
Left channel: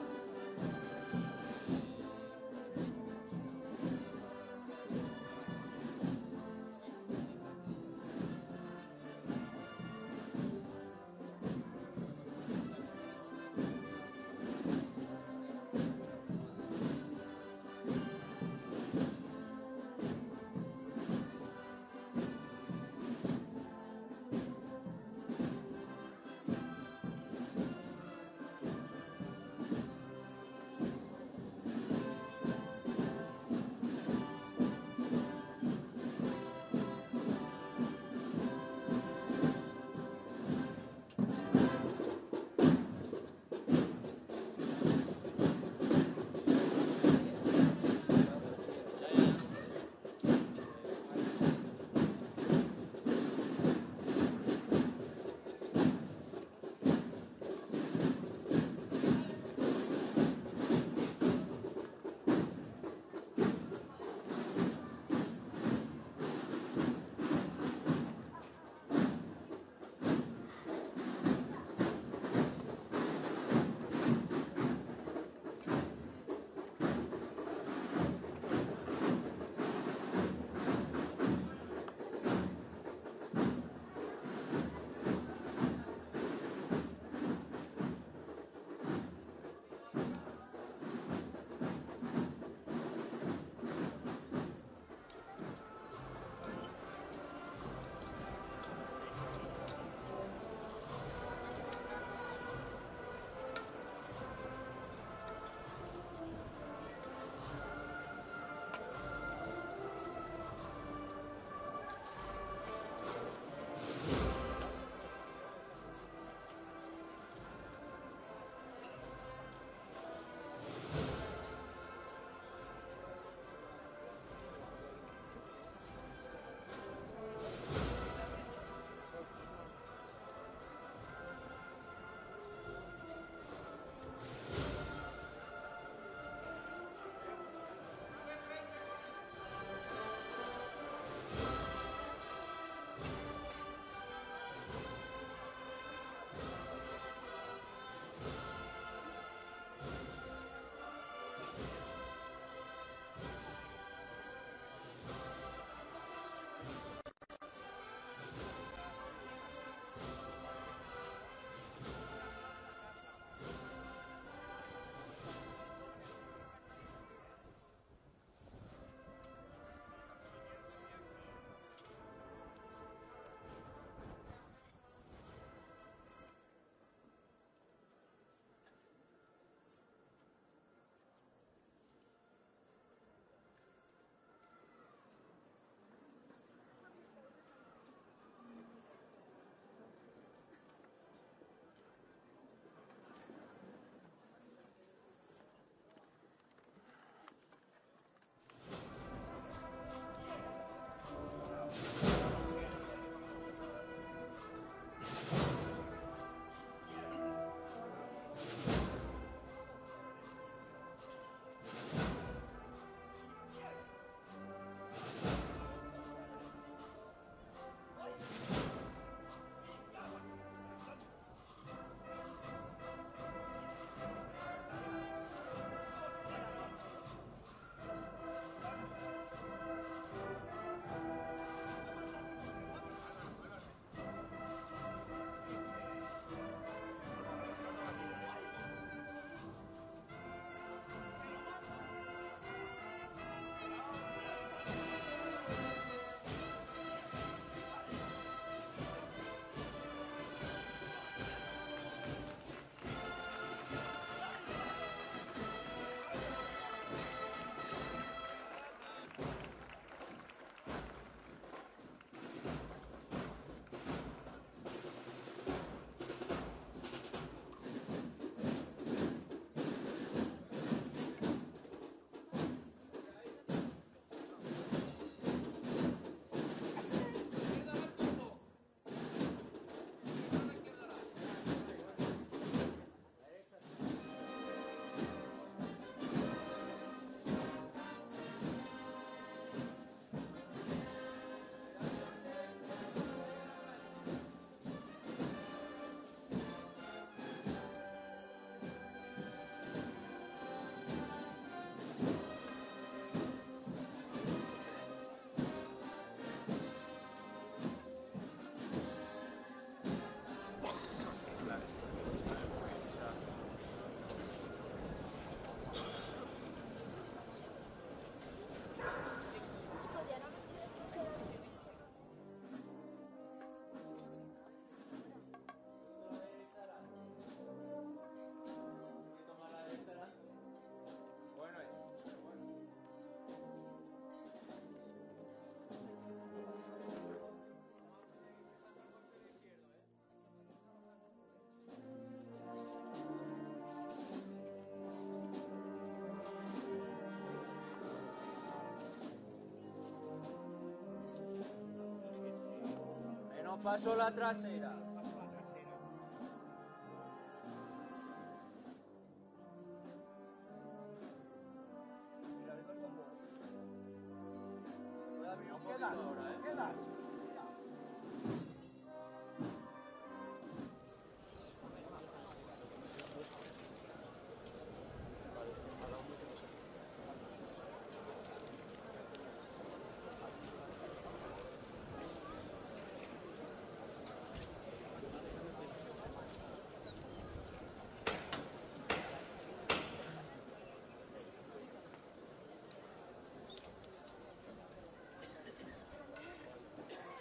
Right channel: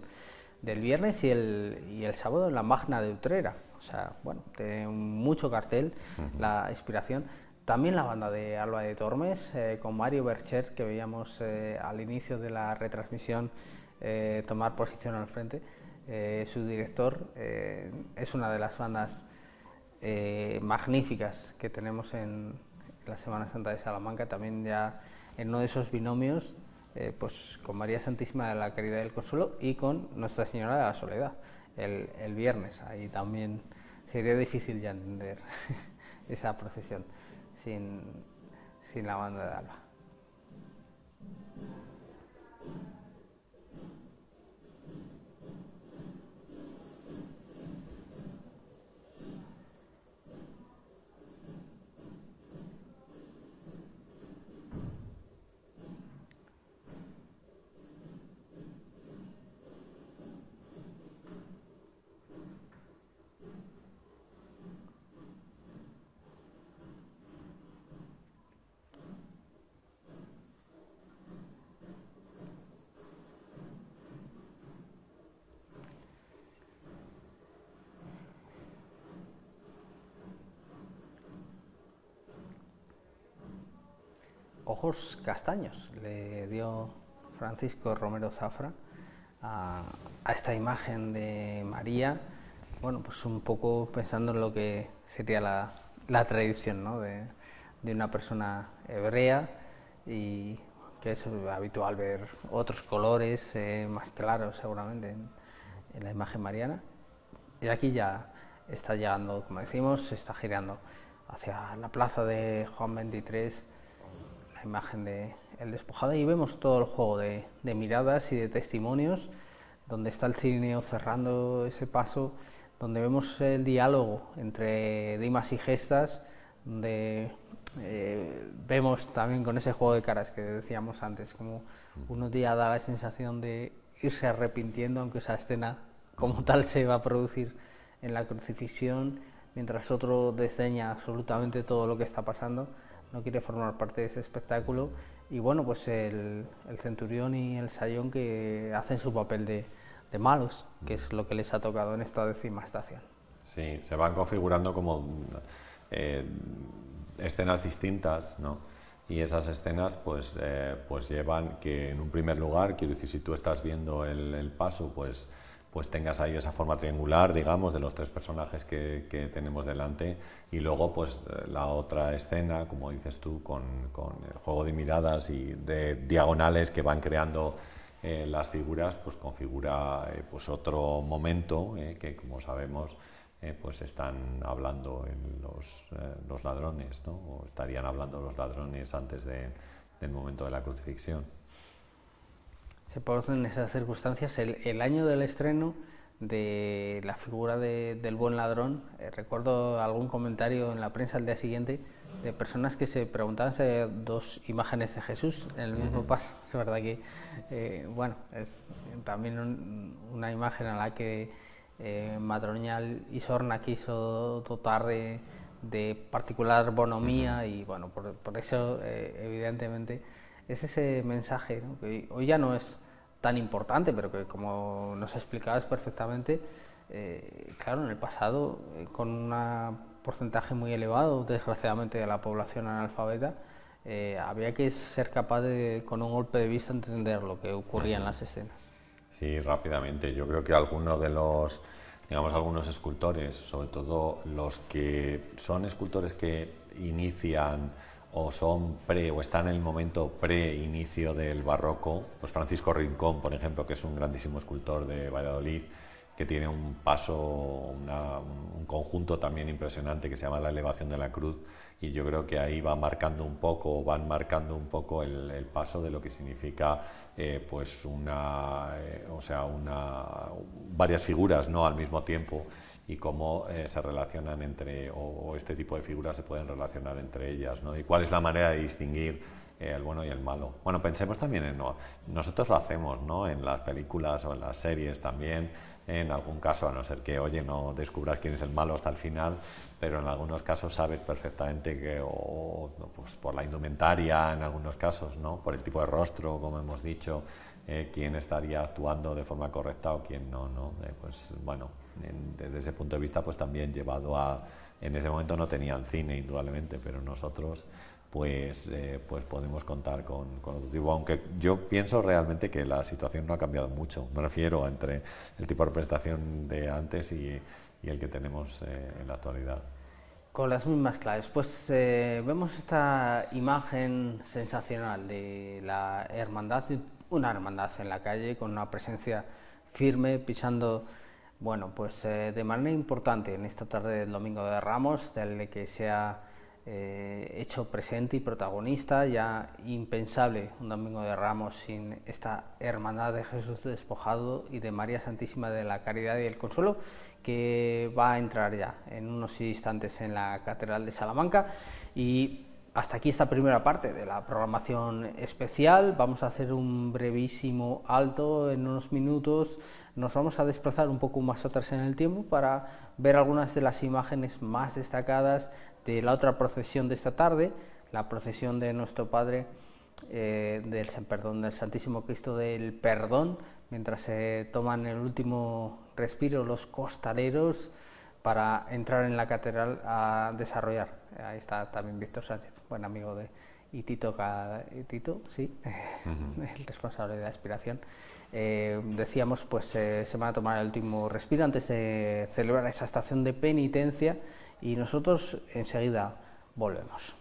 del viernes y el sábado en la Magna de Utrera. O sea, bueno, tiene mucho cartel la inspiración. También la banda de Alba de Tormes, con Mario Bercher, que veíamos al inicio de la retransmisión tomar posición al frente. Su director es una de las bandas magníficas que tenemos en la Semana Santa de Salamanca, también ya en uno de esos binomios, pues con María Santísima de la Caridad y del Consuelo y con Nuestra Señora de la Soledad, el viernes. Ahí también sería difícil ya entender esa procesión sin la banda de Alba. Ojos castaños le dio Francisco Romero Zafra a esta imagen de María, bueno, pues un poco pensando en lo que sería la tradición, ¿no? de una persona hebrea, y que es habitual ver otros colores más claros seguramente en la imagen mariana, y aquí ya está llegando, como decimos, se está girando hacia la plaza de Juan 23, la imagen del despojado, y vemos todo el juego de miradas y de testimonios, donde está el cirineo cerrando ese paso, donde vemos el diálogo entre Dimas y Gestas, donde vemos también con ese juego de caras que decíamos antes, como uno día da la sensación de irse arrepintiendo, aunque esa escena como tal se va a producir en la crucifixión, mientras otro desdeña absolutamente todo lo que está pasando, no quiere formar parte de ese espectáculo. Y bueno, pues el centurión y el sayón que hacen su papel de malos, que es lo que les ha tocado en esta 10ª estación. Sí, se van configurando como escenas distintas, ¿no? Y esas escenas pues llevan que en un primer lugar, quiero decir, si tú estás viendo el paso, pues tengas ahí esa forma triangular, digamos, de los tres personajes que tenemos delante, y luego pues la otra escena, como dices tú, con el juego de miradas y de diagonales que van creando las figuras, pues configura pues otro momento que, como sabemos, pues están hablando los ladrones, ¿no? O estarían hablando los ladrones antes del momento de la crucifixión. Se producen esas circunstancias el año del estreno de la figura del buen ladrón. Recuerdo algún comentario en la prensa al día siguiente de personas que se preguntaban si había dos imágenes de Jesús en el mismo paso. Es verdad que bueno, es también una imagen a la que Madroñal y Sorna quiso dotar de particular bonomía, y bueno, por eso evidentemente es ese mensaje, ¿no? Que hoy ya no es tan importante, pero que, como nos explicabas perfectamente, claro, en el pasado, con un porcentaje muy elevado, desgraciadamente, de la población analfabeta, había que ser capaz de, con un golpe de vista, entender lo que ocurría en las escenas. Sí, rápidamente. Yo creo que algunos de los, digamos, algunos escultores, sobre todo los que son escultores que inician o son o están en el momento pre-inicio del barroco, pues Francisco Rincón, por ejemplo, que es un grandísimo escultor de Valladolid, que tiene un paso, un conjunto también impresionante que se llama La Elevación de la Cruz, y yo creo que ahí van marcando un poco el paso de lo que significa pues varias figuras, ¿no?, al mismo tiempo, y cómo se relacionan o este tipo de figuras se pueden relacionar entre ellas, ¿no? Y cuál es la manera de distinguir el bueno y el malo. Bueno, pensemos también nosotros lo hacemos, ¿no?, en las películas o en las series también, en algún caso, a no ser que, oye, no descubras quién es el malo hasta el final, pero en algunos casos sabes perfectamente que, pues por la indumentaria, en algunos casos, ¿no?, por el tipo de rostro, como hemos dicho, quién estaría actuando de forma correcta o quién no, ¿no? Pues, bueno, desde ese punto de vista, pues también llevado a... En ese momento no tenían cine, indudablemente, pero nosotros pues podemos contar con otro tipo, aunque yo pienso realmente que la situación no ha cambiado mucho, me refiero entre el tipo de representación de antes y el que tenemos en la actualidad. Con las mismas claves, pues vemos esta imagen sensacional de la hermandad, una hermandad en la calle con una presencia firme, pisando, bueno, pues de manera importante en esta tarde del Domingo de Ramos, del que se ha hecho presente y protagonista, ya impensable un Domingo de Ramos sin esta hermandad de Jesús despojado y de María Santísima de la Caridad y el Consuelo, que va a entrar ya en unos instantes en la Catedral de Salamanca. Y hasta aquí esta primera parte de la programación especial. Vamos a hacer un brevísimo alto en unos minutos. Nos vamos a desplazar un poco más atrás en el tiempo para ver algunas de las imágenes más destacadas de la otra procesión de esta tarde, la procesión de nuestro Padre del Santísimo Cristo del Perdón, mientras se toman el último respiro los costaleros para entrar en la catedral a desarrollar. Ahí está también Víctor Sánchez, buen amigo y Tito, sí, el responsable de la aspiración. Decíamos, pues se van a tomar el último respiro antes de celebrar esa estación de penitencia, y nosotros enseguida volvemos.